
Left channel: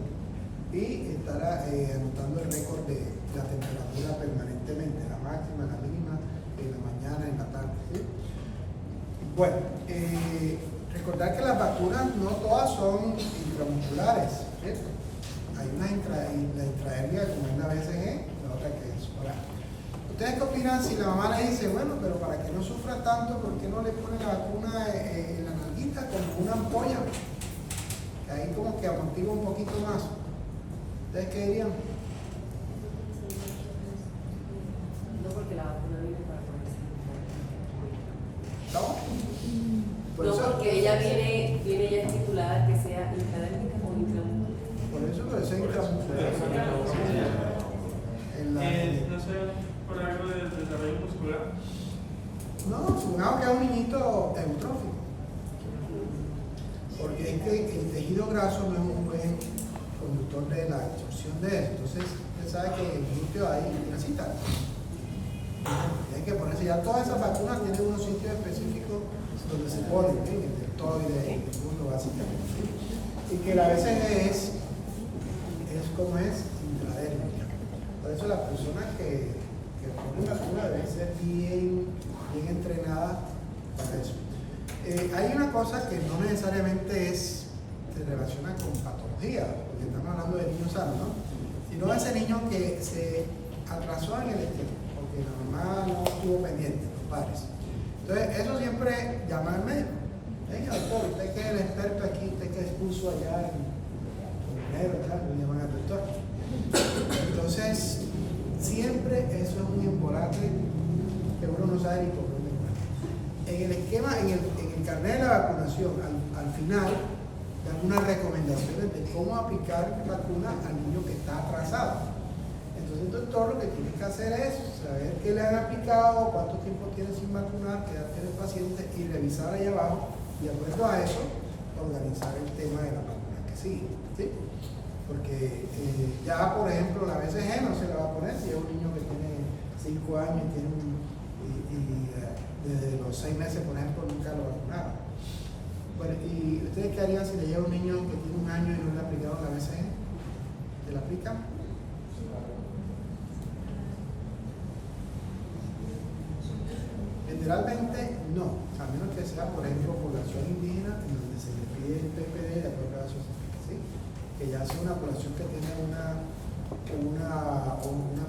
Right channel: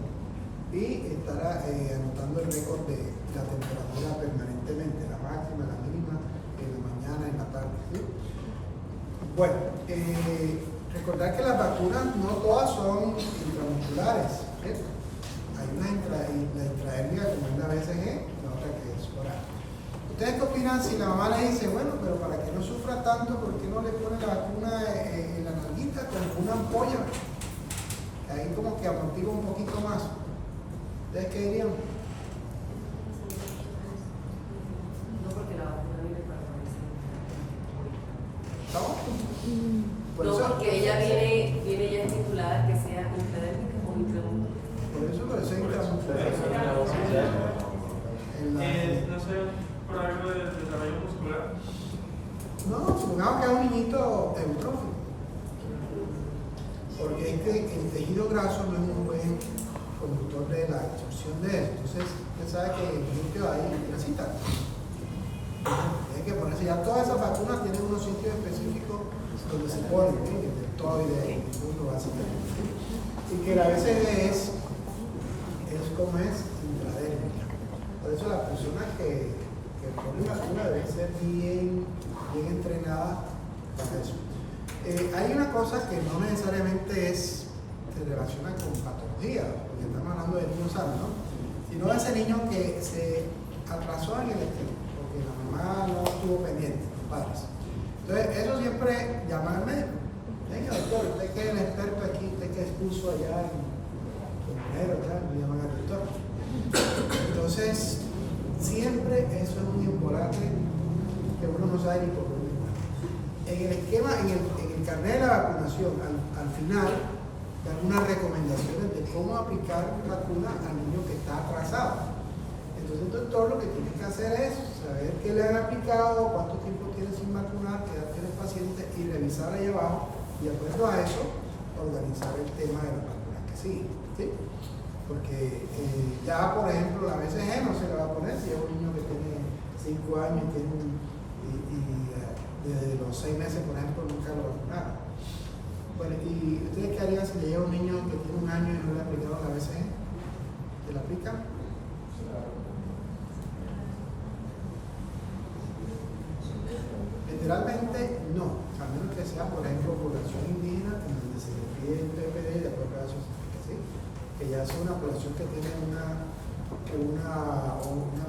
y estar anotando el récord de la temperatura permanentemente, la máxima, la mínima, en la mañana, en la tarde, ¿sí? Bueno, recordar que las vacunas no todas son intramusculares, ¿sí? Hay la intrahernia como una BCG, la otra que es oral. ¿Ustedes qué opinan si la mamá le dice, bueno, pero para que no sufra tanto, ¿por qué no le pone la vacuna en la nalguita con una ampolla? Ahí como que amortigua un poquito más. ¿Ustedes qué dirían? No, porque la vacuna viene para ponerse. ¿No? No, porque ella viene ya estipulada que sea intradérmica o intramuscular. Por eso es intramuscular. No sé, por algo del desarrollo muscular. No, supongamos que es un niñito eutrófico. Porque es que el tejido graso no es un buen conductor de la absorción de él. Entonces, usted sabe que en el glúteo hay grasita. Hay que ponerse ya. Todas esas vacunas tienen unos sitios específicos donde se ponen, el deltoide, el muslo, básicamente. ¿Sí? Y que la BCG es como es intradérmica. Por eso las personas que ponen vacuna deben ser bien entrenadas para eso. Hay una cosa que no necesariamente se relaciona con patología, porque estamos hablando de niños sanos, ¿no? Sino ese niño que se atrasó en el esquema, porque la mamá no estuvo pendiente, los padres. Entonces, eso siempre llama al médico. Venga, doctor, usted que es el experto aquí, usted que expuso allá en primero, me llaman al doctor. Entonces, siempre eso es muy importante, que uno no sabe ni por dónde va. En el esquema, en el carnet de la vacunación, al final, dan unas recomendaciones de cómo aplicar vacuna al niño que está atrasado. Entonces el doctor lo que tiene que hacer es saber qué le han aplicado, cuánto tiempo tiene sin vacunar, qué edad tiene el paciente y revisar ahí abajo y de acuerdo a eso organizar el tema de la vacuna que sigue, ¿sí? Porque ya por ejemplo la BCG no se le va a poner si es un niño que tiene 5 años y desde los 6 meses por ejemplo nunca lo vacunaron. Bueno, ¿y ustedes qué harían si le llega un niño que tiene 1 año y no le ha aplicado la BCG? ¿Se la aplican? Generalmente no, a menos que sea, por ejemplo, población indígena, en donde se le pide el PPD de acuerdo a eso, ¿sí? Que ya sea una población que tiene una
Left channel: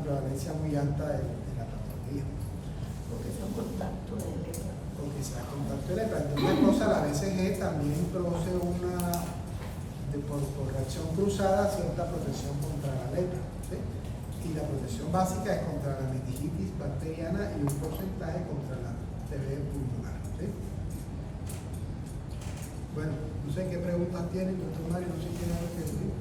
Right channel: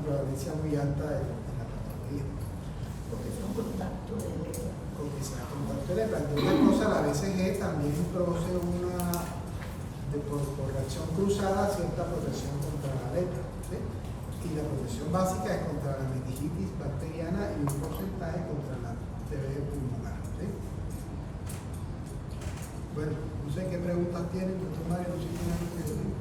prevalencia muy alta de la patología. Porque son contactos de lepra. Porque sea contacto de lepra. Entre otras cosas, la BCG también produce por reacción cruzada cierta protección contra la lepra, ¿sí? Y la protección básica es contra la meningitis bacteriana y un porcentaje contra la TB pulmonar, ¿sí? Bueno, no sé qué preguntas tienen, doctor Mario, no sé quién es el que decir.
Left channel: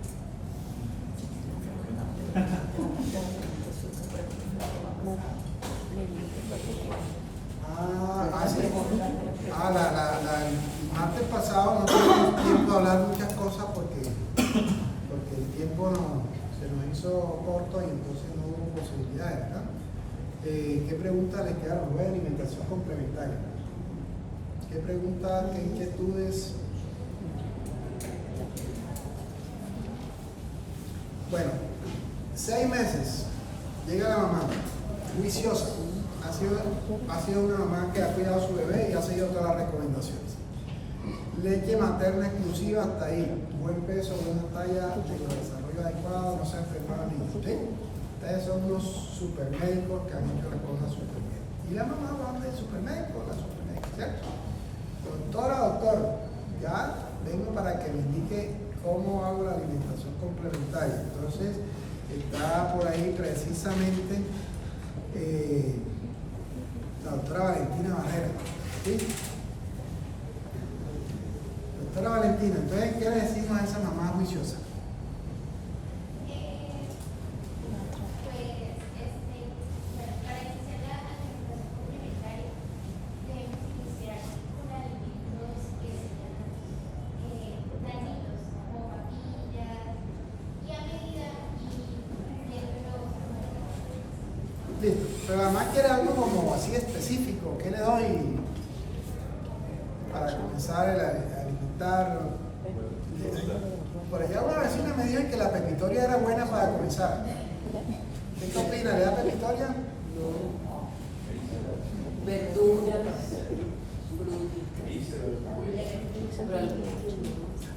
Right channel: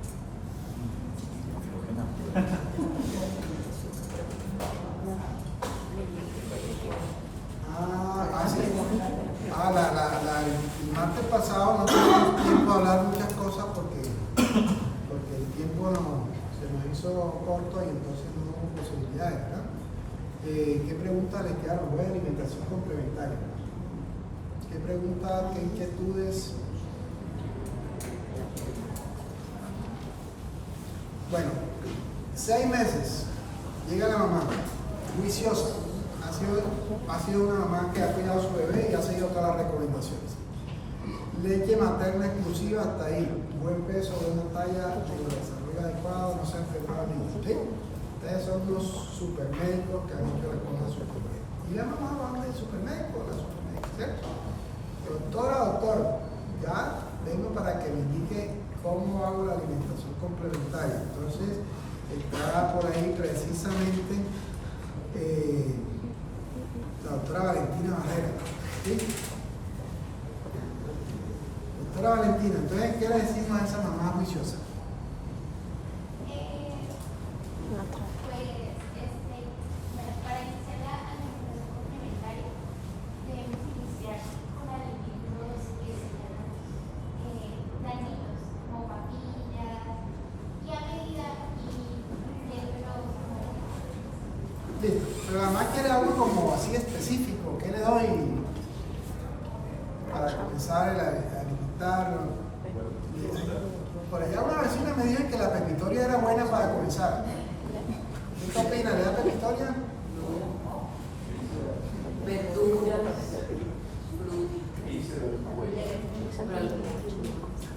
El martes pasado no tuvimos tiempo de hablar muchas cosas porque el tiempo se nos hizo corto y entonces no hubo posibilidades, ¿verdad? ¿Qué preguntas les quedaron? Voy a alimentación complementaria. ¿Qué preguntas, qué inquietudes? Bueno, 6 meses, llega la mamá, juiciosa. Ha sido una mamá que ha cuidado a su bebé y ha seguido todas las recomendaciones. Leche materna exclusiva hasta ahí, buen peso, buena talla, desarrollo adecuado, no se ha enfermado ni nada, ¿sí? Ustedes son unos supermédicos que han hecho las cosas súper bien. Y la mamá va del supermédico, la supermédica, ¿cierto? Doctor, ya vengo para que me indique cómo hago la alimentación complementaria. Entonces, está por ahí precisamente la doctora Valentina Barrera, ¿sí? Doctora Valentina, entonces, ¿qué le decimos a esa mamá juiciosa? Listo, pero además quiere algo como así específico, ¿qué le doy para comenzar a alimentarlo? Por allá una vecina me dijo que la pepitoria era buena para comenzar. ¿Qué opina? ¿Le da pepitoria? Verduras,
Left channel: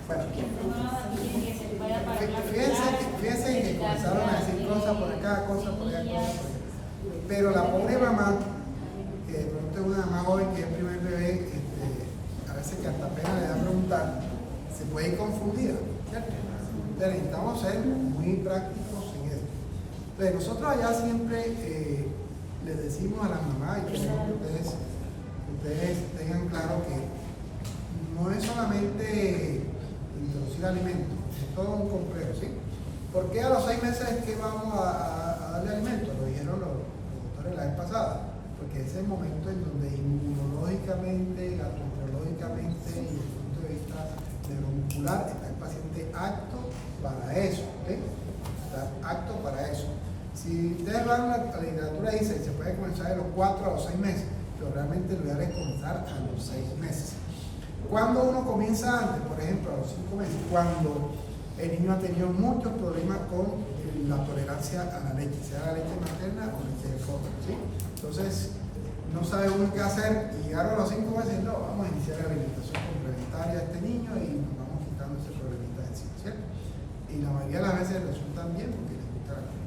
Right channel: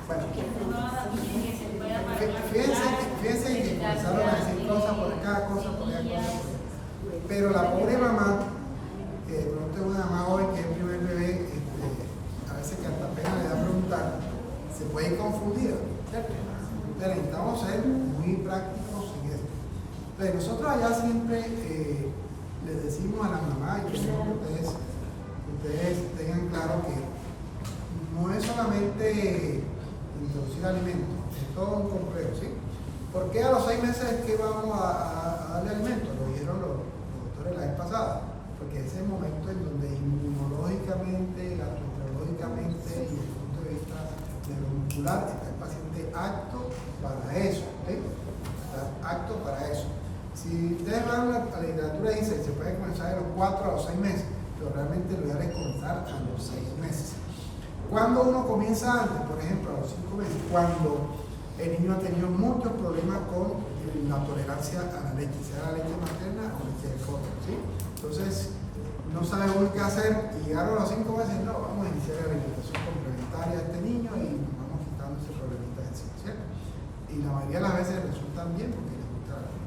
bueno, fíjense que comenzaron a decir cosas por acá, cosas por allá, cosas por allá. Pero la pobre mamá, que de pronto es una mamá joven que es el primer bebé, a veces que hasta apenas le da a preguntar, se puede ir confundida, ¿cierto? Entonces necesitamos ser muy prácticos en esto. Entonces nosotros allá siempre les decimos a las mamás, y queremos que ustedes tengan claro que no es solamente introducir alimentos, es todo un complejo, ¿sí? ¿Por qué a los 6 meses es que vamos a darle alimentos? Lo dijeron los doctores la vez pasada, porque ese es el momento en donde inmunológicamente, gastroenterológicamente y desde el punto de vista neuromuscular está el paciente apto para eso, ¿sí? Está apto para eso. Si ustedes van a la literatura y dicen que se puede comenzar de los 4 a los 6 meses, pero realmente lo ideal es comenzar a los 6 meses. Cuando uno comienza antes, por ejemplo, a los 5 meses, cuando el niño ha tenido muchos problemas con la tolerancia a la leche, sea la leche materna o leche de fórmula, ¿sí? Entonces, no sabe uno qué hacer y llegaron a los 5 meses, no, vamos a iniciar la alimentación complementaria a este niño y nos vamos quitando ese problemita de encima, ¿cierto? Y la mayoría de las veces resultan bien porque les gusta la comida.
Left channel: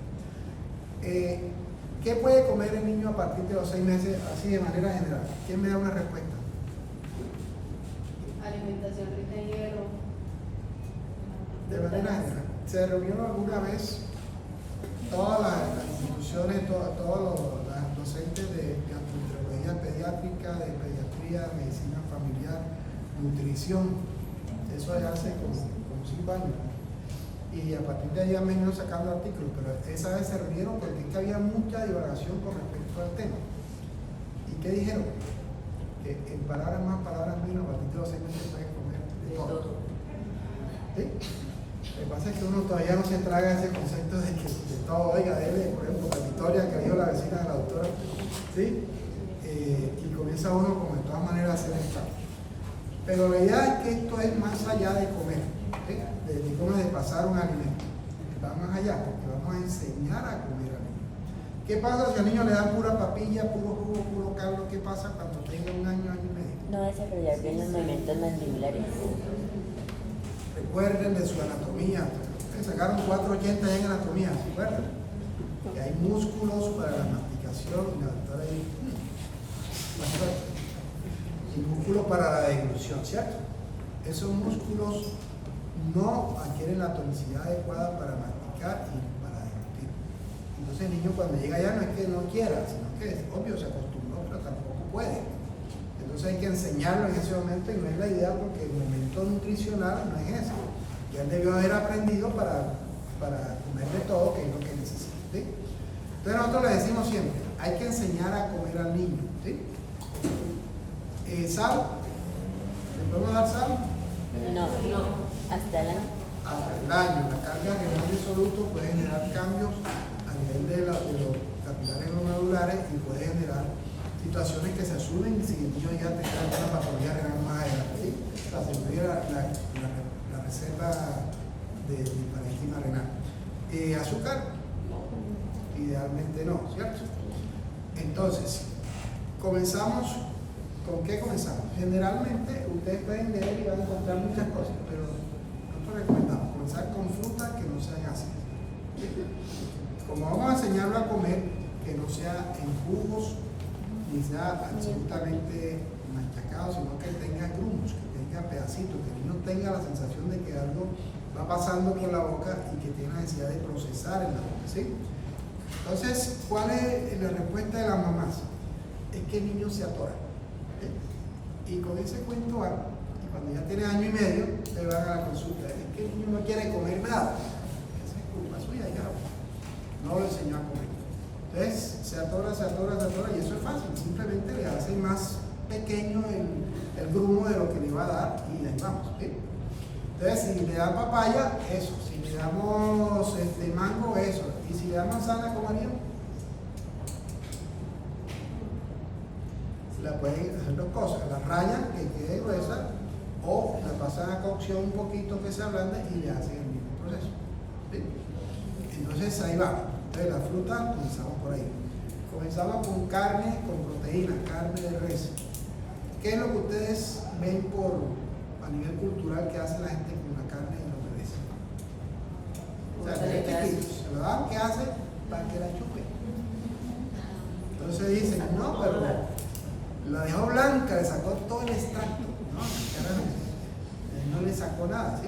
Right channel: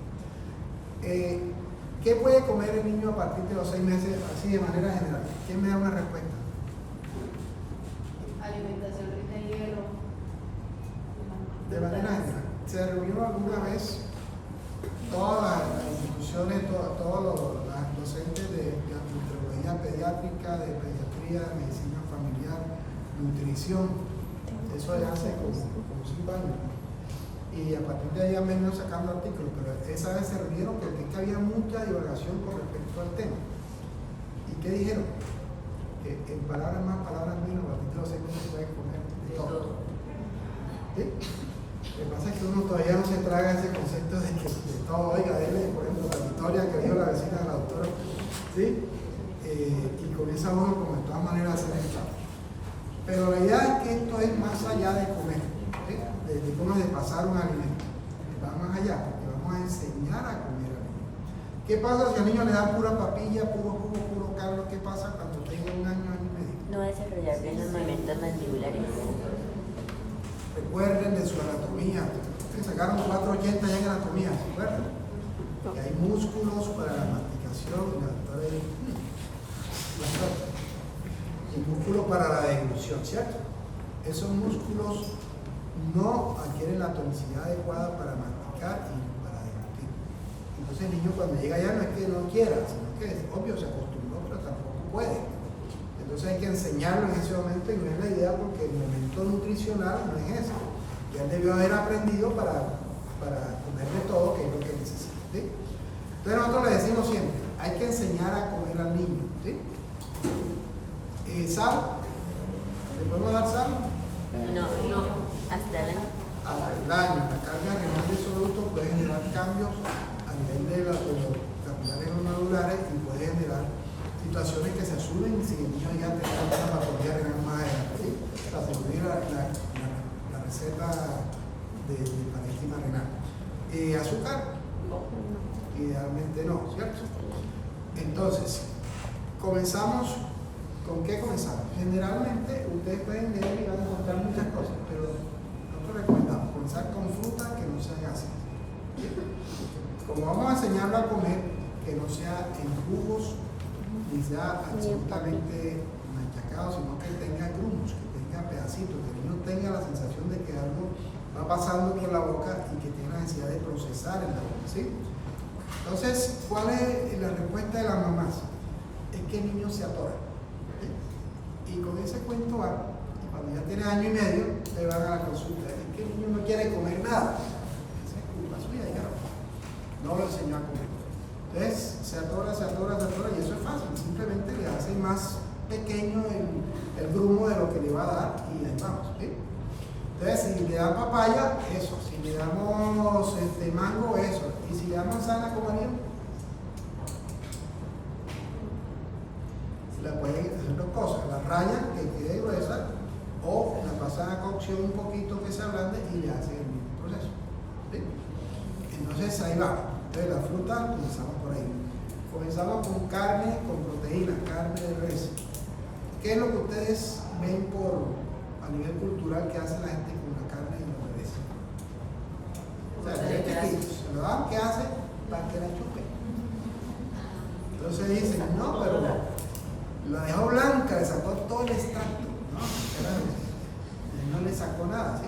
¿Qué puede comer el niño a partir de los 6 meses, así de manera general? ¿Quién me da una respuesta? Alimentación rica en hierro. De manera general. ¿Se reunió alguna vez todas las instituciones, todos los docentes de gastroenterología pediátrica, de pediatría, medicina familiar, nutrición? Eso ya hace como 5 años. Y a partir de ahí han venido sacando artículos, pero esa vez se reunieron porque es que había mucha divagación con respecto al tema. ¿Y qué dijeron? Que en palabras más, palabras menos, a partir de los 6 meses se puede comer de todo. ¿Sí? Lo que pasa es que uno todavía no se traga ese concepto de que de todo, oiga, dele, por ejemplo, la Victoria que dijo la vecina de la doctora, ¿sí? Y comienza uno como de todas maneras a hacer esto. Pero la idea es que esto es más allá de comer, ¿sí? de pasar un alimento, va más allá, porque vamos a enseñar a comer alimento. ¿Qué pasa si al niño le dan pura papilla, puro jugo, puro caldo? ¿Qué pasa cuando tenga 1 año, año y medio? No va a desarrollar bien los movimientos mandibulares. Recuerden de su anatomía, que sacaron 480 ya en anatomía, ¿se acuerdan? Que hay músculos para la masticación, y la doctora ahí, y músculos para la deglución, ¿cierto? Esos músculos no adquieren la tonicidad adecuada para masticar y para deglutir. Entonces el niño cuando llega allá no es que no quiera, sino que es obvio, se acostumbró, pero tampoco puede. Entonces hay que enseñarlo en ese momento y no es la idea porque el momento nutricional no es ese. Ya él debió haber aprendido para comer de todo, que es lo que necesita. ¿Sí? Entonces nosotros le decimos siempre, hay que enseñar a comer al niño. ¿Sí? ¿Sal? ¿Le podemos dar sal? No, hasta el año. La carga renal de soluto puede generar cambios a nivel de los capilares nodulares y puede generar situaciones que se asumen si el niño ya tenga una patología renal más adelante, ¿sí? Para asegurar la reserva de parénquima renal. Azúcar, idealmente no, ¿cierto? Entonces, comenzamos. ¿Con qué comenzamos? Generalmente ustedes pueden leer y van a encontrar muchas cosas, pero nosotros recomendamos comenzar con frutas que no sean ácidas. Como vamos a enseñarlo a comer, que no sea en jugos ni sea absolutamente machacado, sino que tenga grumos, que tenga pedacitos, que el niño tenga la sensación de que algo va pasando por la boca y que tiene la necesidad de procesar en la boca, ¿sí? Entonces, ¿cuál es la respuesta de las mamás? Es que el niño se atora. Y con ese cuento van, y cuando ya tiene 1 año y medio, te van a la consulta. Es que el niño no quiere comer nada. Esa es culpa suya, ya no lo enseñó a comer. Entonces se atora, y eso es fácil. Simplemente le hace más pequeño el grumo de lo que le va a dar y ahí vamos. ¿Sí? Entonces, si le dan papaya, eso. Si le damos mango, eso. Y si le dan manzana, ¿cómo harían? La pueden hacer 2 cosas, la rayan que quede gruesa o la pasan a cocción un poquito que se ablande y le hacen el mismo proceso. ¿Sí? Entonces ahí va. Entonces la fruta, comenzamos por ahí. Comenzamos con carne, con proteína, carne de res. ¿Qué es lo que ustedes ven a nivel cultural que hace la gente con la carne y los res? O sea, se lo dan, ¿qué hace? Para que la chupe. Entonces dicen, no, pero la dejó blanca, le sacó todo el extracto, ¿no? No le sacó nada, ¿sí?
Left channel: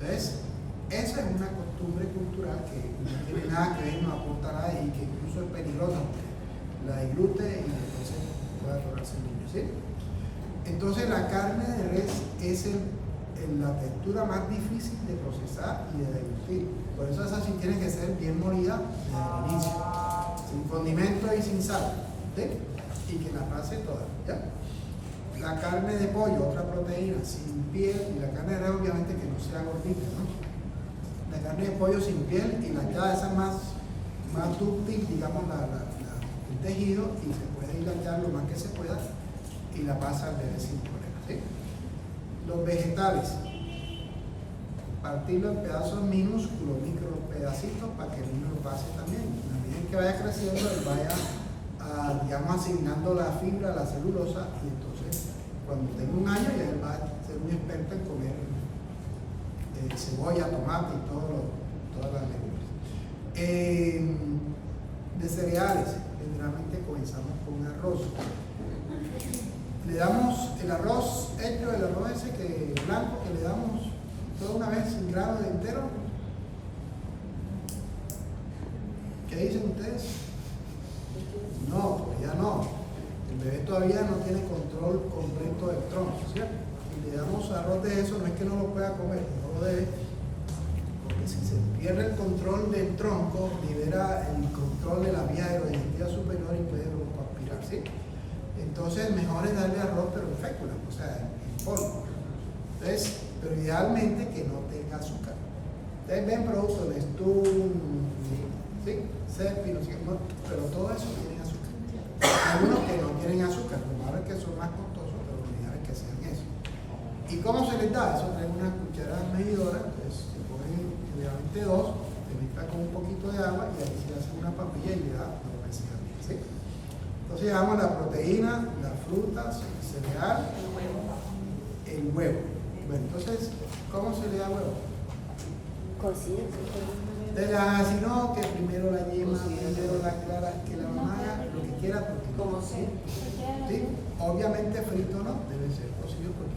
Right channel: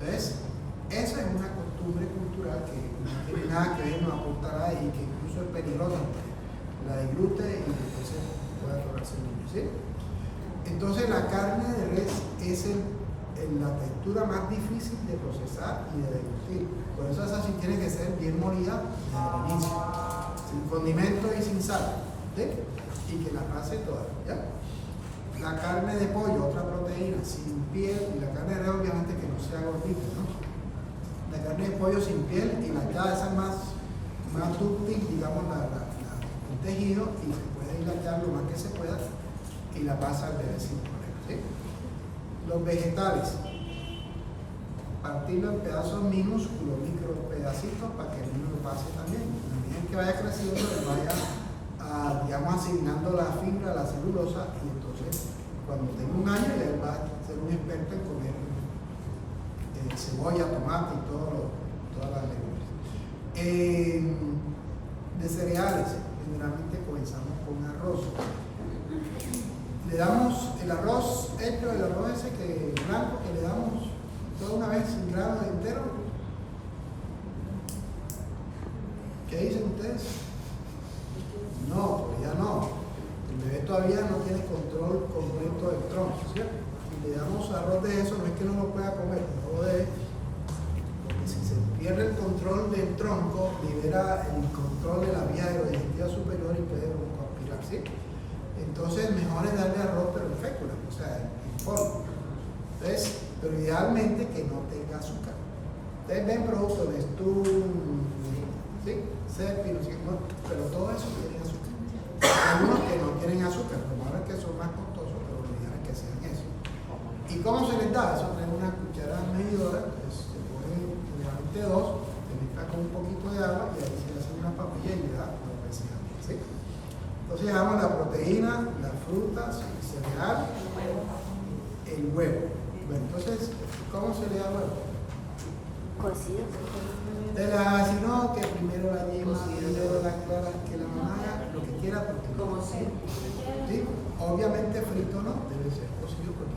Entonces, eso es una costumbre cultural que no tiene nada que ver, no aporta nada y que incluso es peligrosa. La deglute y entonces puede atorarse el niño, ¿sí? Entonces, la carne de res es la textura más difícil de procesar y de deglutir. Por eso esa sí tiene que ser bien molida desde el inicio, sin condimento y sin sal, ¿sí? Y que la pase toda, ¿ya? La carne de pollo, otra proteína, sin piel, y la carne de res obviamente que no sea gordita, ¿no? La carne de pollo sin piel y la ya esa más dúctil, digamos, el tejido, y se puede hilatar lo más que se pueda y la pasa al bebé sin problema, ¿sí? Los vegetales, partirlo en pedazos minúsculos, micro pedacitos para que el niño lo pase también. A medida que vaya creciendo, él vaya digamos, asignando la fibra, la celulosa, y entonces cuando tenga 1 año ya él va a ser un experto en comer cebolla, tomate y todas las legumbres. de cereales. Generalmente comenzamos con arroz. Le damos el arroz hecho, el arroz ese que blanco que le damos toda una vez sin grano de entero. ¿Qué dicen ustedes? No, todavía no. El bebé todavía no tiene control completo del tronco, ¿cierto? Si le damos arroz de eso, no es que no lo pueda comer, no lo debe, porque si se pierde el control del tronco, libera el control de la vía aerodigestiva superior y puede aspirar, ¿sí? Entonces, mejor es darle arroz, pero en fécula, o sea, en polvo. Entonces, pero idealmente que no tenga azúcar. Ustedes ven productos de ¿sí? Cepi, no sé qué, pero todo eso tiene azúcar. Hay unos que no tienen azúcar, lo malo es que son más costosos, pero lo ideal es que sean eso. ¿Y cómo se les da? Eso trae una cuchara medidora, entonces se ponen generalmente 2, se mezcla con un poquito de agua y ahí se hace una papilla y le da lo que se llama, ¿sí? Entonces le damos la proteína, las frutas, el cereal, el huevo. Bueno, entonces, ¿cómo se le da huevo? Cocido. Si no, que primero la yema, primero la clara, que la mamá haga lo que quiera, porque ¿Cómo se? ¿sí? Obviamente frito no, debe ser cocido porque.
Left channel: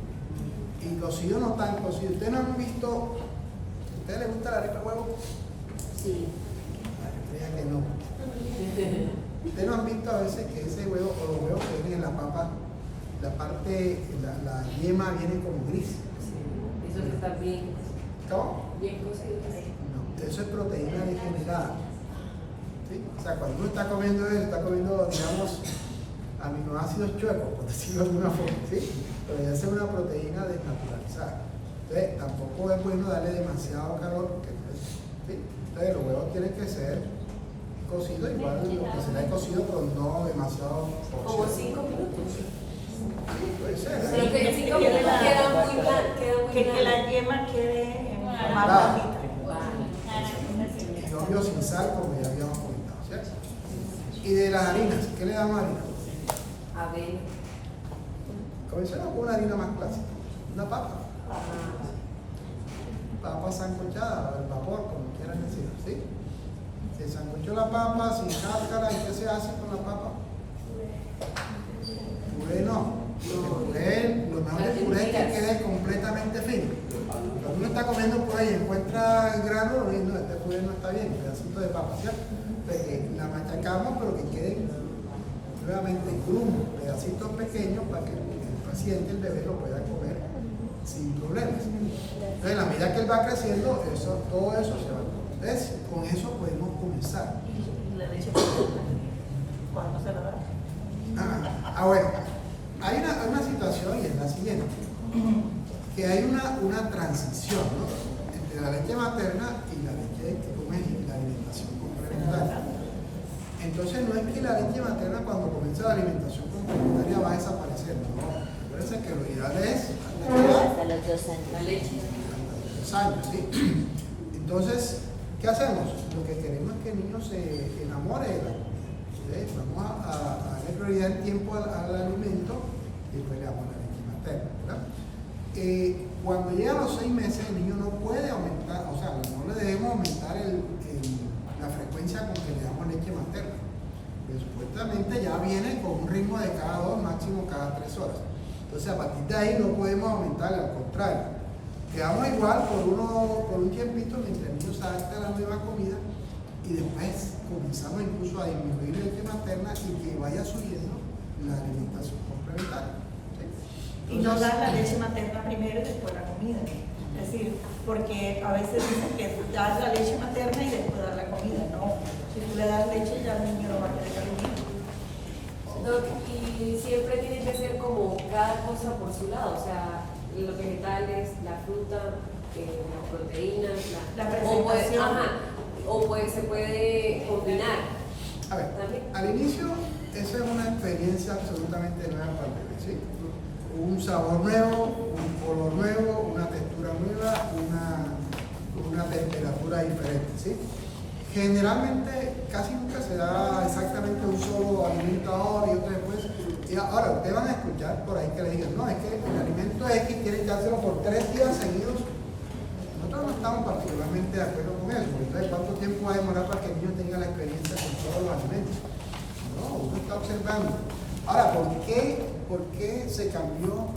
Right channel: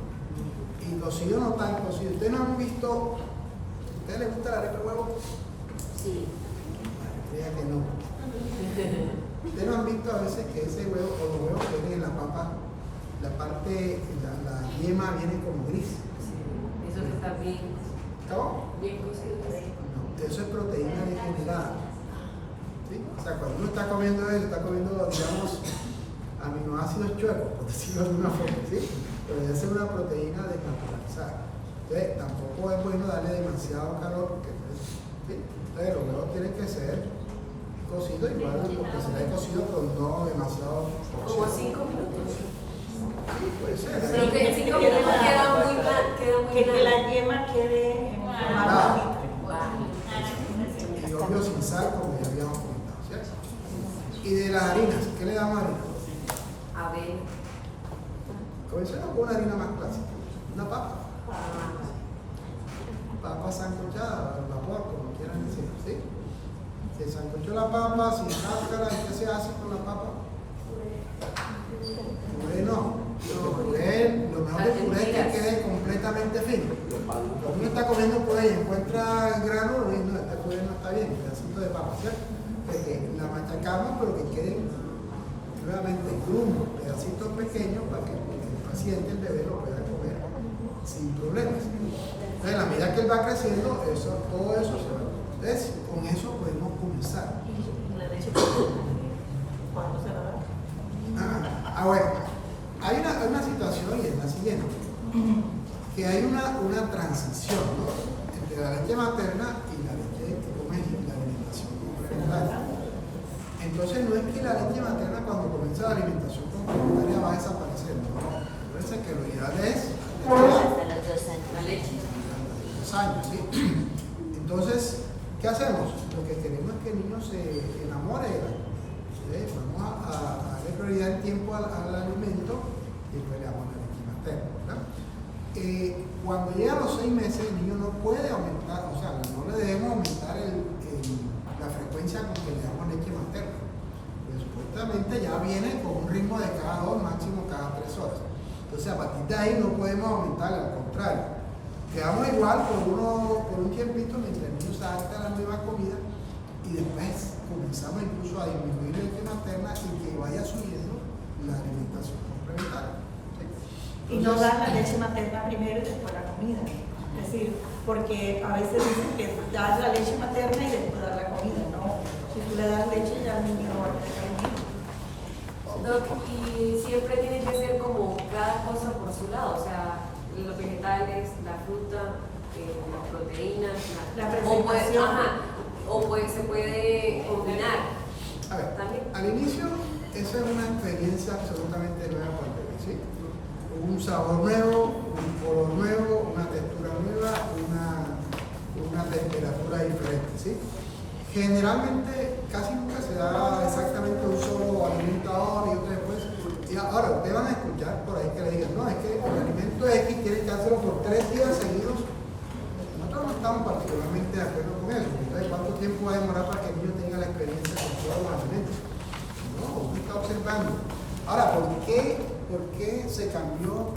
Y cocido no tan cocido. ¿Ustedes no han visto? ¿A ustedes les gusta la arepa de huevo? Sí. Creía que no. ¿Ustedes no han visto a veces que ese huevo o los huevos que vienen en la papa, la parte, la yema viene como gris? Eso está bien. ¿Cómo? Bien cocido. No, eso es proteína degenerada. ¿Sí? O sea, cuando uno está comiendo eso, está comiendo, digamos, aminoácidos chuecos, por decirlo de alguna forma, ¿sí? Pero esa es una proteína desnaturalizada. Entonces, tampoco es bueno darle demasiado calor, porque ¿sí? Entonces, los huevos tienen que ser cocidos, igual lo que será cocido, pero no demasiado Como 5 minutos. Sí, puede ser. Pero que 5 minutos queda muy blanco. Que la yema quede en forma bonita. Y obvio sin sal, como ya habíamos comentado, ¿cierto? Y de las harinas, ¿qué le damos a harina? A ver. Comencemos con una harina más clásica, una papa. Papa sancochada, al vapor, como quieran decir, ¿sí? Se sancochó la papa sin cáscara, ¿y qué se hace con la papa? Puré no. Puré, lo mejor del puré es que quede completamente fino. Cuando uno está comiendo puré y encuentra el grano, no, este puré no está bien, un pedacito de papa, ¿cierto? Porque la machacamos, pero que queden nuevamente grumos, pedacitos pequeños para que el paciente, el bebé, lo pueda comer sin problemas. Entonces, a la medida que él va creciendo, todo eso se va. Entonces, con eso podemos comenzar. La leche materna, ¿cuándo se la da? Bueno, hay una situación y es la siguiente, que hay una transición, ¿no? Entre la leche materna y la leche que come la alimentación complementaria. Entonces no es que la leche materna cuando comienza la alimentación complementaria va a desaparecer, ¿no? Acuérdense que lo ideal es Hasta los 2 años. La leche. a los 2 años, ¿sí? Entonces, ¿qué hacemos? Lo que queremos es que el niño se enamore de la leche. Vamos a darle prioridad el tiempo al alimento y después le damos la leche materna, ¿verdad? Cuando llega a los 6 meses, el niño no puede aumentar, o sea, no le debemos aumentar la frecuencia con que le damos leche materna. Porque supuestamente ya viene con un ritmo de cada 2, máximo cada 3 horas. Entonces, a partir de ahí no podemos aumentarle, al contrario. Quedamos igual por un tiempito mientras el niño se adapta a la nueva comida y después comenzamos incluso a disminuir la leche materna y que vaya subiendo la alimentación complementaria. ¿Sí? Y no dar la leche materna primero y después la comida. Es decir, porque a veces dicen que dar la leche materna y después dar la comida, ¿no? Si tú le das leche ya el niño no va a querer comida. Doc, y siempre tiene que ser como cada cosa por su lado, o sea, los vegetales, la fruta, las proteínas, La presentación. presentación. Se puede combinar. A ver, ¿También? al inicio, esa es una experiencia absolutamente nueva para el bebé, ¿sí? Un sabor nuevo, un color nuevo, una textura nueva, una temperatura diferente, ¿sí? Generalmente casi nunca se da exactamente un solo alimento ahora y otro después. Y ahora ustedes van a escuchar por ahí que le digan, no, es que el alimento X quiere que dárselo por 3 días seguidos. No nosotros no estamos particularmente de acuerdo con eso. Entonces, ¿cuánto tiempo va a demorar para que el niño tenga la experiencia con todos los alimentos? No, uno está observando. Ahora, ¿por qué se cambió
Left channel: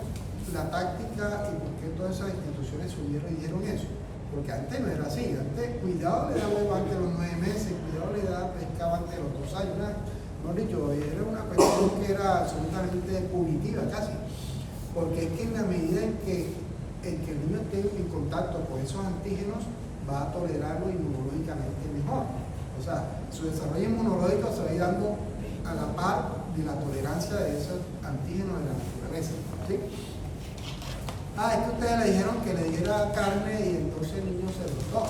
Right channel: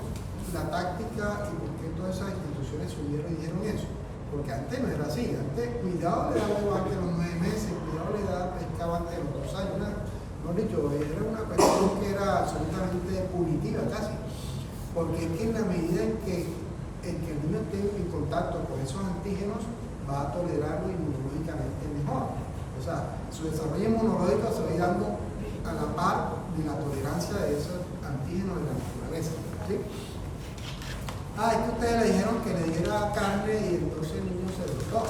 la táctica y por qué todas esas instituciones subieron y dijeron eso? Porque antes no era así. Antes, cuidado le daba antes de los 9 meses, cuidado le daba pescado antes de los 2 años. No dicho, era una cuestión que era absolutamente punitiva casi. Porque es que en la medida en que el niño esté en contacto con esos antígenos, va a tolerarlo inmunológicamente mejor. O sea, su desarrollo inmunológico se va a ir dando a la par de la tolerancia de esos antígenos de la naturaleza. ¿Sí? Es que ustedes le dijeron que le diera carne y entonces el niño se brotó.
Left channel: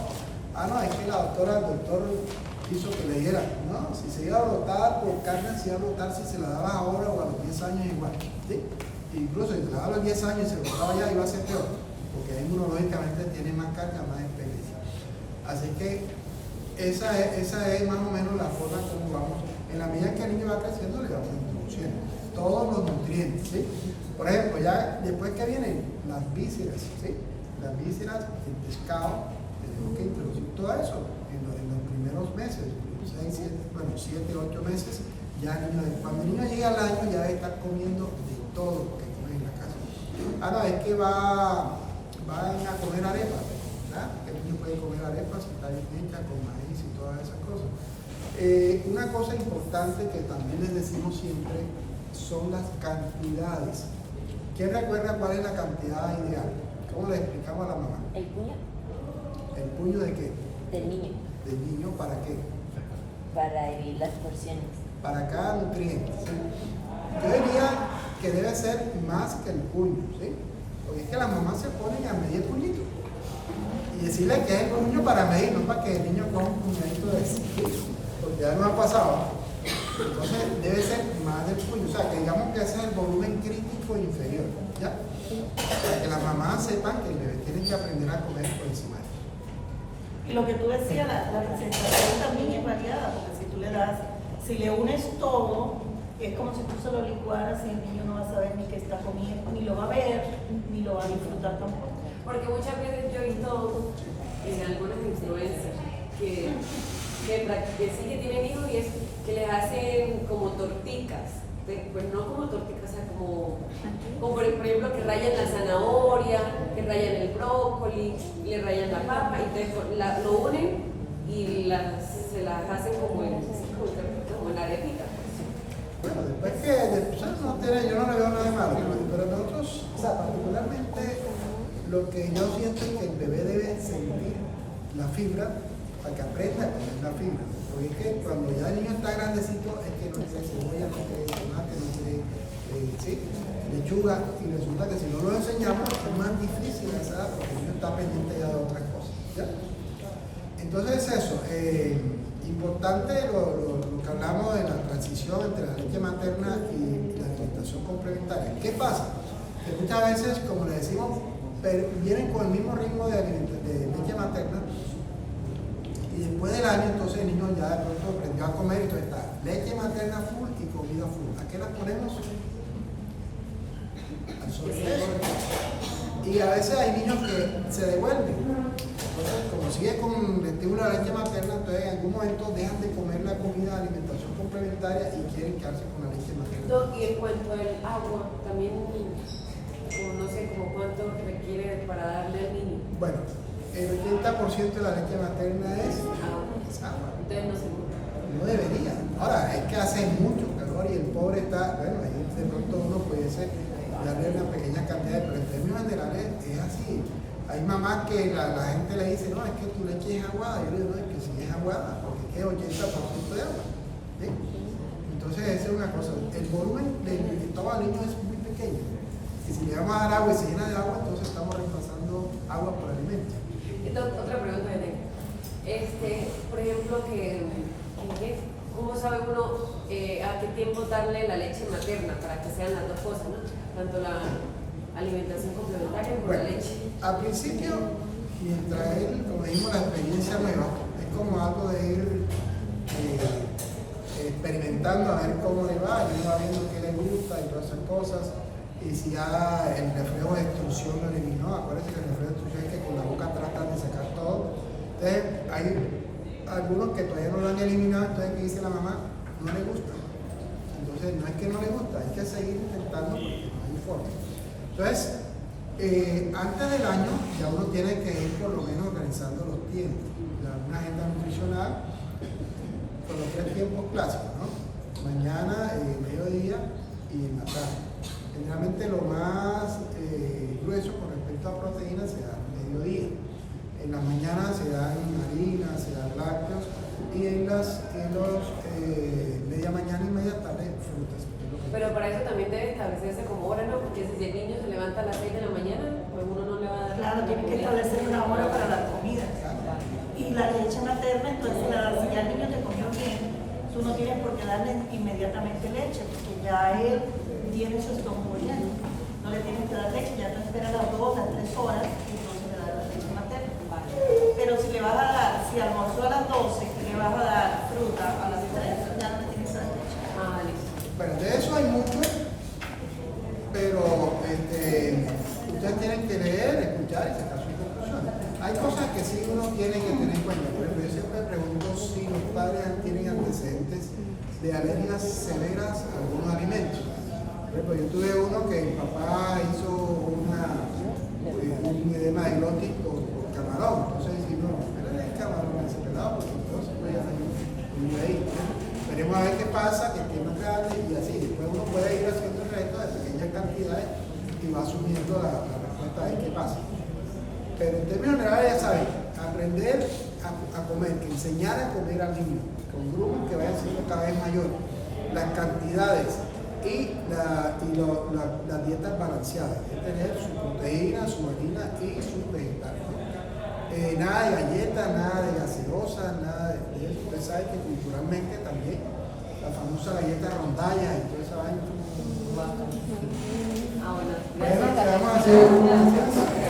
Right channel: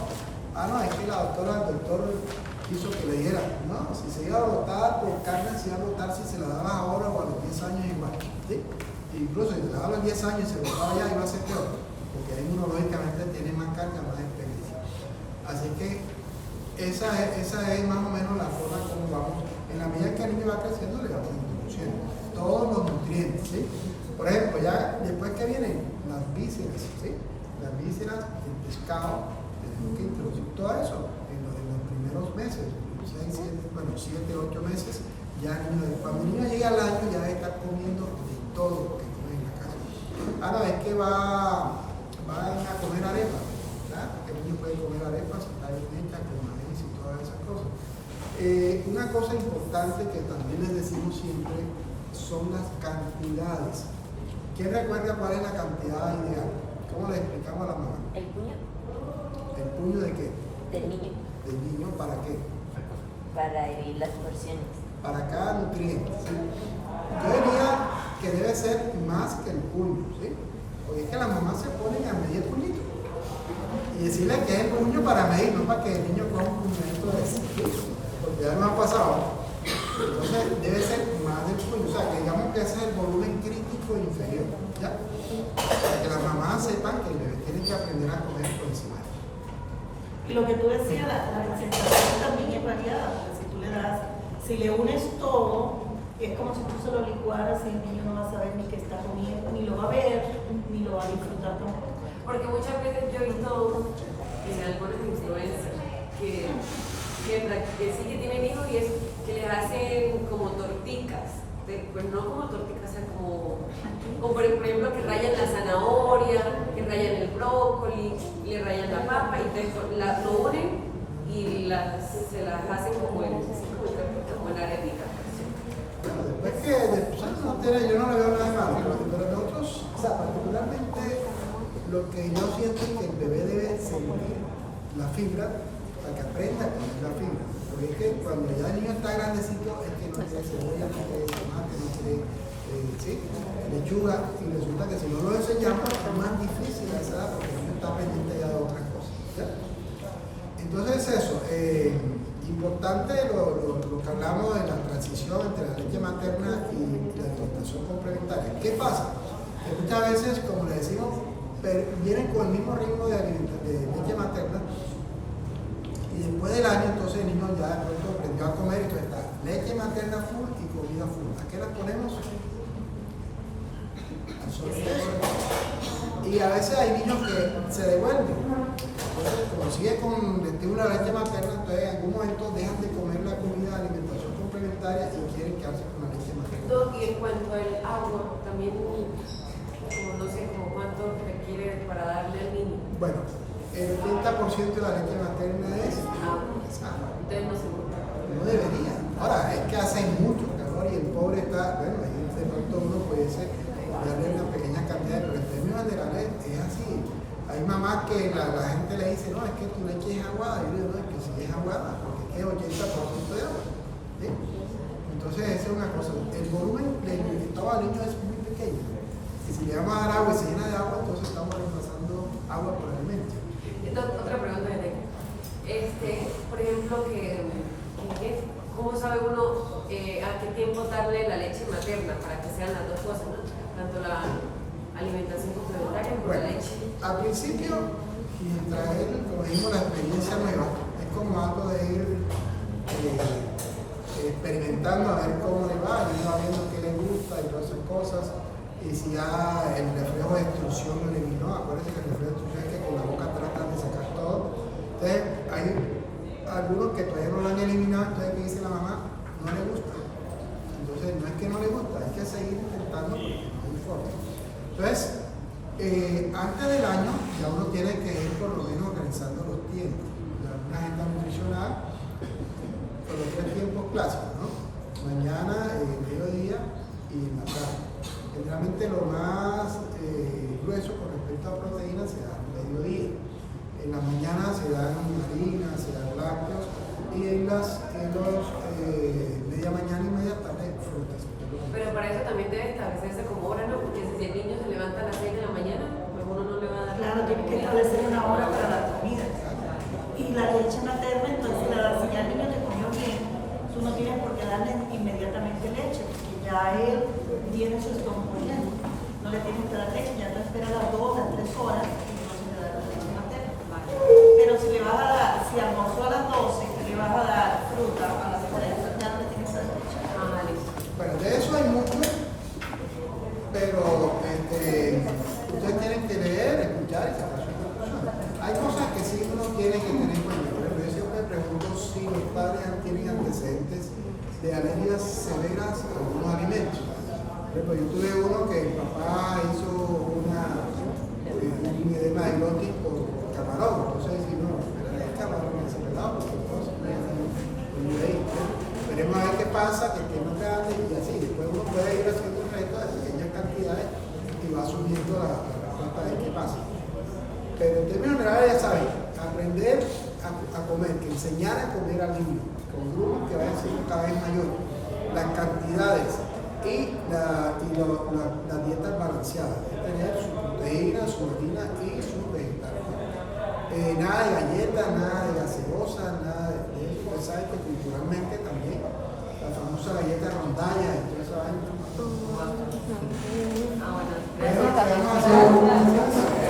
No, es que el doctor hizo que le diera. No, si se iba a brotar por carne, se iba a brotar si se la daba ahora o a los 10 años igual. ¿Sí? Incluso si se la daba a los 10 años y se brotaba ya, iba a ser peor, porque inmunológicamente tiene más carga, más experiencia. Así que esa es más o menos la forma como vamos. En la medida que el niño va creciendo, le vamos introduciendo todos los nutrientes. ¿Sí? Por ejemplo, ya después que vienen las vísceras, ¿sí? Las vísceras, el pescado, tenemos que introducir todo eso en los primeros meses, 7, 8 meses. Ya cuando el niño llega al año, ya debe estar comiendo de todo lo que come en la casa. No, es que van a comer arepas, ¿verdad? El niño puede comer arepas, está bien hecha, con maíz y todas esas cosas. Una cosa importante que también les decimos siempre son las cantidades. ¿Quién recuerda cuál es la cantidad ideal? ¿Cómo le explicamos a la mamá? ¿El puño? ¿El puño de qué? Del niño. ¿Del niño para qué? Para dividir las porciones. Para cada nutriente. ¿Sí? Yo diría que debe ser más que el puño, ¿sí? Porque es que las mamás se ponen a medir el puñito y decirle que es el puño para medir, no para que el niño coja un puñito de ese, ¿sí? Porque ya nos ha pasado. Entonces debe ser más del puño, o sea, que digamos que ese es el volumen crítico inferior, ¿ya? Para que las mamás sepan que el bebé tiene que aprender a comer por encima de eso. Lo que tú decías, la presentación también es variada, porque si tú le das, si le unes todo, es como si tú se lo licuaras y el niño no va a saber ni qué está comiendo, ni lo va a ver, ni lo va a disfrutar tampoco. Porque muchas veces yo he visto en algunos influencers que sí que tienen hijos y es que les hacen como torticas, pues no como torticas, o sea, como por ejemplo que rayan la zanahoria, que rayan el brócoli, le rayan la papa y entonces lo unen y se las hacen como en arepita. Bueno, después que yo no le veo nada de malo, pero nosotros, o sea, particularmente lo que yo siento es que el bebé debe sentir la fibra para que aprenda a comer la fibra. Porque es que cuando ya el niño está grandecito, es que no quiere cebolla, no quiere tomate, no quiere lechuga, y resulta que si no lo enseñamos es más difícil a esa edad porque el niño está pendiente ya de otras cosas. ¿Ya? Entonces eso, importante lo que hablamos de la transición entre la leche materna y la alimentación complementaria. ¿Qué pasa? Que muchas veces, como le decimos, vienen con el mismo ritmo de leche materna y después del año entonces el niño ya de pronto aprendió a comer, entonces está leche materna full y comida full. ¿A qué la ponemos? Al sobrepeso. Y a veces hay niños que se devuelven. Entonces, como sigue con el estímulo de la leche materna, entonces en algún momento dejan de comer la comida de alimentación complementaria y quieren quedarse con la leche materna. Y en cuanto al agua, también, como no sé, como cuánto requiere para darle al niño. Bueno, el 80% de la leche materna es agua. Entonces no se puede. No debería. Ahora, es que hace mucho calor y el pobre está, bueno, ahí de pronto uno puede darle una pequeña cantidad, pero en términos generales es así. Hay mamás que la gente le dice, no, es que tu leche es aguada. Yo le digo, no, es que sí es aguada, porque es que es 80% de agua. ¿Sí? Entonces, esa es una cosa. El volumen del estómago del niño es muy pequeño. Y si le vamos a dar agua y se llena de agua, entonces estamos reemplazando agua por alimento. Otra pregunta que tengo. Por ejemplo, ¿cómo sabe uno a qué tiempo darle la leche materna para que sean las dos cosas, ¿no? Tanto la alimentación complementaria como la leche. Al principio, mientras él, como dijimos, la experiencia nueva, es como algo de ir experimentando a ver cómo le va, y va viendo qué le gusta y todas esas cosas. y si ya el reflejo de extrusión lo eliminó. Acuérdense que el reflejo de extrusión es que con la boca tratan de sacar todo. Entonces hay algunos que todavía no lo han eliminado, entonces que dice la mamá, no le gusta. Entonces no es que no le gusta, hay que seguir intentando porque no hay forma. Entonces, antes del año ya uno tiene que ir por lo menos organizando los tiempos, una agenda nutricional con los 3 tiempos clásicos, ¿no? Mañana, mediodía y en la tarde. Generalmente lo más grueso con respecto a proteínas se da al mediodía. En la mañana se dan harinas, se dan lácteos y en los media mañana y media tarde frutas. Pero para eso también debe establecerse como hora, ¿no? Porque si el niño se levanta a las 6 de la mañana, pues uno no le va a dar. Claro, tiene que establecer una hora para la comida. Y la leche materna, entonces si ya el niño te comió bien, tú no tienes por qué darle inmediatamente leche, porque ya él tiene su estómago lleno. No le tienes que dar leche, ya tú esperas las 2, las 3 horas y entonces le das la leche materna. Pero si le vas a dar, si almorzó a las 12, le vas a dar fruta a las 3, ya no le tienes que dar leche. Bueno, de eso hay mucho, pero ustedes tienen que leer, escuchar y sacar sus conclusiones. Hay cosas que sí uno tiene que tener en cuenta. Por ejemplo, yo siempre pregunto si los padres tienen antecedentes de alergias severas a algunos alimentos. Por ejemplo, yo tuve uno que el papá hizo un edema hidrótico por camarón. Entonces, si no, espérale el camarón ese pelado, porque entonces voy a ahí. Veremos a ver qué pasa, que más grande y así. Después uno puede ir haciendo el resto de pequeñas cantidades y va asumiendo la respuesta de qué pasa. Pero en términos generales, ya saben, aprender a comer, que enseñar a comer al niño, con grupos que vayan siendo cada vez mayores, las cantidades y las dietas balanceadas, es tener su proteína, su harina y su vegetal. Nada de galletas, nada de gaseosa, nada de eso. Ustedes saben que culturalmente también la famosa galleta rondalla y toda esa vaina. Bueno, ¿qué vamos a hacer?